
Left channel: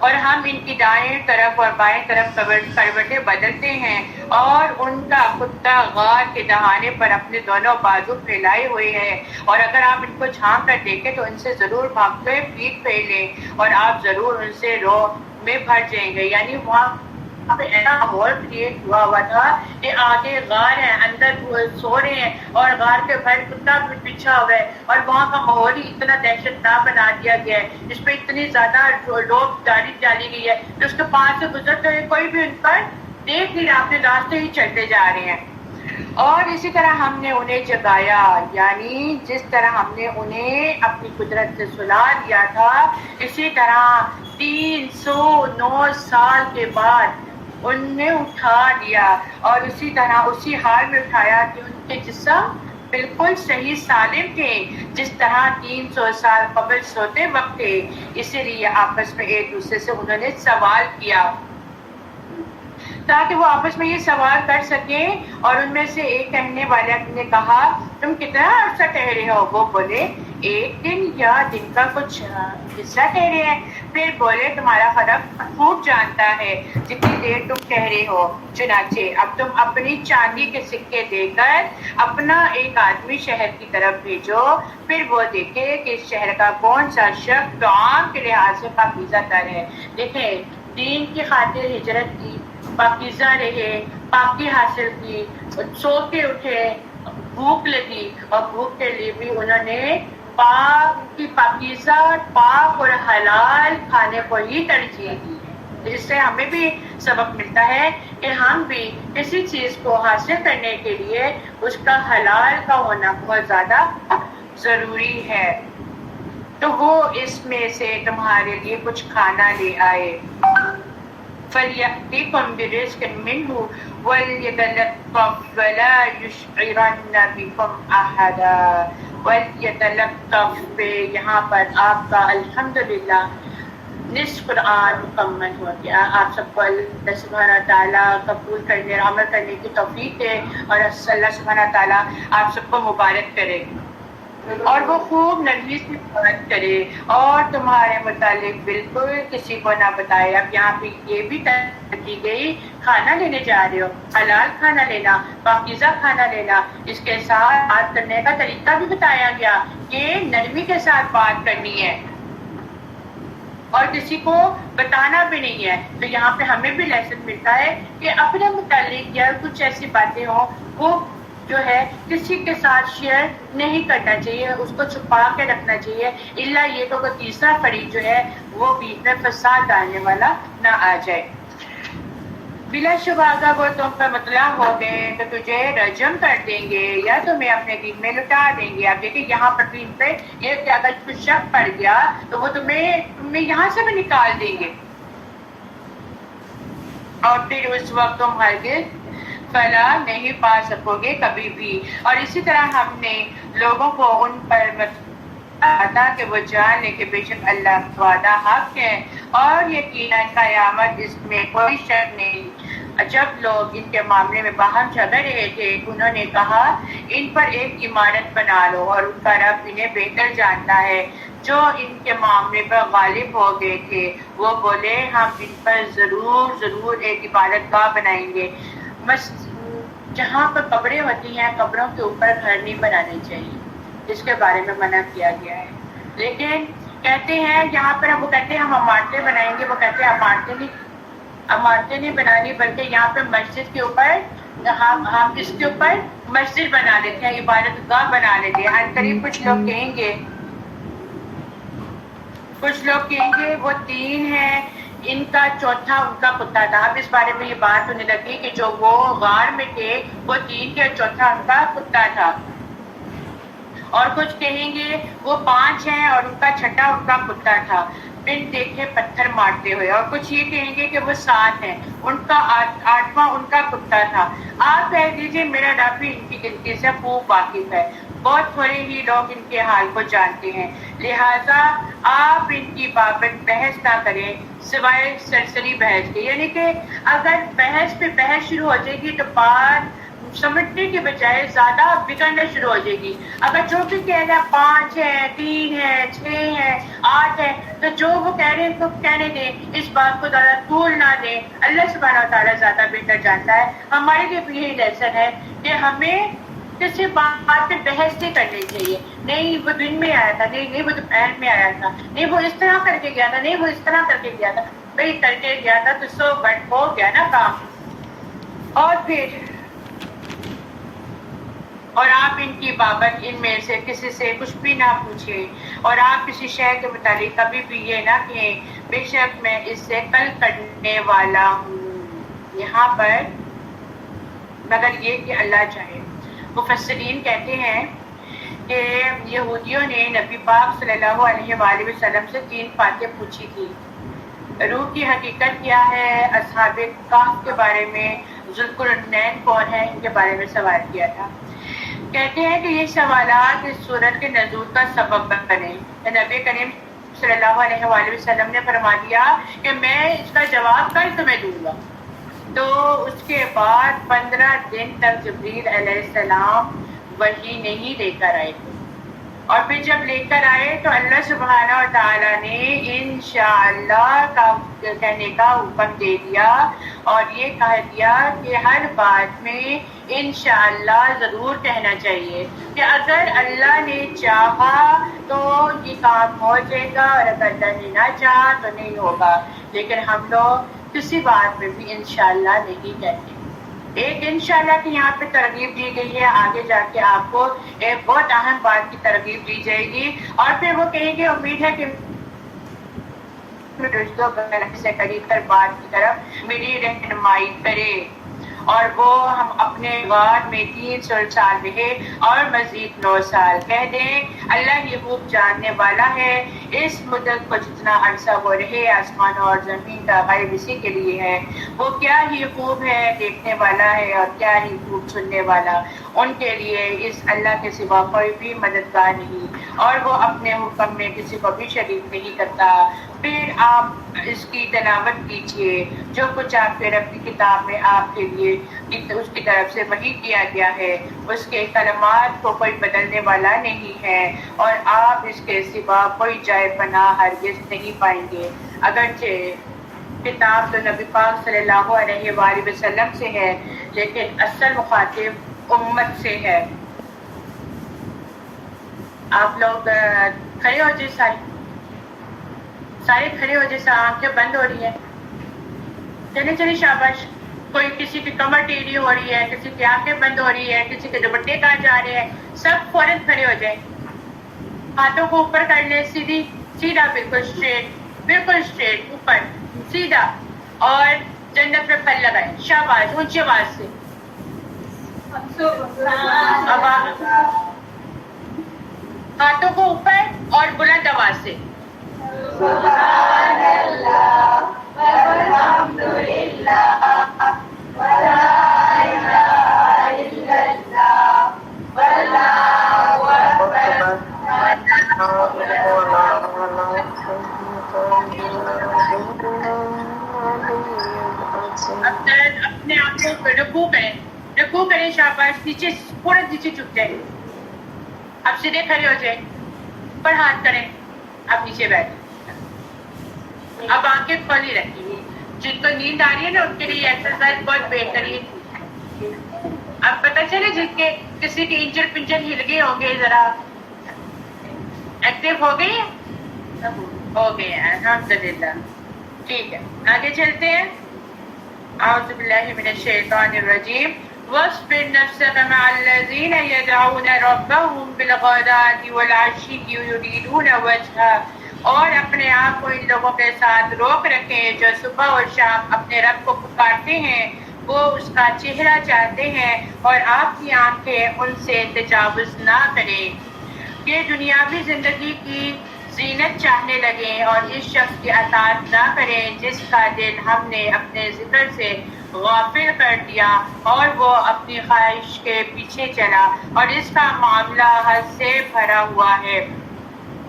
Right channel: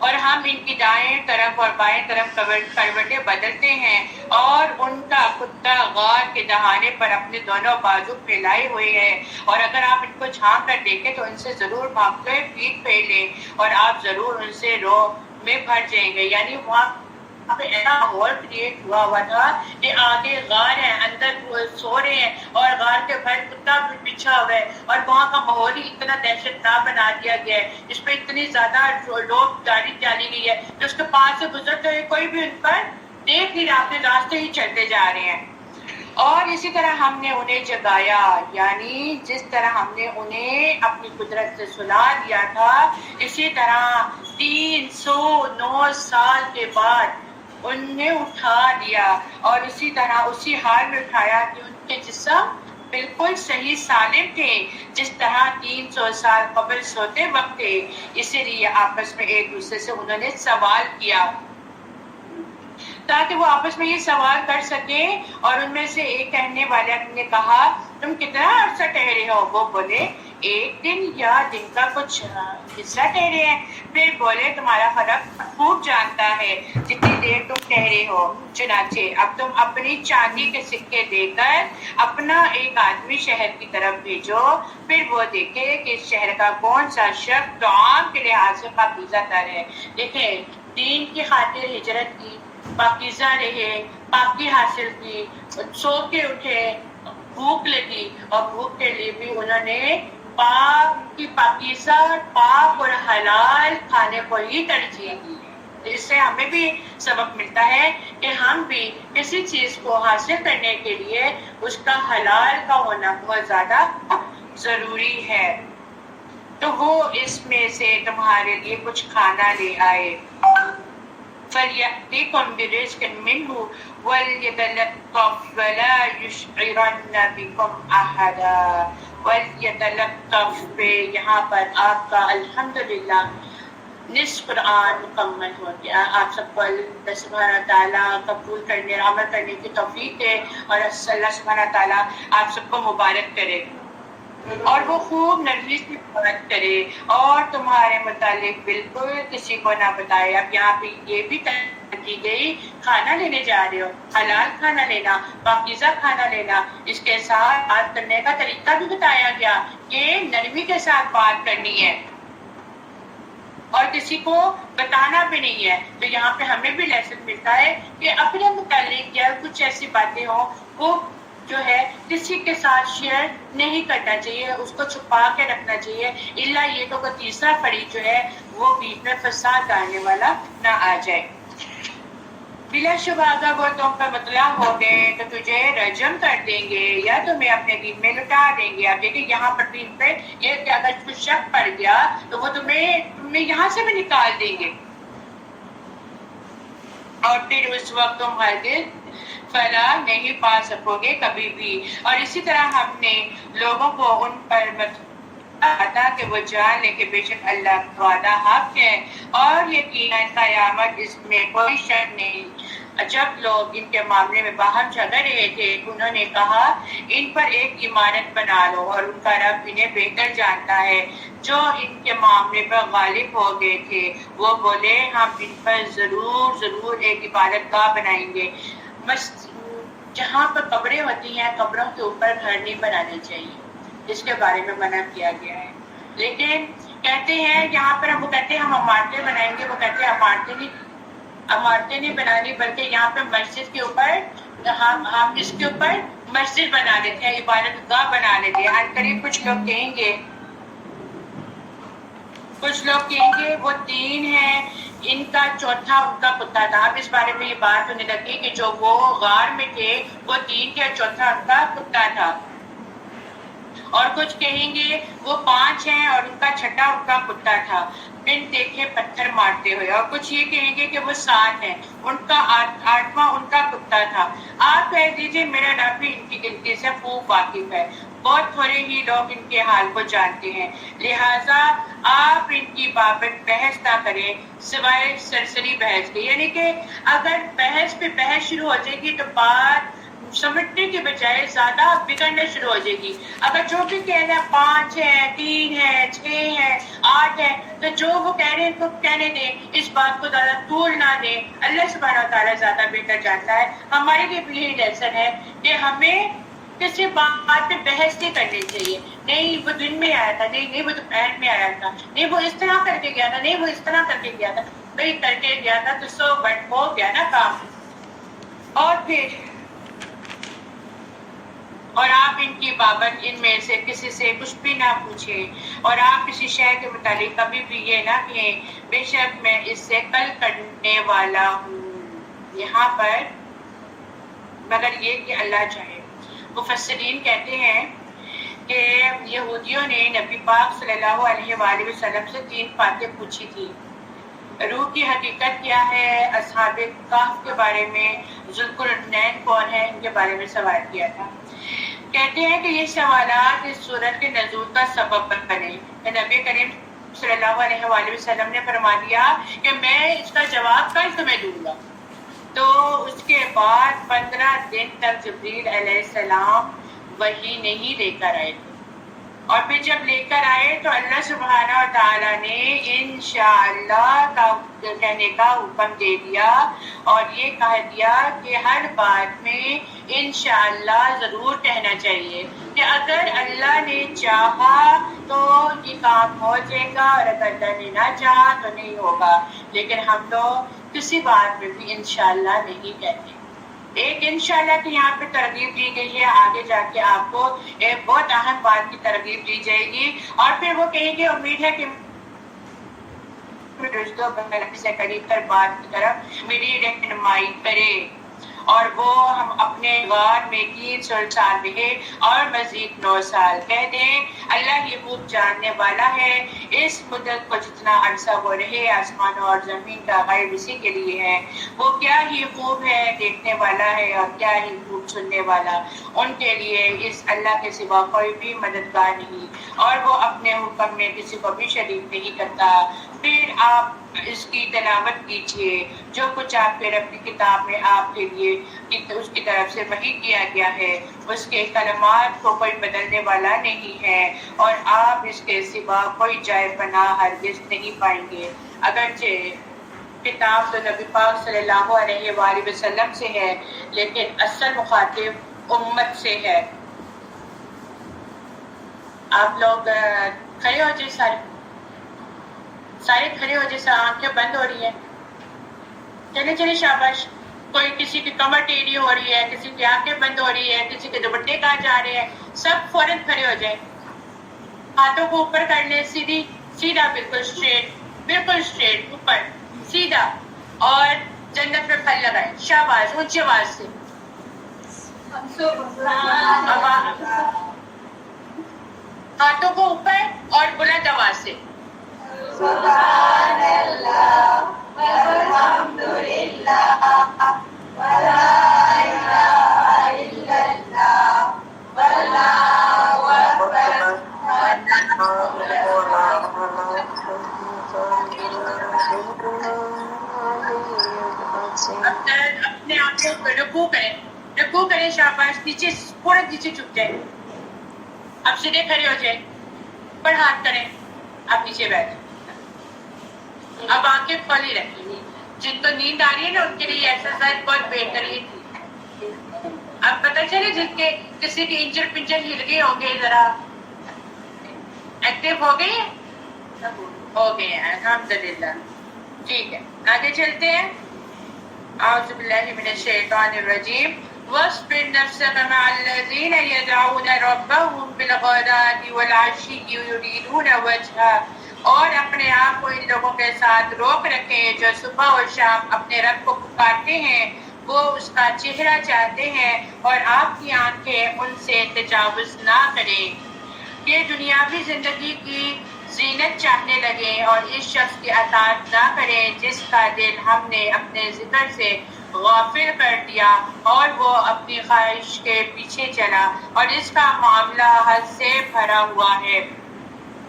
اور ہم ان کی دائیں طرف اور بائیں طرف کروٹیں بدلتے ہیں، اور ان کا کتا غار کے دہانے پر اپنے دونوں بازو پھیلائے ہوئے ہیں، اور اگر آپ ان کو جھانک کر دیکھیں تو ان سے ضرور بھاگتے پیٹ پھیلیں اور آپ ضرور ان سے رو میں بھر جائیں گے۔ یعنی وہاں پہ ایسا ماحول کریٹ ہوا تھا کہ آگے غار ہے، اندر سو رہے ہیں، اور غار کے باہر کتا بھی بچھا ہوا ہے، اور وہاں کا ماحول ہی اتنا دہشت ناک بنا دیا گیا ہے، اس پہ اتنی زیادہ لوگ ڈالی گئی ہے کہ اس کے پاس سے گزرتے ہوئے کوئی بھی ان پر دیکھ نہیں رہا، اپنے راستے ہی چلتے جا رہے ہیں۔ اور اسی طرح ہم نے انہیں جگایا، یعنی جس طرح ہم نے انہیں اپنی قدرت سے سلا دیا تھا، اسی طرح 309 سال کے بعد انہیں اٹھا دیا، اور اسی طرح اسی حال میں اٹھایا کہ ان کے جسم بالکل صحیح سالم تھے جس طرح 300 سال قبل سوتے وقت تھے۔ اسی لیے آپس میں ایک دوسرے سے انہوں نے سوال کیا تاکہ وہ آپس میں یہ سوال کر سکیں، اور ان میں سے ایک کہنے والے نے کہا، تم کتنا عرصہ ٹھہرے ہو؟ وہ بولے، ایک دن یا دن کا کچھ حصہ ٹھہرے ہیں؟ پھر بولے تمہارا خدا خوب جانتا ہے جتنی دیر تم ٹھہرے ہو. چنانچہ اب تم اپنی چاندی کے سکے دے کر اپنا ایک آدمی شہر کی طرف بھیجو، پھر وہ دیکھے کہ اس شہر کا کون سا شخص طعام کے لحاظ سے پاکیزہ تر ہے. دیکھیں، دین کی خاطر ہجرت کی، پاکیزہ رہے، پاکی حاصل کی، سو کے اٹھے، بھوک لگی اور بھوک کے لیے بھی انہوں نے پاک کی پاکیزہ، پاک اور حلال کھانے کو ہی ترجیح دی ہے. جس سے ہمیں بھی سبق ملتا ہے کہ ہم بھی کسی چیز کو حاصل کرنے کے لیے اس کا حلال کا ہونا بہت زیادہ ضروری ہے. تو وہ اس میں سے تمہارے لیے کچھ کھانا لے آئے. فَلْيَأْتِكُمْ بِرِزْقٍ مِّنْهُ وَلْيَتَلَطَّفْ وَلَا يُشْعِرَنَّ بِكُمْ أَحَدًا. وَلْيَتَلَطَّفْ پہ یہاں پر آپ کا الحمدللہ نصف قرآن مکمل ہو گیا. آپ سب کو اللہ سبحانہ تعالیٰ قبول کرنے اور عمل کرنے کی توفیق دے اور اللہ سبحانہ تعالیٰ آپ سب کو مبارک کرے اور وہ خوب نرمی سے بات کرے اور تمہارے متعلق بالکل کسی کو نہ بتائے. اب یہاں پہ یہ بھی طے کی گئی، کھانا لینے جا رہے ہو، حلال کھانا لینا، پاکیزہ کھانا لینا. اس کے ساتھ بات کرنے کا طریقہ بھی بتایا گیا کہ نرمی کے ساتھ بات کرنی ہے اور کسی کو بتانا بھی نہیں ہے. تو یہاں پہ ہمیں بھی لیسن ملتا ہے کہ اپنے متعلق یا کچھ ایسی باتیں ہوں وہ جو ہے کسی کے ساتھ شیئر نہیں کرنا چاہیے، اس کو چھپا کے رکھنا چاہیے، الا یہ کہ کوئی تیسرا فریق جو ہے وہ بیچ میں فساد ڈالنے والا نہ آ جائے. بلا شبہ اگر وہ تم پر مطلع ہو گئے تو تجھے رجم کر دیں گے یا تمہیں اپنے دین میں لٹا دیں گے. اب دیکھیں یہاں پر دین پہ یہ کہ اگر کچھ شک پڑ گیا تو وہ تمہیں یہاں سے بھی نکال دیں گے اور پھر اس وقت تم ہرگز فلاح نہیں پا سکو گے کبھی بھی. اور اسی طرح ہم نے لوگوں کو ان پر بتا کہ وہ جان لے کہ بے شک اللہ کا وعدہ حق ہے اور یقیناً قیامت اس میں کوئی شک نہیں. جب لوگ ان کے معاملے میں باہم جھگڑ رہے تھے انہوں نے کہا ان پر ایک عمارت بنا لو اور ان کا رب انہیں بہتر جانتا ہے. جو ان کے معاملے پر غالب ہو گئے تھے وہ بولے ہم ان پر ضرور ایک عبادت گاہ بنائیں گے. جہاں پر قبریں ہوتی ہیں قبروں کے اوپر گھر نہیں بنانے چاہیے، اس کے بارے میں منع کیا گیا ہے. لیکن کہتے ہیں یہاں پر وہ کہتے ہیں ہم عمارتیں بنائیں گے، وہ کہتے ہیں عمارتیں نہیں بنانی بلکہ یہاں پہ مسجد کے اوپر ہم اس کے اوپر مسجد بنا لیتے ہیں، عبادت گاہ بنا لیتے ہیں. قریب کچھ لوگ کہیں گے وہ تین ہیں، ان کا چوتھا ان کا کتا تھا. اب اس بارے میں یہ بات ہونے لگی کہ جو وہ غار میں تھے وہ تین تھے اور چوتھا ان کا کتا تھا. اور کچھ کہیں گے وہ 5 ہیں اور ان کا چھٹا ان کا کتا تھا بن دیکھے پتھر مارتے ہوئے. اور کچھ یہ کہیں گے کہ وہ 7 ہیں، ان کا 8واں ان کا کتا تھا. آپ کہہ دیجیے میرا رب بھی ان کی گنتی سے خوب واقف ہے، بہت تھوڑے ہی لوگ ان کے حال کو جانتے ہیں. لہٰذا آپ ان کی بابت بحث نہ کریں سوائے سرسری بحث کے. یعنی کہ اگر بحث پہ بحث شروع ہو جائے گی تو بات سمجھنے کے بجائے زیادہ بگڑنا شروع ہو جائے گی. اگر جو بھی کہہ رہا 5 ہے، 3 ہے، 6 ہے، 8 ہے تو جو وہ کہہ رہے ہیں تو کہنے دیں، اس بات کو زیادہ طول نہ دیں. اللہ سبحانہ تعالیٰ زیادہ بہتر جانتا ہے. ہمارے لیے بھی یہی لیسن ہے کہ ہمیں کسی بات پہ بحث نہیں کرنی چاہیے. نہیں وہ دن میں آیا تھا، نہیں وہ دوپہر میں آیا تھا، نہیں وہ اس طرح کر کے گیا تھا، نہیں وہ اس طرح کر کے گیا تھا. بھائی کر کے گیا تھا تو 100 بٹ ہو گیا نا کام. اور آپ ان کی بابت ان میں سے کسی سے کچھ بھی نہ پوچھیں اور آپ کسی شے کے متعلق کبھی بھی یہ نہ کہیں بے شک میں اس سے کل کرنے والا ہوں. یہاں پر مگر یہ کہ اللہ چاہے. مفسرین کہتے ہیں کہ یہودیوں نے نبی پاک صلی اللہ علیہ وآلہ وسلم سے 3 باتیں پوچھی تھی. روح کی حقیقت کیا ہے، اصحاب کہف کے بارے میں، ذوالقرنین کون ہے، ان کے بارے میں سوال کیا تھا. کہتے ہیں کہ یہ سوالات اس سورت کے نزول کا سبب بنے. نبی کریم صلی اللہ علیہ وآلہ وسلم نے فرما دیا کہ میں اس کا جواب کل تمہیں دوں گا. تو اس کے بعد 15 دن تک جبریل علیہ السلام وحی نہیں لے کر آئے تھے. اور پھر جب لے کر آئے تو اللہ سبحانہ و تعالیٰ نے انشاءاللہ کا کہنے کا حکم دے دیا اور یہ کہہ دیا کہ ہر بات میں انشاءاللہ ضرور کہنا چاہیے کہ اگر اللہ نے چاہا تو یہ کام ہو جائے گا اور اگر اللہ نے نہ چاہا تو نہیں ہوگا. لیکن ہم لوگ کسی بات میں بھی انشاءاللہ نہیں کہتے. ایک انشاءاللہ کی یہاں پہ ترغیب دی گئی ہے، آگے جا کے آپ کو ایک بہت اہم بات کی ترغیب دی جائے گی اور پھر وہ کہیں گے امید ہے کہ رشتوں سے قریب تر بات کی طرف میری رہنمائی کرے اور وہ ہم اپنے غار میں 300 سال رہے اور مزید 9 سال. کہہ دیں اللہ ہی خوب جاننے والا ہے اس مدت کو جتنا عرصہ وہ رہے آسمانوں اور زمین کا غیب اسی کے لیے ہے. وہ کیا ہی خوب ہے دیکھنے والا ہے اور کیا ہی خوب سننے والا. ان کے لیے اس اللہ کے سوا کوئی بھی مددگار نہیں اور وہ اپنے حکم میں کسی کو بھی شریک نہیں کرتا. پھر آپ اس کی تلاوت کیجیے جو کچھ آپ کے رب کی کتاب میں آپ کے لیے اس کی طرف سے وحی کیا گیا ہے. اس کے کلمات کو کوئی بدلنے والا نہیں ہے اور آپ اس کے سوا کوئی جائے پناہ ہرگز نہیں پائیں گے. اگرچہ کتاب تو نبی پاک صلی اللہ علیہ وآلہ وسلم سے ہے لیکن اصل مخاطب امت سے ہے. آپ لوگ کھڑے ہو جائے، سارے کھڑے ہو جیسا، آنکھیں بند ہو رہی ہیں. چلے چلے شاباش. کوئی کسی کی کمر ٹیڑھی ہو رہی ہے، کسی کی آنکھیں بند ہو رہی ہے، کسی کے دوپٹے کہاں جا رہے ہیں، سب فوراً کھڑے ہو جائیں. ہاتھوں کو اوپر کر لیں، سیدھا بالکل اسٹریٹ اوپر سیدھا اور جنت پہ پھل لگائیں. شاباش، اونچی آواز سے. ہاتھوں کو اوپر اور بلند آواز سے. سبحان اللہ والحمد للہ ولا الہ الا اللہ واللہ اکبر. اپنے آپ کو رکوع کریں. شاباش. نیچے پورا نیچے جھک جائیں. اب سیدھے کھڑے ہو جائیں، پر ہاتھ کریں. اب نیچے بیٹھیں. اب آنکھیں کھولی رکھیں. جن کو نیند آ رہی ہے نا ان کے لیے ایکسرسائز بہت بہترین تھی. اب پتہ چلے جن کے کسی کے انجر پنجر ہل گئے ہوں گے، ذرا ایکٹیو ہو گئی ہیں، ہو گئے ہیں الحمدللہ. ٹھیک ہے، آگے چلتے ہیں. اعوذ باللہ من الشیطان الرجیم. واصبر نفسك مع الذين يدعون ربهم بالغداة والعشي يريدون وجهه. اور اپنے آپ کو ان لوگوں کے ساتھ روک رکھیں جو صبح اور شام اپنے رب کو پکارتے ہیں، وہ اس کا چہرہ چاہتے ہیں اور آپ کی آنکھیں ان سے تجاوز نہ کریں. یہ دنیاوی زندگی کی زینت چاہنے لگیں اور اس شخص کی اطاعت نہ کریں جس کا دل ہم نے اپنے ذکر سے غافل کر دیا اور وہ اپنی خواہش کے پیچھے چلا اور اس کا معاملہ حد سے بھرا ہوا ہے.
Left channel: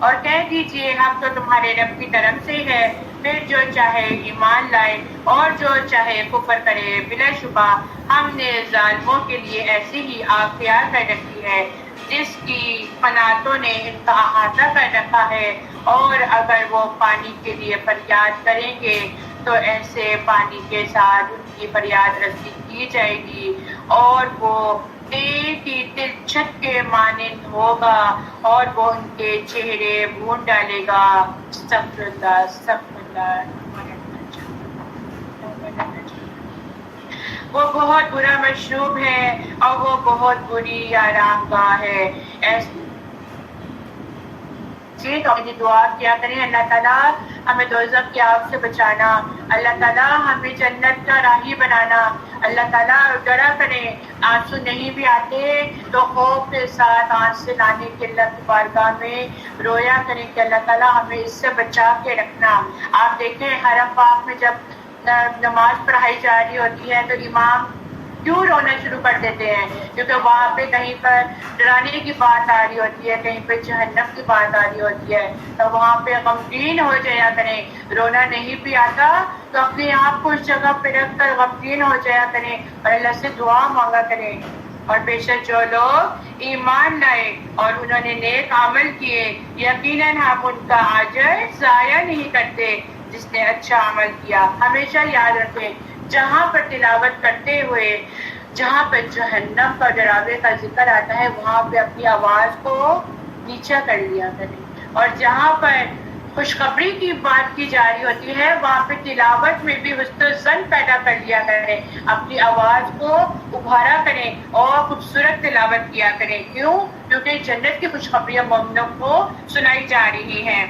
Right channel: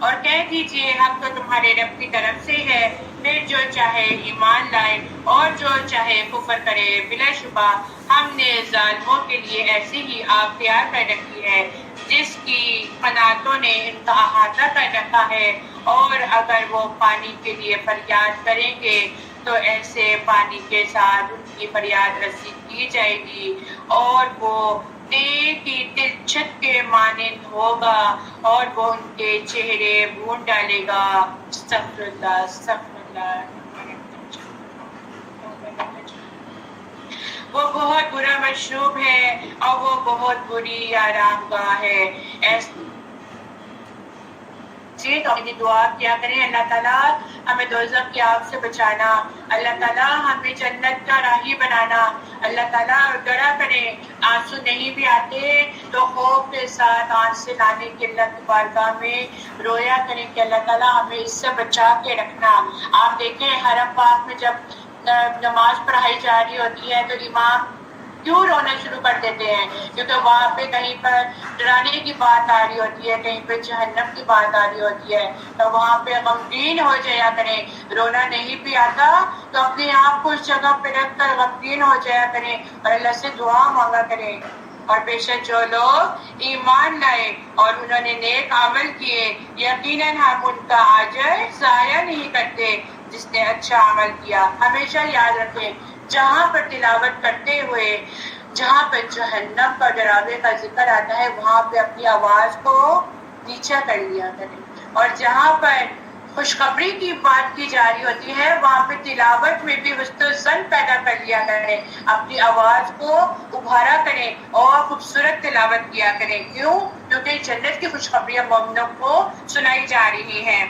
اور کہہ دیجئے ہم تو تمہارے رب کی طرف سے ہے، پھر جو چاہے ایمان لائے اور جو چاہے کفر کرے. بلا شبہ ہم نے ظالموں کے لیے ایسی ہی آگ تیار کر رکھی ہے جس کی قناتوں نے ان کا احاطہ کر رکھا ہے، اور اگر وہ پانی کے لیے فریاد کریں گے تو ایسے پانی کے ساتھ ان کی فریاد رسی کی جائے گی اور وہ تیر کی تلچھٹ کے مانند ہوگا اور وہ ان کے چہرے بھون ڈالے گا. استغفر اللہ استغفر اللہ. وہ بہت برا مشروب ہے اور وہ بہت بری آرام گاہ ہے. اپنی دعا کیا کریں اللہ تعالیٰ ہمیں دوزخ کی آگ سے بچانا، اللہ تعالیٰ ہمیں جنت کا راہی بنانا. اللہ تعالیٰ ڈرا کریں، آنسو نہیں بھی آتے تو خوف کے ساتھ آنکھ سے لانے کے اللہ کی بارگاہ میں رویا کریں کہ اللہ تعالیٰ ہمیں اس سے بچا کے رکھنا. آپ دیکھیں حرم پاک میں جب نماز پڑھائی جا رہی ہوتی ہے تو امام کیوں رونا شروع کر دیتے ہیں؟ کیونکہ وہاں پہ کہیں پر ڈرانے کی بات آ رہی ہوتی ہے، کہیں پہ جہنم کی بات آ رہی ہوتی ہے، تو وہاں پہ غمگین ہو جایا کریں. رونا نہیں بھی آتا تو اپنے آپ کو اس جگہ پہ رکھ کر غمگین ہو جایا کریں اور اللہ سے دعا مانگا کریں. اور بے شک جو لوگ ایمان لائے اور انہوں نے نیک عمل کیے یقیناً ہم ان کا اجر ضائع نہیں کرتے جس نے اچھا عمل کیا۔ ہمیشہ یاد رکھیں جہاں پر تلاوت کرتے ہوئے جہاں پہ جہنم کا ڈراوے کا ذکر آتا ہے وہاں پہ اپنی آواز کو نیچا کر لیا کریں، اور جہاں پر خوشخبری کی بات کی جا رہی ہوتی ہے وہاں پہ تلاوت میں بھی حسن الظن پیدا کر لیا کریں، اپنی آواز کو ابھارا کریں اور خوبصورت تلاوت کیا کریں۔ کیوں؟ کیونکہ جنت کی خوشخبریاں مومنوں کو سنائی جا رہی ہیں۔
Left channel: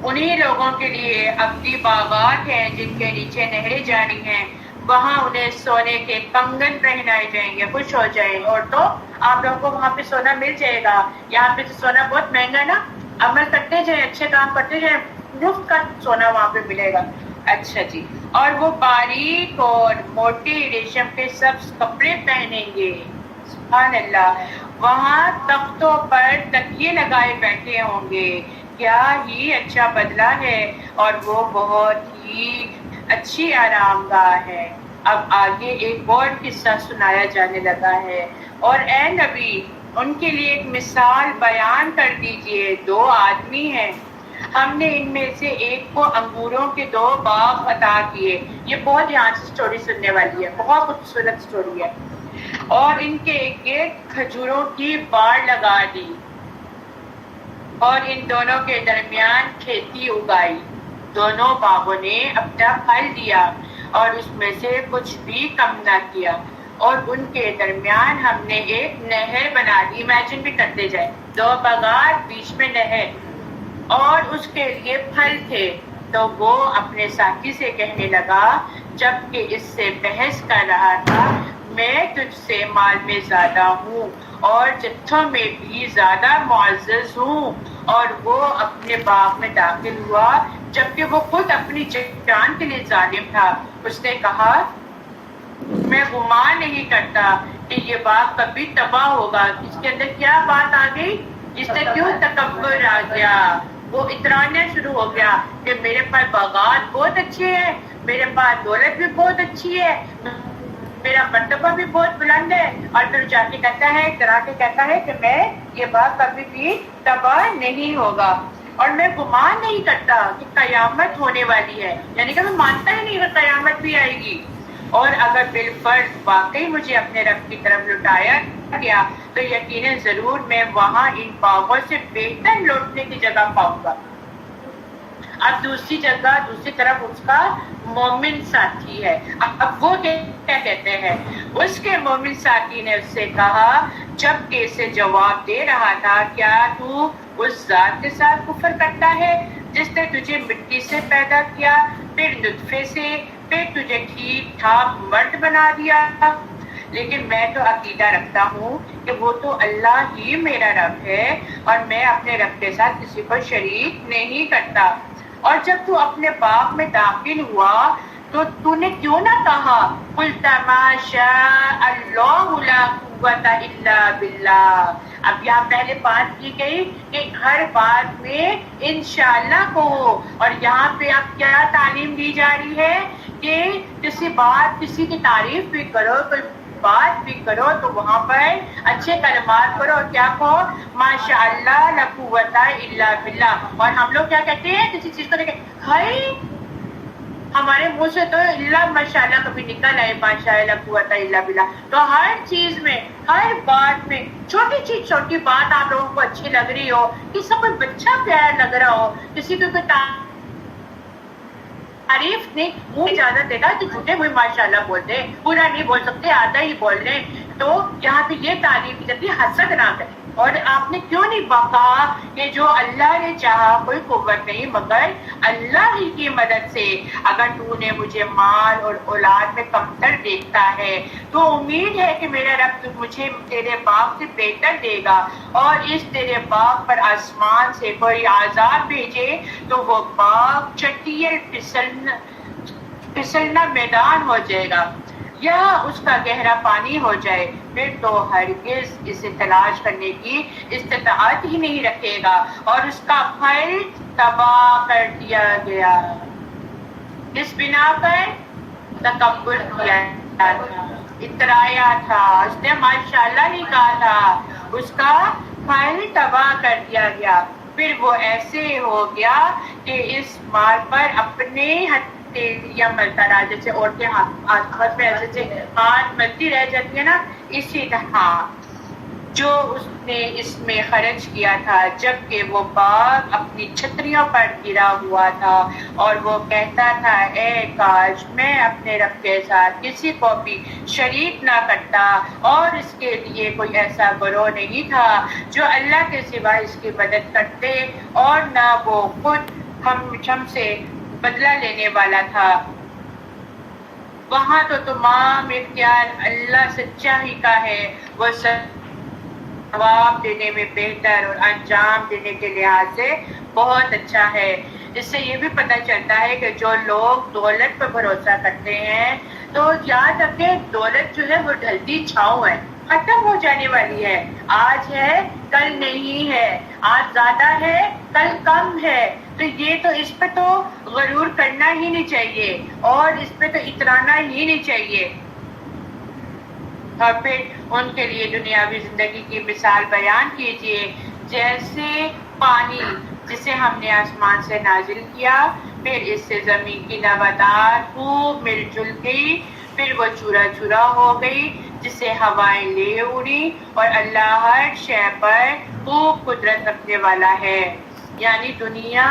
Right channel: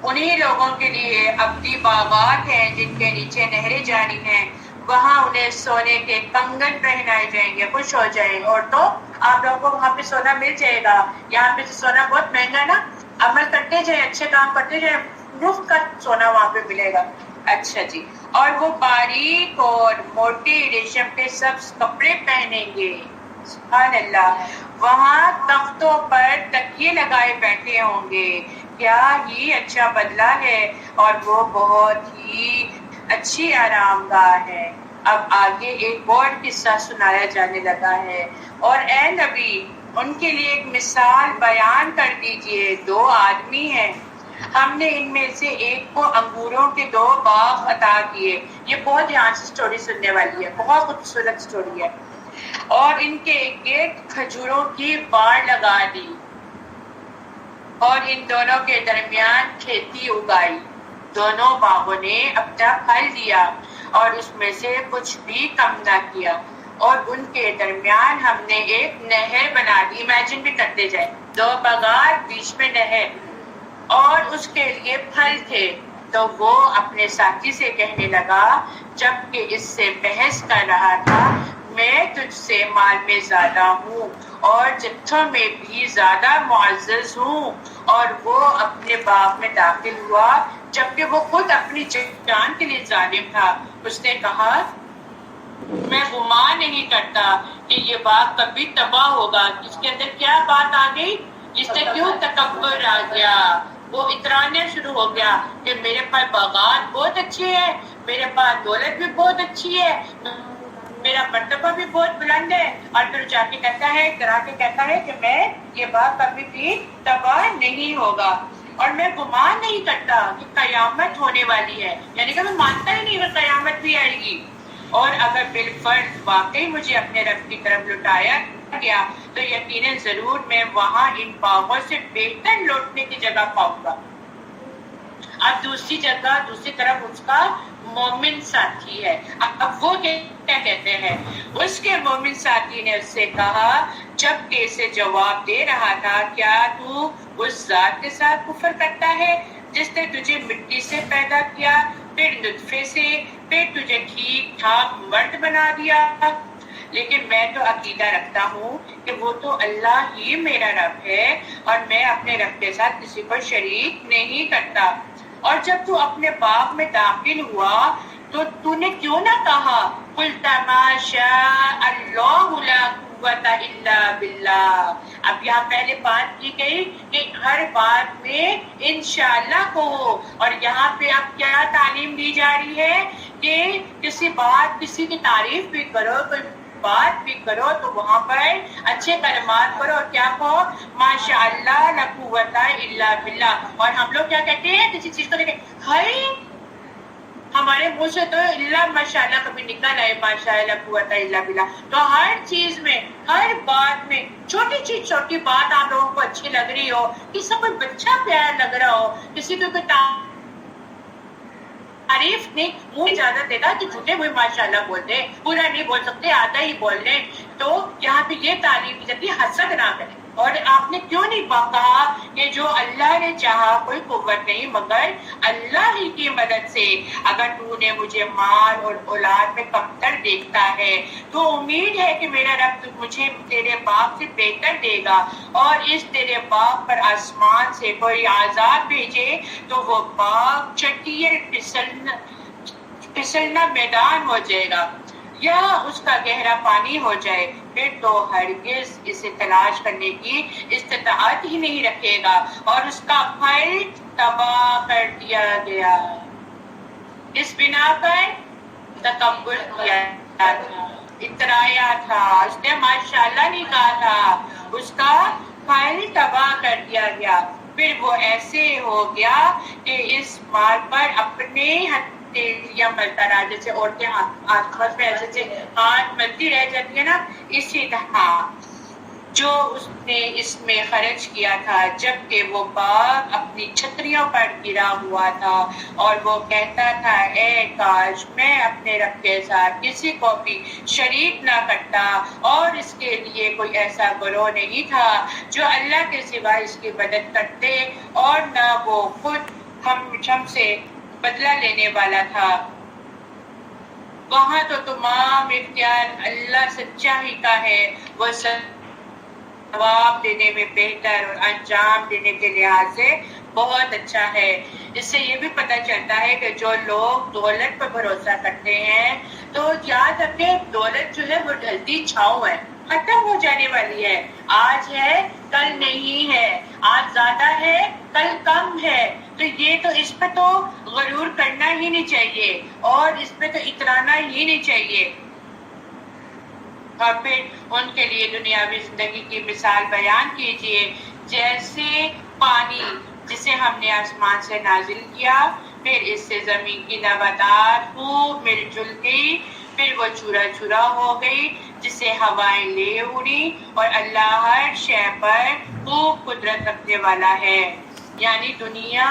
انہی لوگوں کے لیے ابدی باغات ہیں جن کے نیچے نہریں جاری ہیں، وہاں انہیں سونے کے کنگن پہنائے جائیں گے۔ خوش ہو جائیں اور تو آپ لوگوں کو وہاں پہ سونا مل جائے گا۔ یہاں پہ سونا بہت مہنگا نا، عمل کرتے جائیں، اچھے کام کرتے جائیں، مفت کا سونا وہاں پہ ملے گا۔ اچھا جی، اور وہ باریک اور موٹے ریشم کے سبز کپڑے پہنیں گے، سبحان اللہ، وہاں تختوں پر تکیے لگائے بیٹھے ہوں گے، کیا ہی اچھا بدلہ ہے اور وہ بہت ہی اچھی آرام گاہ ہے۔ اب آگے ایک اور قصہ سنایا جانے لگا ہے، اور اے نبی ان کے لیے ایک مثال بیان کر دیجئے۔ دو آدمی ہیں، ہم نے ان میں سے ایک کو انگوروں کے 2 باغ عطا کیے۔ یہ بہت دھیان سے سٹوری سننے والی ہے، بہت خوبصورت سٹوری ہے۔ اور ان کے گرد کھجوروں کی باڑ لگا دی اور ان دونوں کے درمیان کھیتی اگائی۔ دونوں باغوں نے اپنا پھل دیا اور اس میں سے کچھ بھی کم نہ کیا، اور ان کے درمیان ہم نے ایک نہر بنا دی۔ امیجن بھی کرتے جائیں، 2 باغات، بیچ میں نہر، اور اس کے لیے پھل تھے۔ تو وہ اپنے ساتھی سے کہنے لگا جبکہ اس سے بحث کر رہا تھا، میں تجھ سے مال میں زیادہ ہوں اور جتھوں میں بھی زیادہ معزز ہوں۔ اور وہ اپنے باغ میں داخل ہوا جبکہ وہ خود اپنی جان کے لیے ظالم تھا۔ اس نے کہا میں گمان نہیں کرتا کہ یہ باغ کبھی تباہ ہوگا۔ اس کے اندر کیا بات آ گئی؟ اس سے کیوں تکبر آ گیا؟ وہ اترانا شروع ہو گیا کہ میرے پاس باغات بہت اچھے ہیں، میرے پاس دولت بھی بہت اچھی ہے، میرا مرتبہ بھی بہت بلند ہے، اور پھر جا کے کہتا ہے، اترا کے کہتا ہے کہ میں یہ باغ کبھی بھی تباہ نہیں ہوگا، اور میں گمان نہیں کرتا کہ قیامت ہونے والی ہے، یعنی کہ میں مانتا ہی نہیں کہ قیامت بھی آئے گی، اور اگر بالفرض واقعی مجھے اپنے رب کی طرف لوٹایا گیا تو یقیناً ضرور میں وہاں ان باغوں سے بہتر لوٹنے کی جگہ پاؤں گا۔ اب دوسری جگہ دوسری طرف اس کا مومن ساتھی ہے۔ اب وہ کیا کہتے ہیں؟ اس کے مومن ساتھی نے اس سے کہا جب کہ اسے جواب دے رہا تھا، کیا تو اس ذات کے ساتھ کفر کرتا ہے جس نے تجھے مٹی سے پیدا کیا، پھر نطفے سے، پھر تجھے ٹھیک ٹھاک مرد بنا دیا؟ لیکن میں تو عقیدہ رکھتا ہوں کہ وہ تو اللہ ہی میرا رب ہے اور میں اپنے رب کے ساتھ کسی کو شریک نہیں کرتا۔ اور جب تو اپنے باغ میں داخل ہوا تو نے کیوں نہ کہا قُلْ مَا شَاءَ اللَّهُ لَا قُوَّةَ إِلَّا بِاللَّهِ؟ اب یہاں پہلے بات کی گئی کہ ہر بات میں انشاءاللہ کہو، اور یہاں پہ اب کیا تعلیم دی جا رہی ہے کہ کسی کی تعریف بھی کرو، کوئی بات بھی کرو تو وہاں پر اچھے کلمات کرو، اور کیا کہو ماشاء اللہ لا قوت الا باللہ۔ اور ہم لوگ کیا کہتے ہیں کسی چیز کو دیکھیں، ہائی ہمارے منہ سے تو اللہ ماشاء اللہ کبھی نکل آئے، ماشاء اللہ لا قوت الا باللہ۔ تو ہر چیز میں، ہر بات میں، چھوٹی چیز چھوٹی بات آپ لوگوں کو اچھی لگ رہی ہو، کسی کو کوئی بچہ پیارا لگ رہا ہو، کسی کو کوئی تعریف نہیں، منہ اجازت دے گا کہ جھوٹے ہوئے ماشاءاللہ بولتے ہیں، پورا نہیں بول سکتے، آدھا ہی بول رہے ہیں۔ تو یہاں پہ یہ تعلیم دی جاتی ہے حسد نہ کریں۔ اور آپ نے کیوں نہیں کہا کہ جو اللہ نے چاہا کوئی قوت نہیں مگر اللہ ہی کی مدد سے؟ اگر تو نے مجھے مال اور اولاد میں کمتر دیکھتا ہے تو امید ہے کہ میرا رب تو مجھے تیرے باغ سے بہتر دے گا، اور اس تیرے باغ پر آسمان سے کوئی عذاب بھیجے تو وہ باغ چٹیل پھسلنا میدان ہو جائے گا، یا اس کا گہرا پانی ہو جائے، پھر تو ہرگز اسے تلاش کرنے کی استطاعت ہی نہیں رکھے گا، اور اس کا پھل تباہ کر دیا گیا۔ اس بنا پر تکبر کیا تھا۔ اترایا تھا، اس نے ماشاءاللہ نہیں کہا تھا، اس کا پھل تباہ کر دیا گیا. پھر وہ ایسے ہو گیا کہ اس مال پر اپنے ہتھیلیاں ملتا رہا، جیسے عورتیں ہاتھ میں ایسے ہاتھ ملتی رہ جاتی ہے نا، اسی طرح جو اس نے اس میں خرچ کیا تھا، جبکہ وہ باغ اپنی چھتریوں پر گرا ہوا تھا اور وہ کہتا تھا اے کاش میں اپنے رب کے ساتھ کسی کو بھی شریک نہ کرتا اور اس کے لیے کوئی ایسا گروہ نہیں تھا جو اللہ کے سوا اس کی مدد کرتے اور نہ وہ خود ہم سے بدلہ لینے والا تھا. وہاں تو تمام اختیار اللہ سچا ہی کا ہے، وہ ثواب دینے میں بہتر اور انجام دینے کے لحاظ سے بہت اچھا ہے. اس سے یہ بھی پتہ چلتا ہے کہ جو لوگ دولت پر بھروسہ کرتے ہیں تو یاد رکھیں دولت جو ہے وہ ڈھلتی چھاؤں ہے، ختم ہو جانے والی ہے. آج ہے کل نہیں ہے، آج زیادہ ہے کل کم ہے. تو یہ تو اس پہ تو غرور کرنا ہی نہیں چاہیے اور اس پہ تو اترانا ہی نہیں چاہیے. اور پھر ان کے لیے دنیاوی زندگی کی مثال بیان کیجیے، جیسے پانی جسے ہم نے آسمان سے نازل کیا، پھر اس سے زمین کی نباتات خوب مل جل گئی، پھر وہ چورا چورا ہو گئی جسے ہوائیں لے اڑی، اور اللہ ہر شے پر خوب قدرت رکھنے والا ہے. یعنی دنیا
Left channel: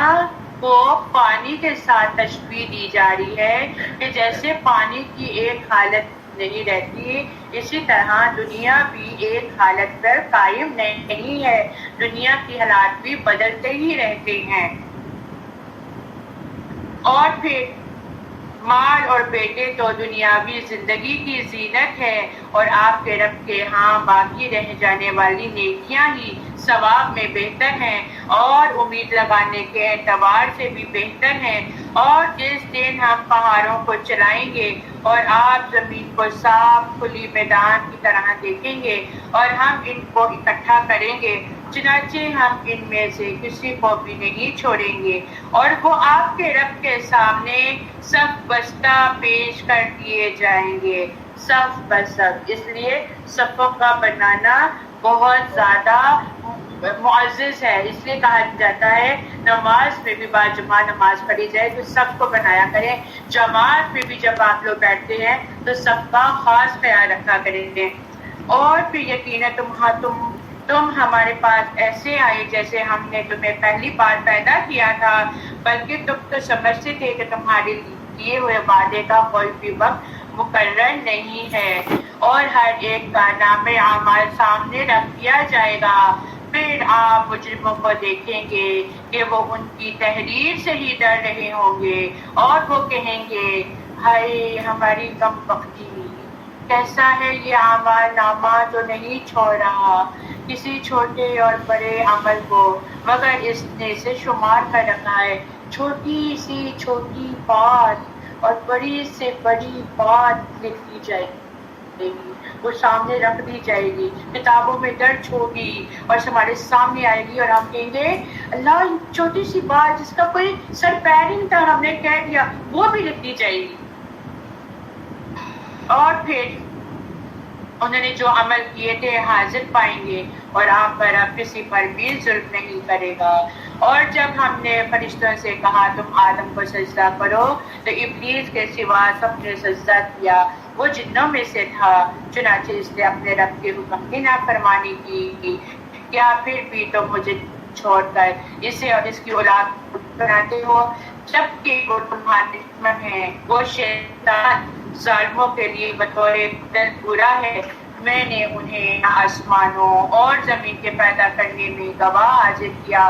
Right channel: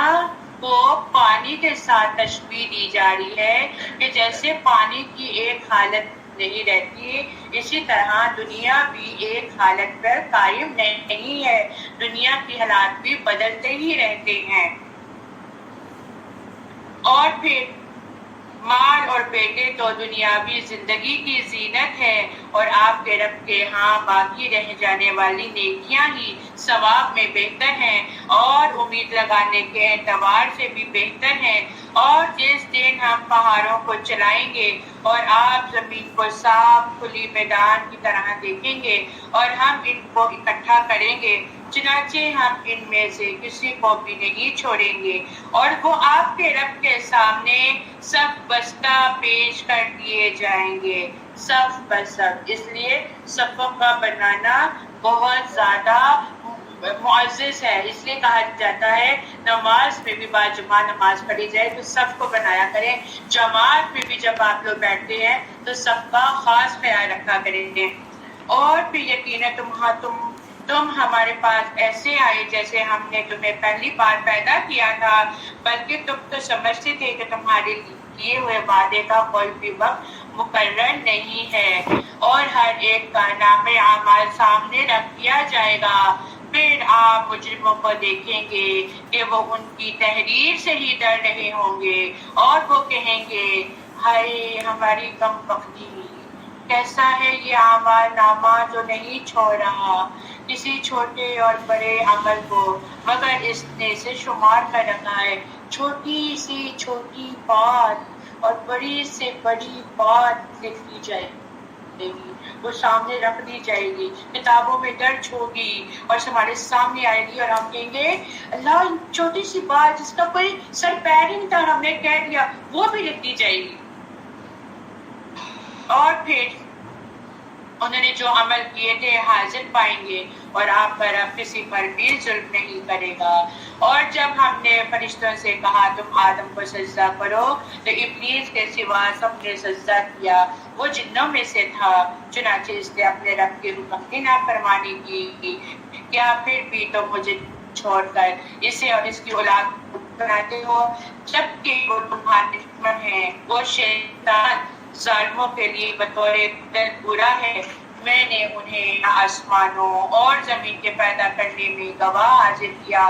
کو پانی کے ساتھ تشبیہ دی جا رہی ہے کہ جیسے پانی کی ایک حالت نہیں رہتی، اسی طرح دنیا بھی ایک حالت پر قائم نہیں ہے، دنیا کی حالات بھی بدلتے ہی رہتے ہیں. اور پھر مال اور بیٹے تو دنیاوی زندگی کی زینت ہے اور آپ کے رب کے ہاں باقی رہ جانے والی نیکیاں ہی ثواب میں بہتر ہیں اور امید لگانے کے اعتبار سے بھی بہتر ہیں. اور جس دن ہم پہاڑوں کو چلائیں گے اور آپ زمین کو صاف کھلی میدان کی طرح دیکھیں گے اور ہم ان کو اکٹھا کریں گے، چنانچہ ہم ان میں سے کسی کو بھی نہیں چھوڑیں گے اور وہ آپ کے رب کے سامنے صف بستہ پیش کر دیے جائیں گے، صف بصف. اس لیے صفوں کا بنانا بہت زیادہ معزز ہے. اس لیے کہا جاتا ہے نماز میں بھی باجماع نماز پڑھی جائے تو سب کو بنایا کریں، جماعت میں بھی جب آپ لوگ بیٹھتے ہیں تو سب کا خاص خیال رکھا کریں گے. اور پھر یقیناً تم ہمارے پاس ایسے آئے جیسے ہم نے تمہیں پہلی بار پیدا کیا تھا، بلکہ تم تو سمجھتے تھے کہ تمہارے کیے ہوئے وعدے کا کوئی بھی وقت مقرر نہیں ہے اور ہر ایک کا نام اعمال سامنے رکھ دیا جائے گا. پھر آپ مجرموں کو دیکھیں گے کہ وہ ان کی تحریر سے ہی ڈر رہے ہوں گے اور وہ کہیں گے ہائے ہماری کم بختی، کیسا ہے یہ اعمال نامہ جو نہیں چھوڑ رہا کسی چھوٹے اور بڑے عمل کو، مگر اس نے اسے شمار کر رکھا ہے. چھوٹی سی چھوٹی بات اور بڑی سے بڑی بات لکھ دی جائے گی، وہ سامنے رکھ دی جائے گی، کتابوں میں درج ہوگی اور ہمارے سامنے آئے گی اور ہم کہیں گے اللہ چھوٹی سی بات جس کا کوئی سر پیر نہیں تھا ہم نے کہہ دیا، وہ بھی لکھ دی جائے گی. اور پھر انہوں نے جو عمل کیے تھے حاضر پائیں گے اور آپ پر اب کسی پر بھی ظلم نہیں کرے گا. اور جب ہم نے فرشتوں سے کہا تم آدم کو سجدہ کرو تو ابلیس کے سوا سب نے سجدہ کیا، وہ جنوں میں سے تھا، چنانچہ اس نے اپنے رب کے حکم کی نافرمانی کی. کیا پھر بھی تم مجھے چھوڑ کر اسے اور اس کی اولاد بناتے ہو، جبکہ وہ تمہارے دشمن ہیں. وہ شیطان ظالموں کے لیے بطور دل برا ہے. میں نے انہیں نہ آسمانوں اور زمین کے پیدا کرنے میں گواہ حاضر کیا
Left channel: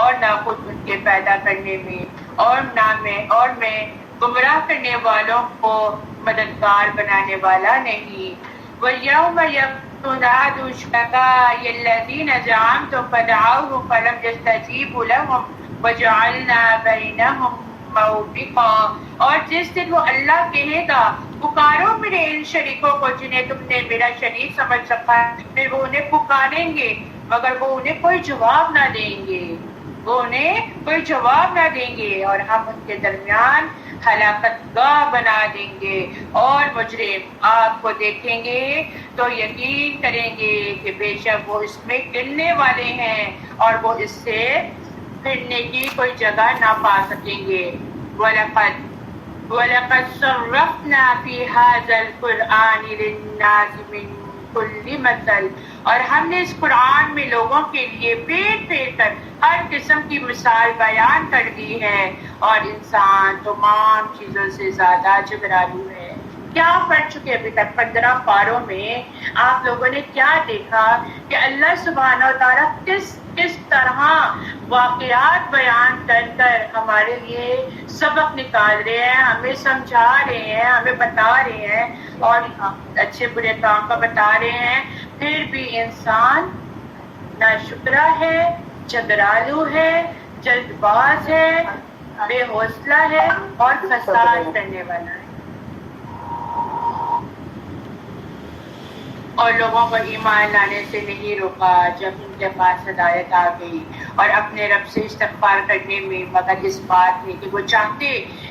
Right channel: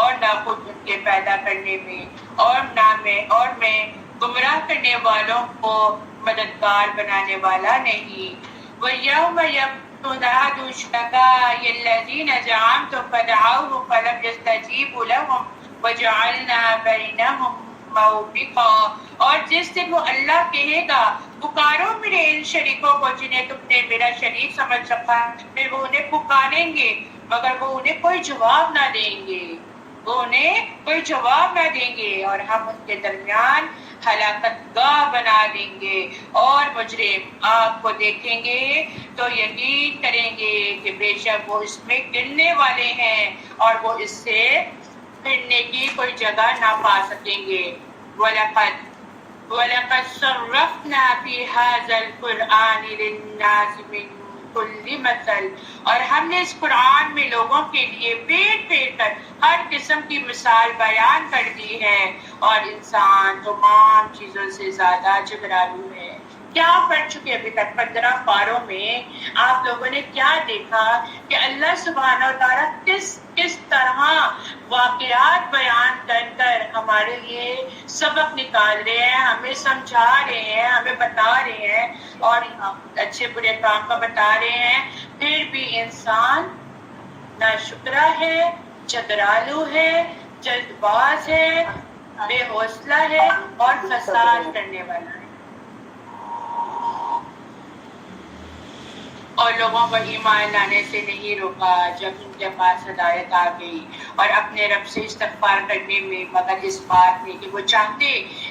اور نہ خود ان کے پیدا کرنے میں، اور میں گمراہ کرنے والوں کو مددگار بنانے والا نہیں. وَيَوْمَ يَنَادُوا شُرَكَائِيَ الَّذِينَ زَعَمْتُمْ فَدَعَوْهُمْ فَلَمْ يَسْتَجِيبُوا لَهُمْ وَجَعَلْنَا بَيْنَهُمْ موبقا. اور جس دن وہ اللہ کہے گا پکارو میرے ان شریکوں کو جنہیں تم نے میرا شریک سمجھ رکھا ہے، پھر وہ انہیں پکاریں گے مگر وہ انہیں کوئی جواب نہ دیں گے، وہ انہیں کوئی جواب نہ دیں گے اور ہم ان کے درمیان ہلاکت گاہ بنا دیں گے، اور مجرم آگ کو دیکھیں گے تو یقین کریں گے کہ بے شک وہ اس میں گرنے والے ہیں اور وہ اس سے پھرنے کی کوئی جگہ نہ پا سکیں گے۔ وَلَقَدْ صَرَّفْنَا فِي هَذَا الْقُرْآنِ لِلنَّاسِ مِنْ كُلِّ مَثَلٍ، اور ہم نے اس قرآن میں لوگوں کے لیے پھیر پھیر کر ہر قسم کی مثال بیان کر دی ہے، اور انسان تمام چیزوں سے زیادہ جبرالو ہے۔ کیا پڑھ چکے ابھی تک 15 پاروں میں آپ لوگوں نے کیا دیکھا کہ اللہ سبحانہ و تعالیٰ کس طرح واقعات بیان کر کر ہمارے لیے سبق نکال رہے ہیں، ہمیں سمجھا رہے ہیں، ہمیں بتا رہے ہیں اور اچھے برے کام کا بتا رہے ہیں، پھر بھی انسان ناشکرا ہے، جبرالو ہے، جلد باز ہے، بے حوصلہ ہے اور فساد کرنے والا ہے۔ اور لوگوں کو ایمان لانے سے نہیں روکا جب ان کے پاس ہدایت آ گئی، اور اپنے رب سے استغفار کرنے میں، مگر اس بات میں کہ وہ چاہتے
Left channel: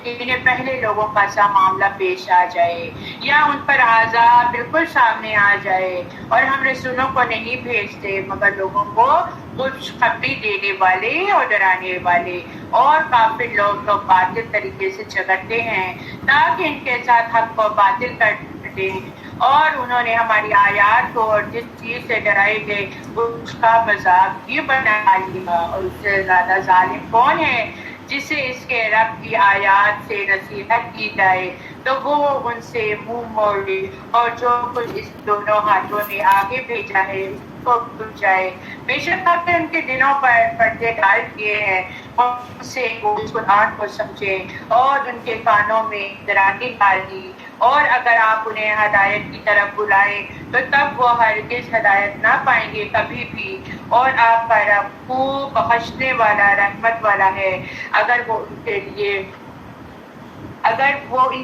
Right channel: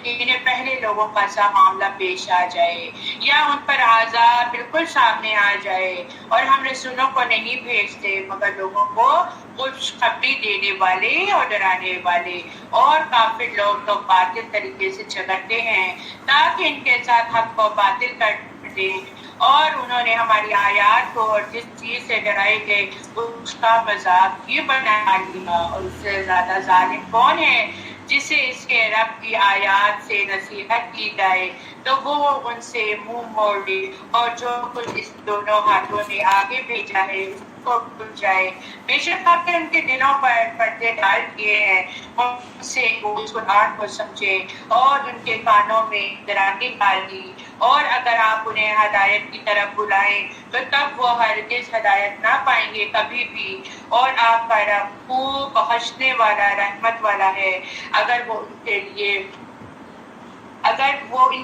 انہیں پہلے لوگوں کا سا معاملہ پیش آ جائے یا ان پر عذاب بالکل سامنے آ جائے، اور ہم رسولوں کو نہیں بھیجتے مگر لوگوں کو خوشخبری دینے والے اور ڈرانے والے، اور کافر لوگ تو باطل طریقے سے جھگڑتے ہیں تاکہ ان کے ساتھ حق کو باطل کر دیں، اور انہوں نے ہماری آیات کو اور جس چیز سے ڈرائے گئے اس کا مذاق بھی بنا لیا، اور اس سے زیادہ ظالم کون ہے جسے اس کے رب کی آیات سے نصیحت کی جائے تو وہ ان سے منہ موڑ لے، اور جو کچھ اس دونوں ہاتھوں نے آگے بھیجا ہے اس کو بھول جائے۔ بے شک آپ نے ان کے دلوں پر پردے ڈال دیے ہیں، ان سے وہ اس قرآن کو سمجھیں اور ان کے کانوں میں درانگی ڈال دی، اور اگر آپ انہیں ہدایت کی طرف بلائیں تو تب وہ ہرگز ہدایت نہ پائیں گے کبھی بھی، اور آپ کا رب خوب بخشنے والا رحمت والا ہے۔ اگر وہ ان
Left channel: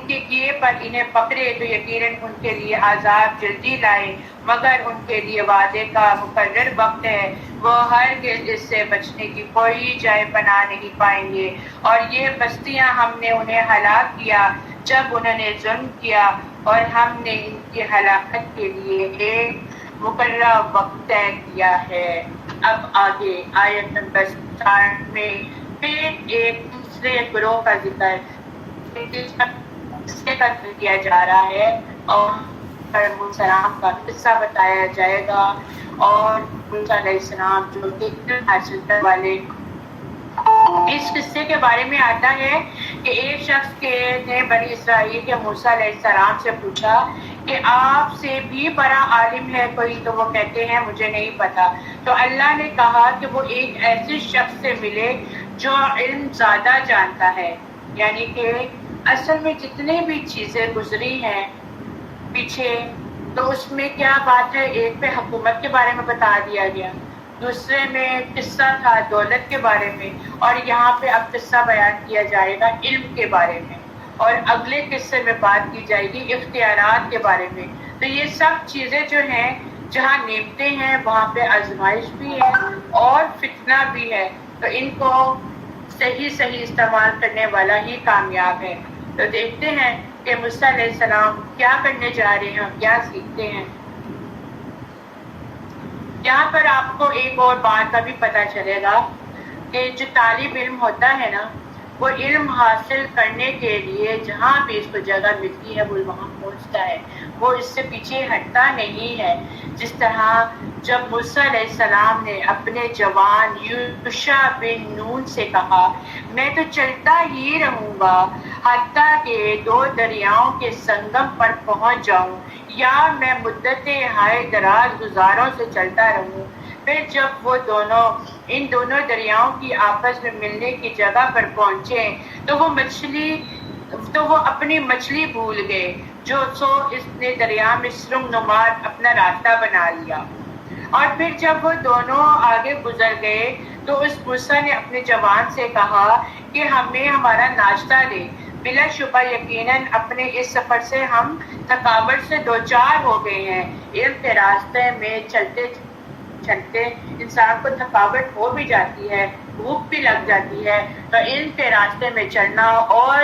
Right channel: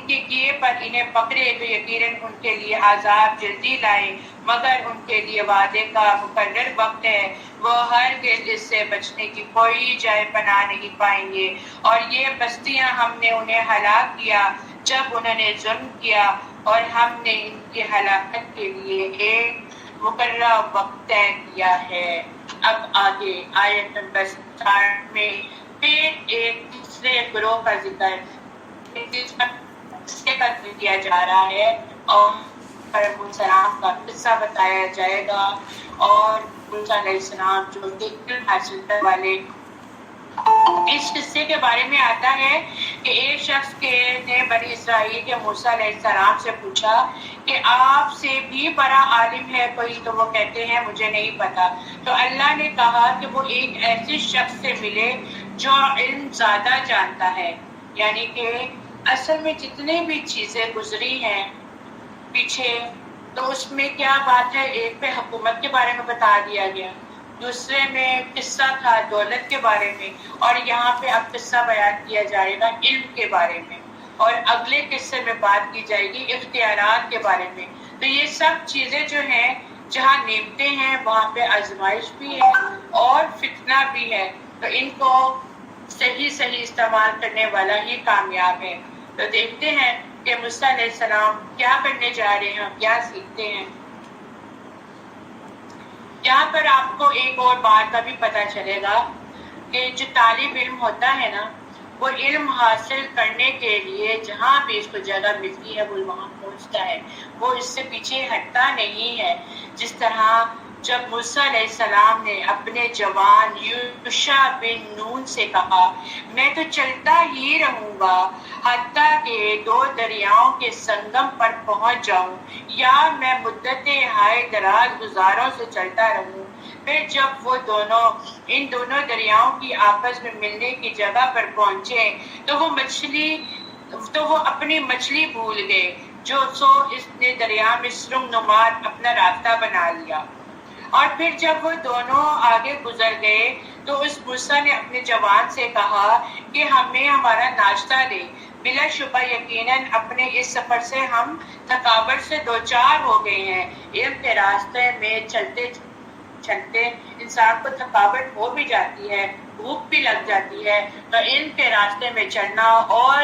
کے کیے پر انہیں پکڑے تو یقیناً ان کے لیے عذاب جلدی لائے، مگر ان کے لیے وعدے کا مقرر وقت ہے، وہ ہرگز اس سے بچنے کی کوئی جائے پناہ نہیں پائیں گے۔ اور یہ بستیاں ہم نے انہیں ہلاک کیا جب انہوں نے ظلم کیا، اور ہم نے ان کی ہلاکت کے لیے ایک مقررہ وقت طے کیا ہے۔ اب آگے آیت نمبر 60 میں پھر ایک دوسرے گروہ کا ذکر کیا جا رہا ہے، اور علیہ السلام کا قصہ بتایا جائے گا، اور موسیٰ علیہ السلام جو علم حاصل کرنے والے۔ اس قصے کے بارے میں آتا ہے کہ ایک شخص نے بنی اسرائیل کے موسیٰ علیہ السلام سے پوچھا کہ آپ سے بھی بڑا عالم ہے کوئی؟ تو وہ کہتے ہیں مجھے نہیں پتا۔ تو اللہ نے کہا کہ وہ ایک ایسے شخص سے ملے جو علم زیادہ جانتا ہے، یعنی کہ اصل میں جتنے بھی چیزیں گزری ہیں پیچھے تو اس میں کیا بات ہے، ایک پہ حکومت کے بارے میں بتا دیا گیا، دوسرے میں قصہ تھا دولت کے بارے میں، اور یہاں پہ اب قصہ بیان کیا جائے گا علم کے بارے میں، اور اگلے قصے میں بات کی جائے گی اختیارات کے بارے میں۔ تو یہ سب چیزیں جو ہیں، جہاں نعمتیں ہیں وہاں پہ آزمائش بھی ہے اور فتنہ بھی ہے، تو ان کو صحیح استعمال کرنے والا ہی کامیاب ہے۔ تو دیکھتے ہیں کہ موسیٰ علیہ السلام کیا کرنے جا رہے ہیں اور کیا سیکھتے ہیں۔ یہاں پر آپ کو ایک اور بات کا بھی پتہ چلے گا کہ جو طالب علم ہوتا ہے نا، وہ علم حاصل کرنے کے لیے جہاں بھی اس کو جگہ ملتی ہے وہ وہاں پہنچتا ہے، وہ اس سے پیچھے ہٹتا نہیں ہے۔ جس طرح جب موسیٰ علیہ السلام نے اپنے جوان یوشع بن نون سے کہا میں تو چلتا ہی رہوں گا حتیٰ کہ 2 دریاؤں کے سنگم پر پہنچ جاؤں، یا میں مدتیں ہائے دراز گزاروں سے چلتا رہوں، پھر جب وہ ان دونوں دریاؤں کی آپس میں ملنے کی جگہ پر پہنچے تو وہ اپنی مچھلی بھول گئے، اس نے دریا میں سرنگ نمار اپنا راستہ بنا لیا۔ اور پھر جب وہ دونوں آگے گزر گئے تو اس موسیٰ نے اپنے جوان سے کہا کہ ہمیں ہمارا ناشتہ دے، بلا شبہ یقیناً اپنے اس سفر سے ہم تھکاوٹ سے دوچار ہو گئے ہیں۔ علم کے راستے میں چلتے انسان کو تھکاوٹ ہو بھی جاتی ہے، بھوک بھی لگ جاتی ہے، تو علم کے راستے میں چلنا اور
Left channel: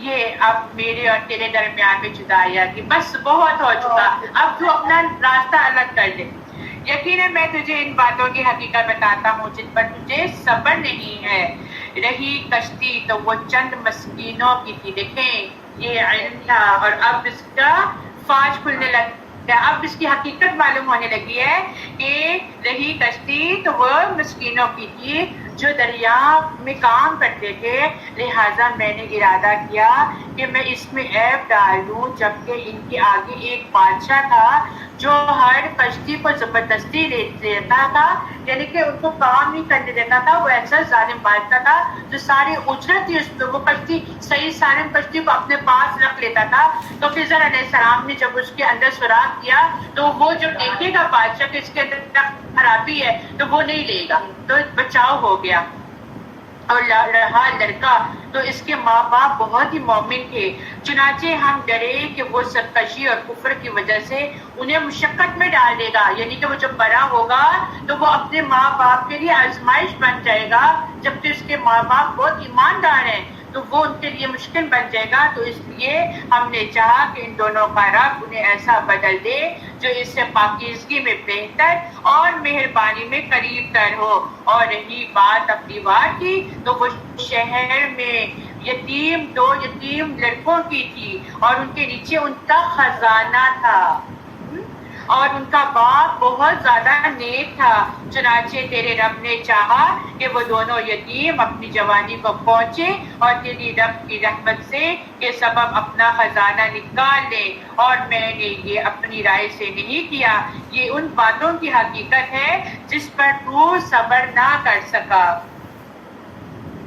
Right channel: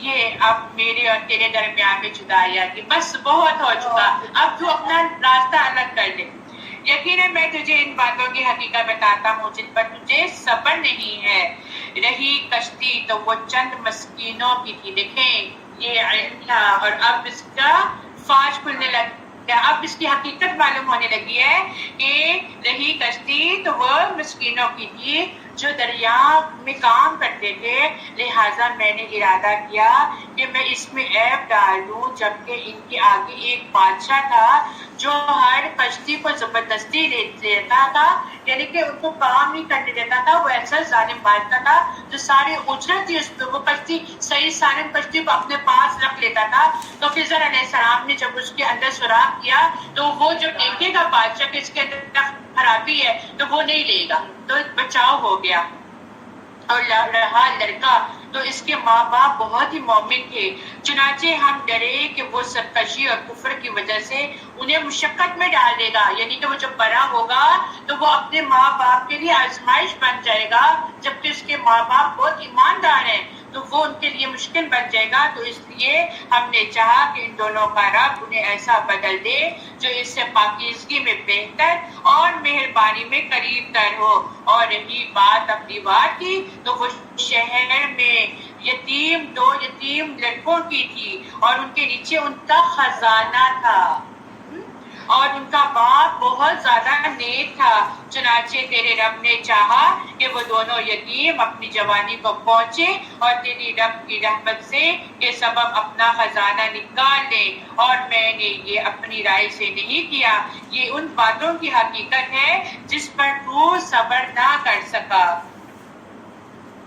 یہ اب میرے اور تیرے درمیان میں جدائی آ گئی، بس بہت ہو چکا، اب تو اپنا راستہ الگ کر لے۔ یقیناً میں تجھے ان باتوں کی حقیقت بتاتا ہوں جن پر تجھے صبر نہیں ہے۔ رہی کشتی تو وہ چند مسکینوں کی تھی، دیکھیں یہ علم تھا اور اب اس کا فاش کھلنے لگ گیا، اب اس کی حقیقت معلوم ہونے لگی ہے کہ رہی کشتی تو وہ مسکینوں کی تھی جو دریا میں کام کرتے تھے، لہٰذا میں نے ارادہ کیا کہ میں اس میں عیب ڈال دوں، جبکہ ان کے آگے ایک بادشاہ تھا جو ہر کشتی کو زبردستی دیتا تھا، یعنی کہ ان کو کام نہیں کرنے دیتا تھا، وہ ایسا ظالم بادشاہ تھا جو ساری اجرت تھی اس پہ، وہ کشتی صحیح سالم کشتی کو اپنے پاس رکھ لیتا تھا۔ تو خضر علیہ السلام نے جب اس کے اندر سراغ کیا تو وہ جو دیکھے گا بادشاہ کہ اس کے اندر خرابی ہے تو وہ نہیں لے گا، تو بچاؤ ہو گیا۔ اور رہا لڑکا تو اس کے ماں باپ بہت ہی مومن تھے، چنانچہ ہم ڈرے کہ وہ سرکشی اور کفر کی وجہ سے انہیں مشقت میں ڈال دے گا، یعنی کہ وہ جب بڑا ہوگا تو وہ اپنے ماں باپ کے لیے آزمائش بن جائے گا، جبکہ اس کے ماں باپ بہت ایماندار ہیں تو وہ ان کے لیے مشکل بن جائے گا۔ تو اس لیے ہم نے چاہا کہ ان دونوں کا رب انہیں ایسا بدل دے جو اس سے پاکیزگی میں بہتر اور مہربانی میں قریب تر ہو۔ اور رہی بات اپنی بات کی تو وہ شہر میں دو یتیم لڑکوں کی تھی اور ان کے نیچے ان کا خزانہ تھا اور ان کا باپ بہت زیادہ نیک تھا، چنانچہ تیرے رب نے چاہا کہ وہ دونوں یتیم اپنی جوانی کو پہنچے اور تیری رب کی رحمت سے کے سبب اپنا خزانہ نکال لیں، اور میں نے یہ اپنی رائے سے نہیں کیا، یہ ان باتوں کی حقیقت ہے جس پر تو صبر نہ کر سکا۔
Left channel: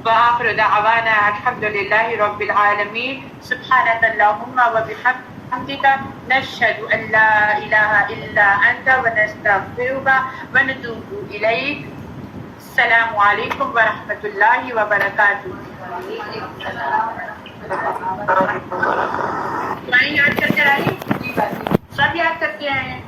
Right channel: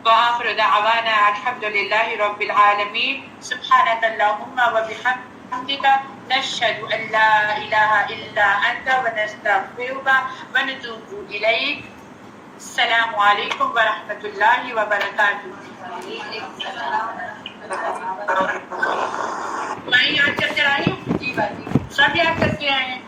وآخر دعوانا الحمد للہ رب العالمین، سبحانک اللہم وبحمدک، نشہد ان لا الہ الا انت ونستغفرک ونتوب الیک۔ السلام علیکم ورحمۃ اللہ وبرکاتہ۔ دعائیں یاد کر کے آئیے، سب یاد کر کے آئے ہیں۔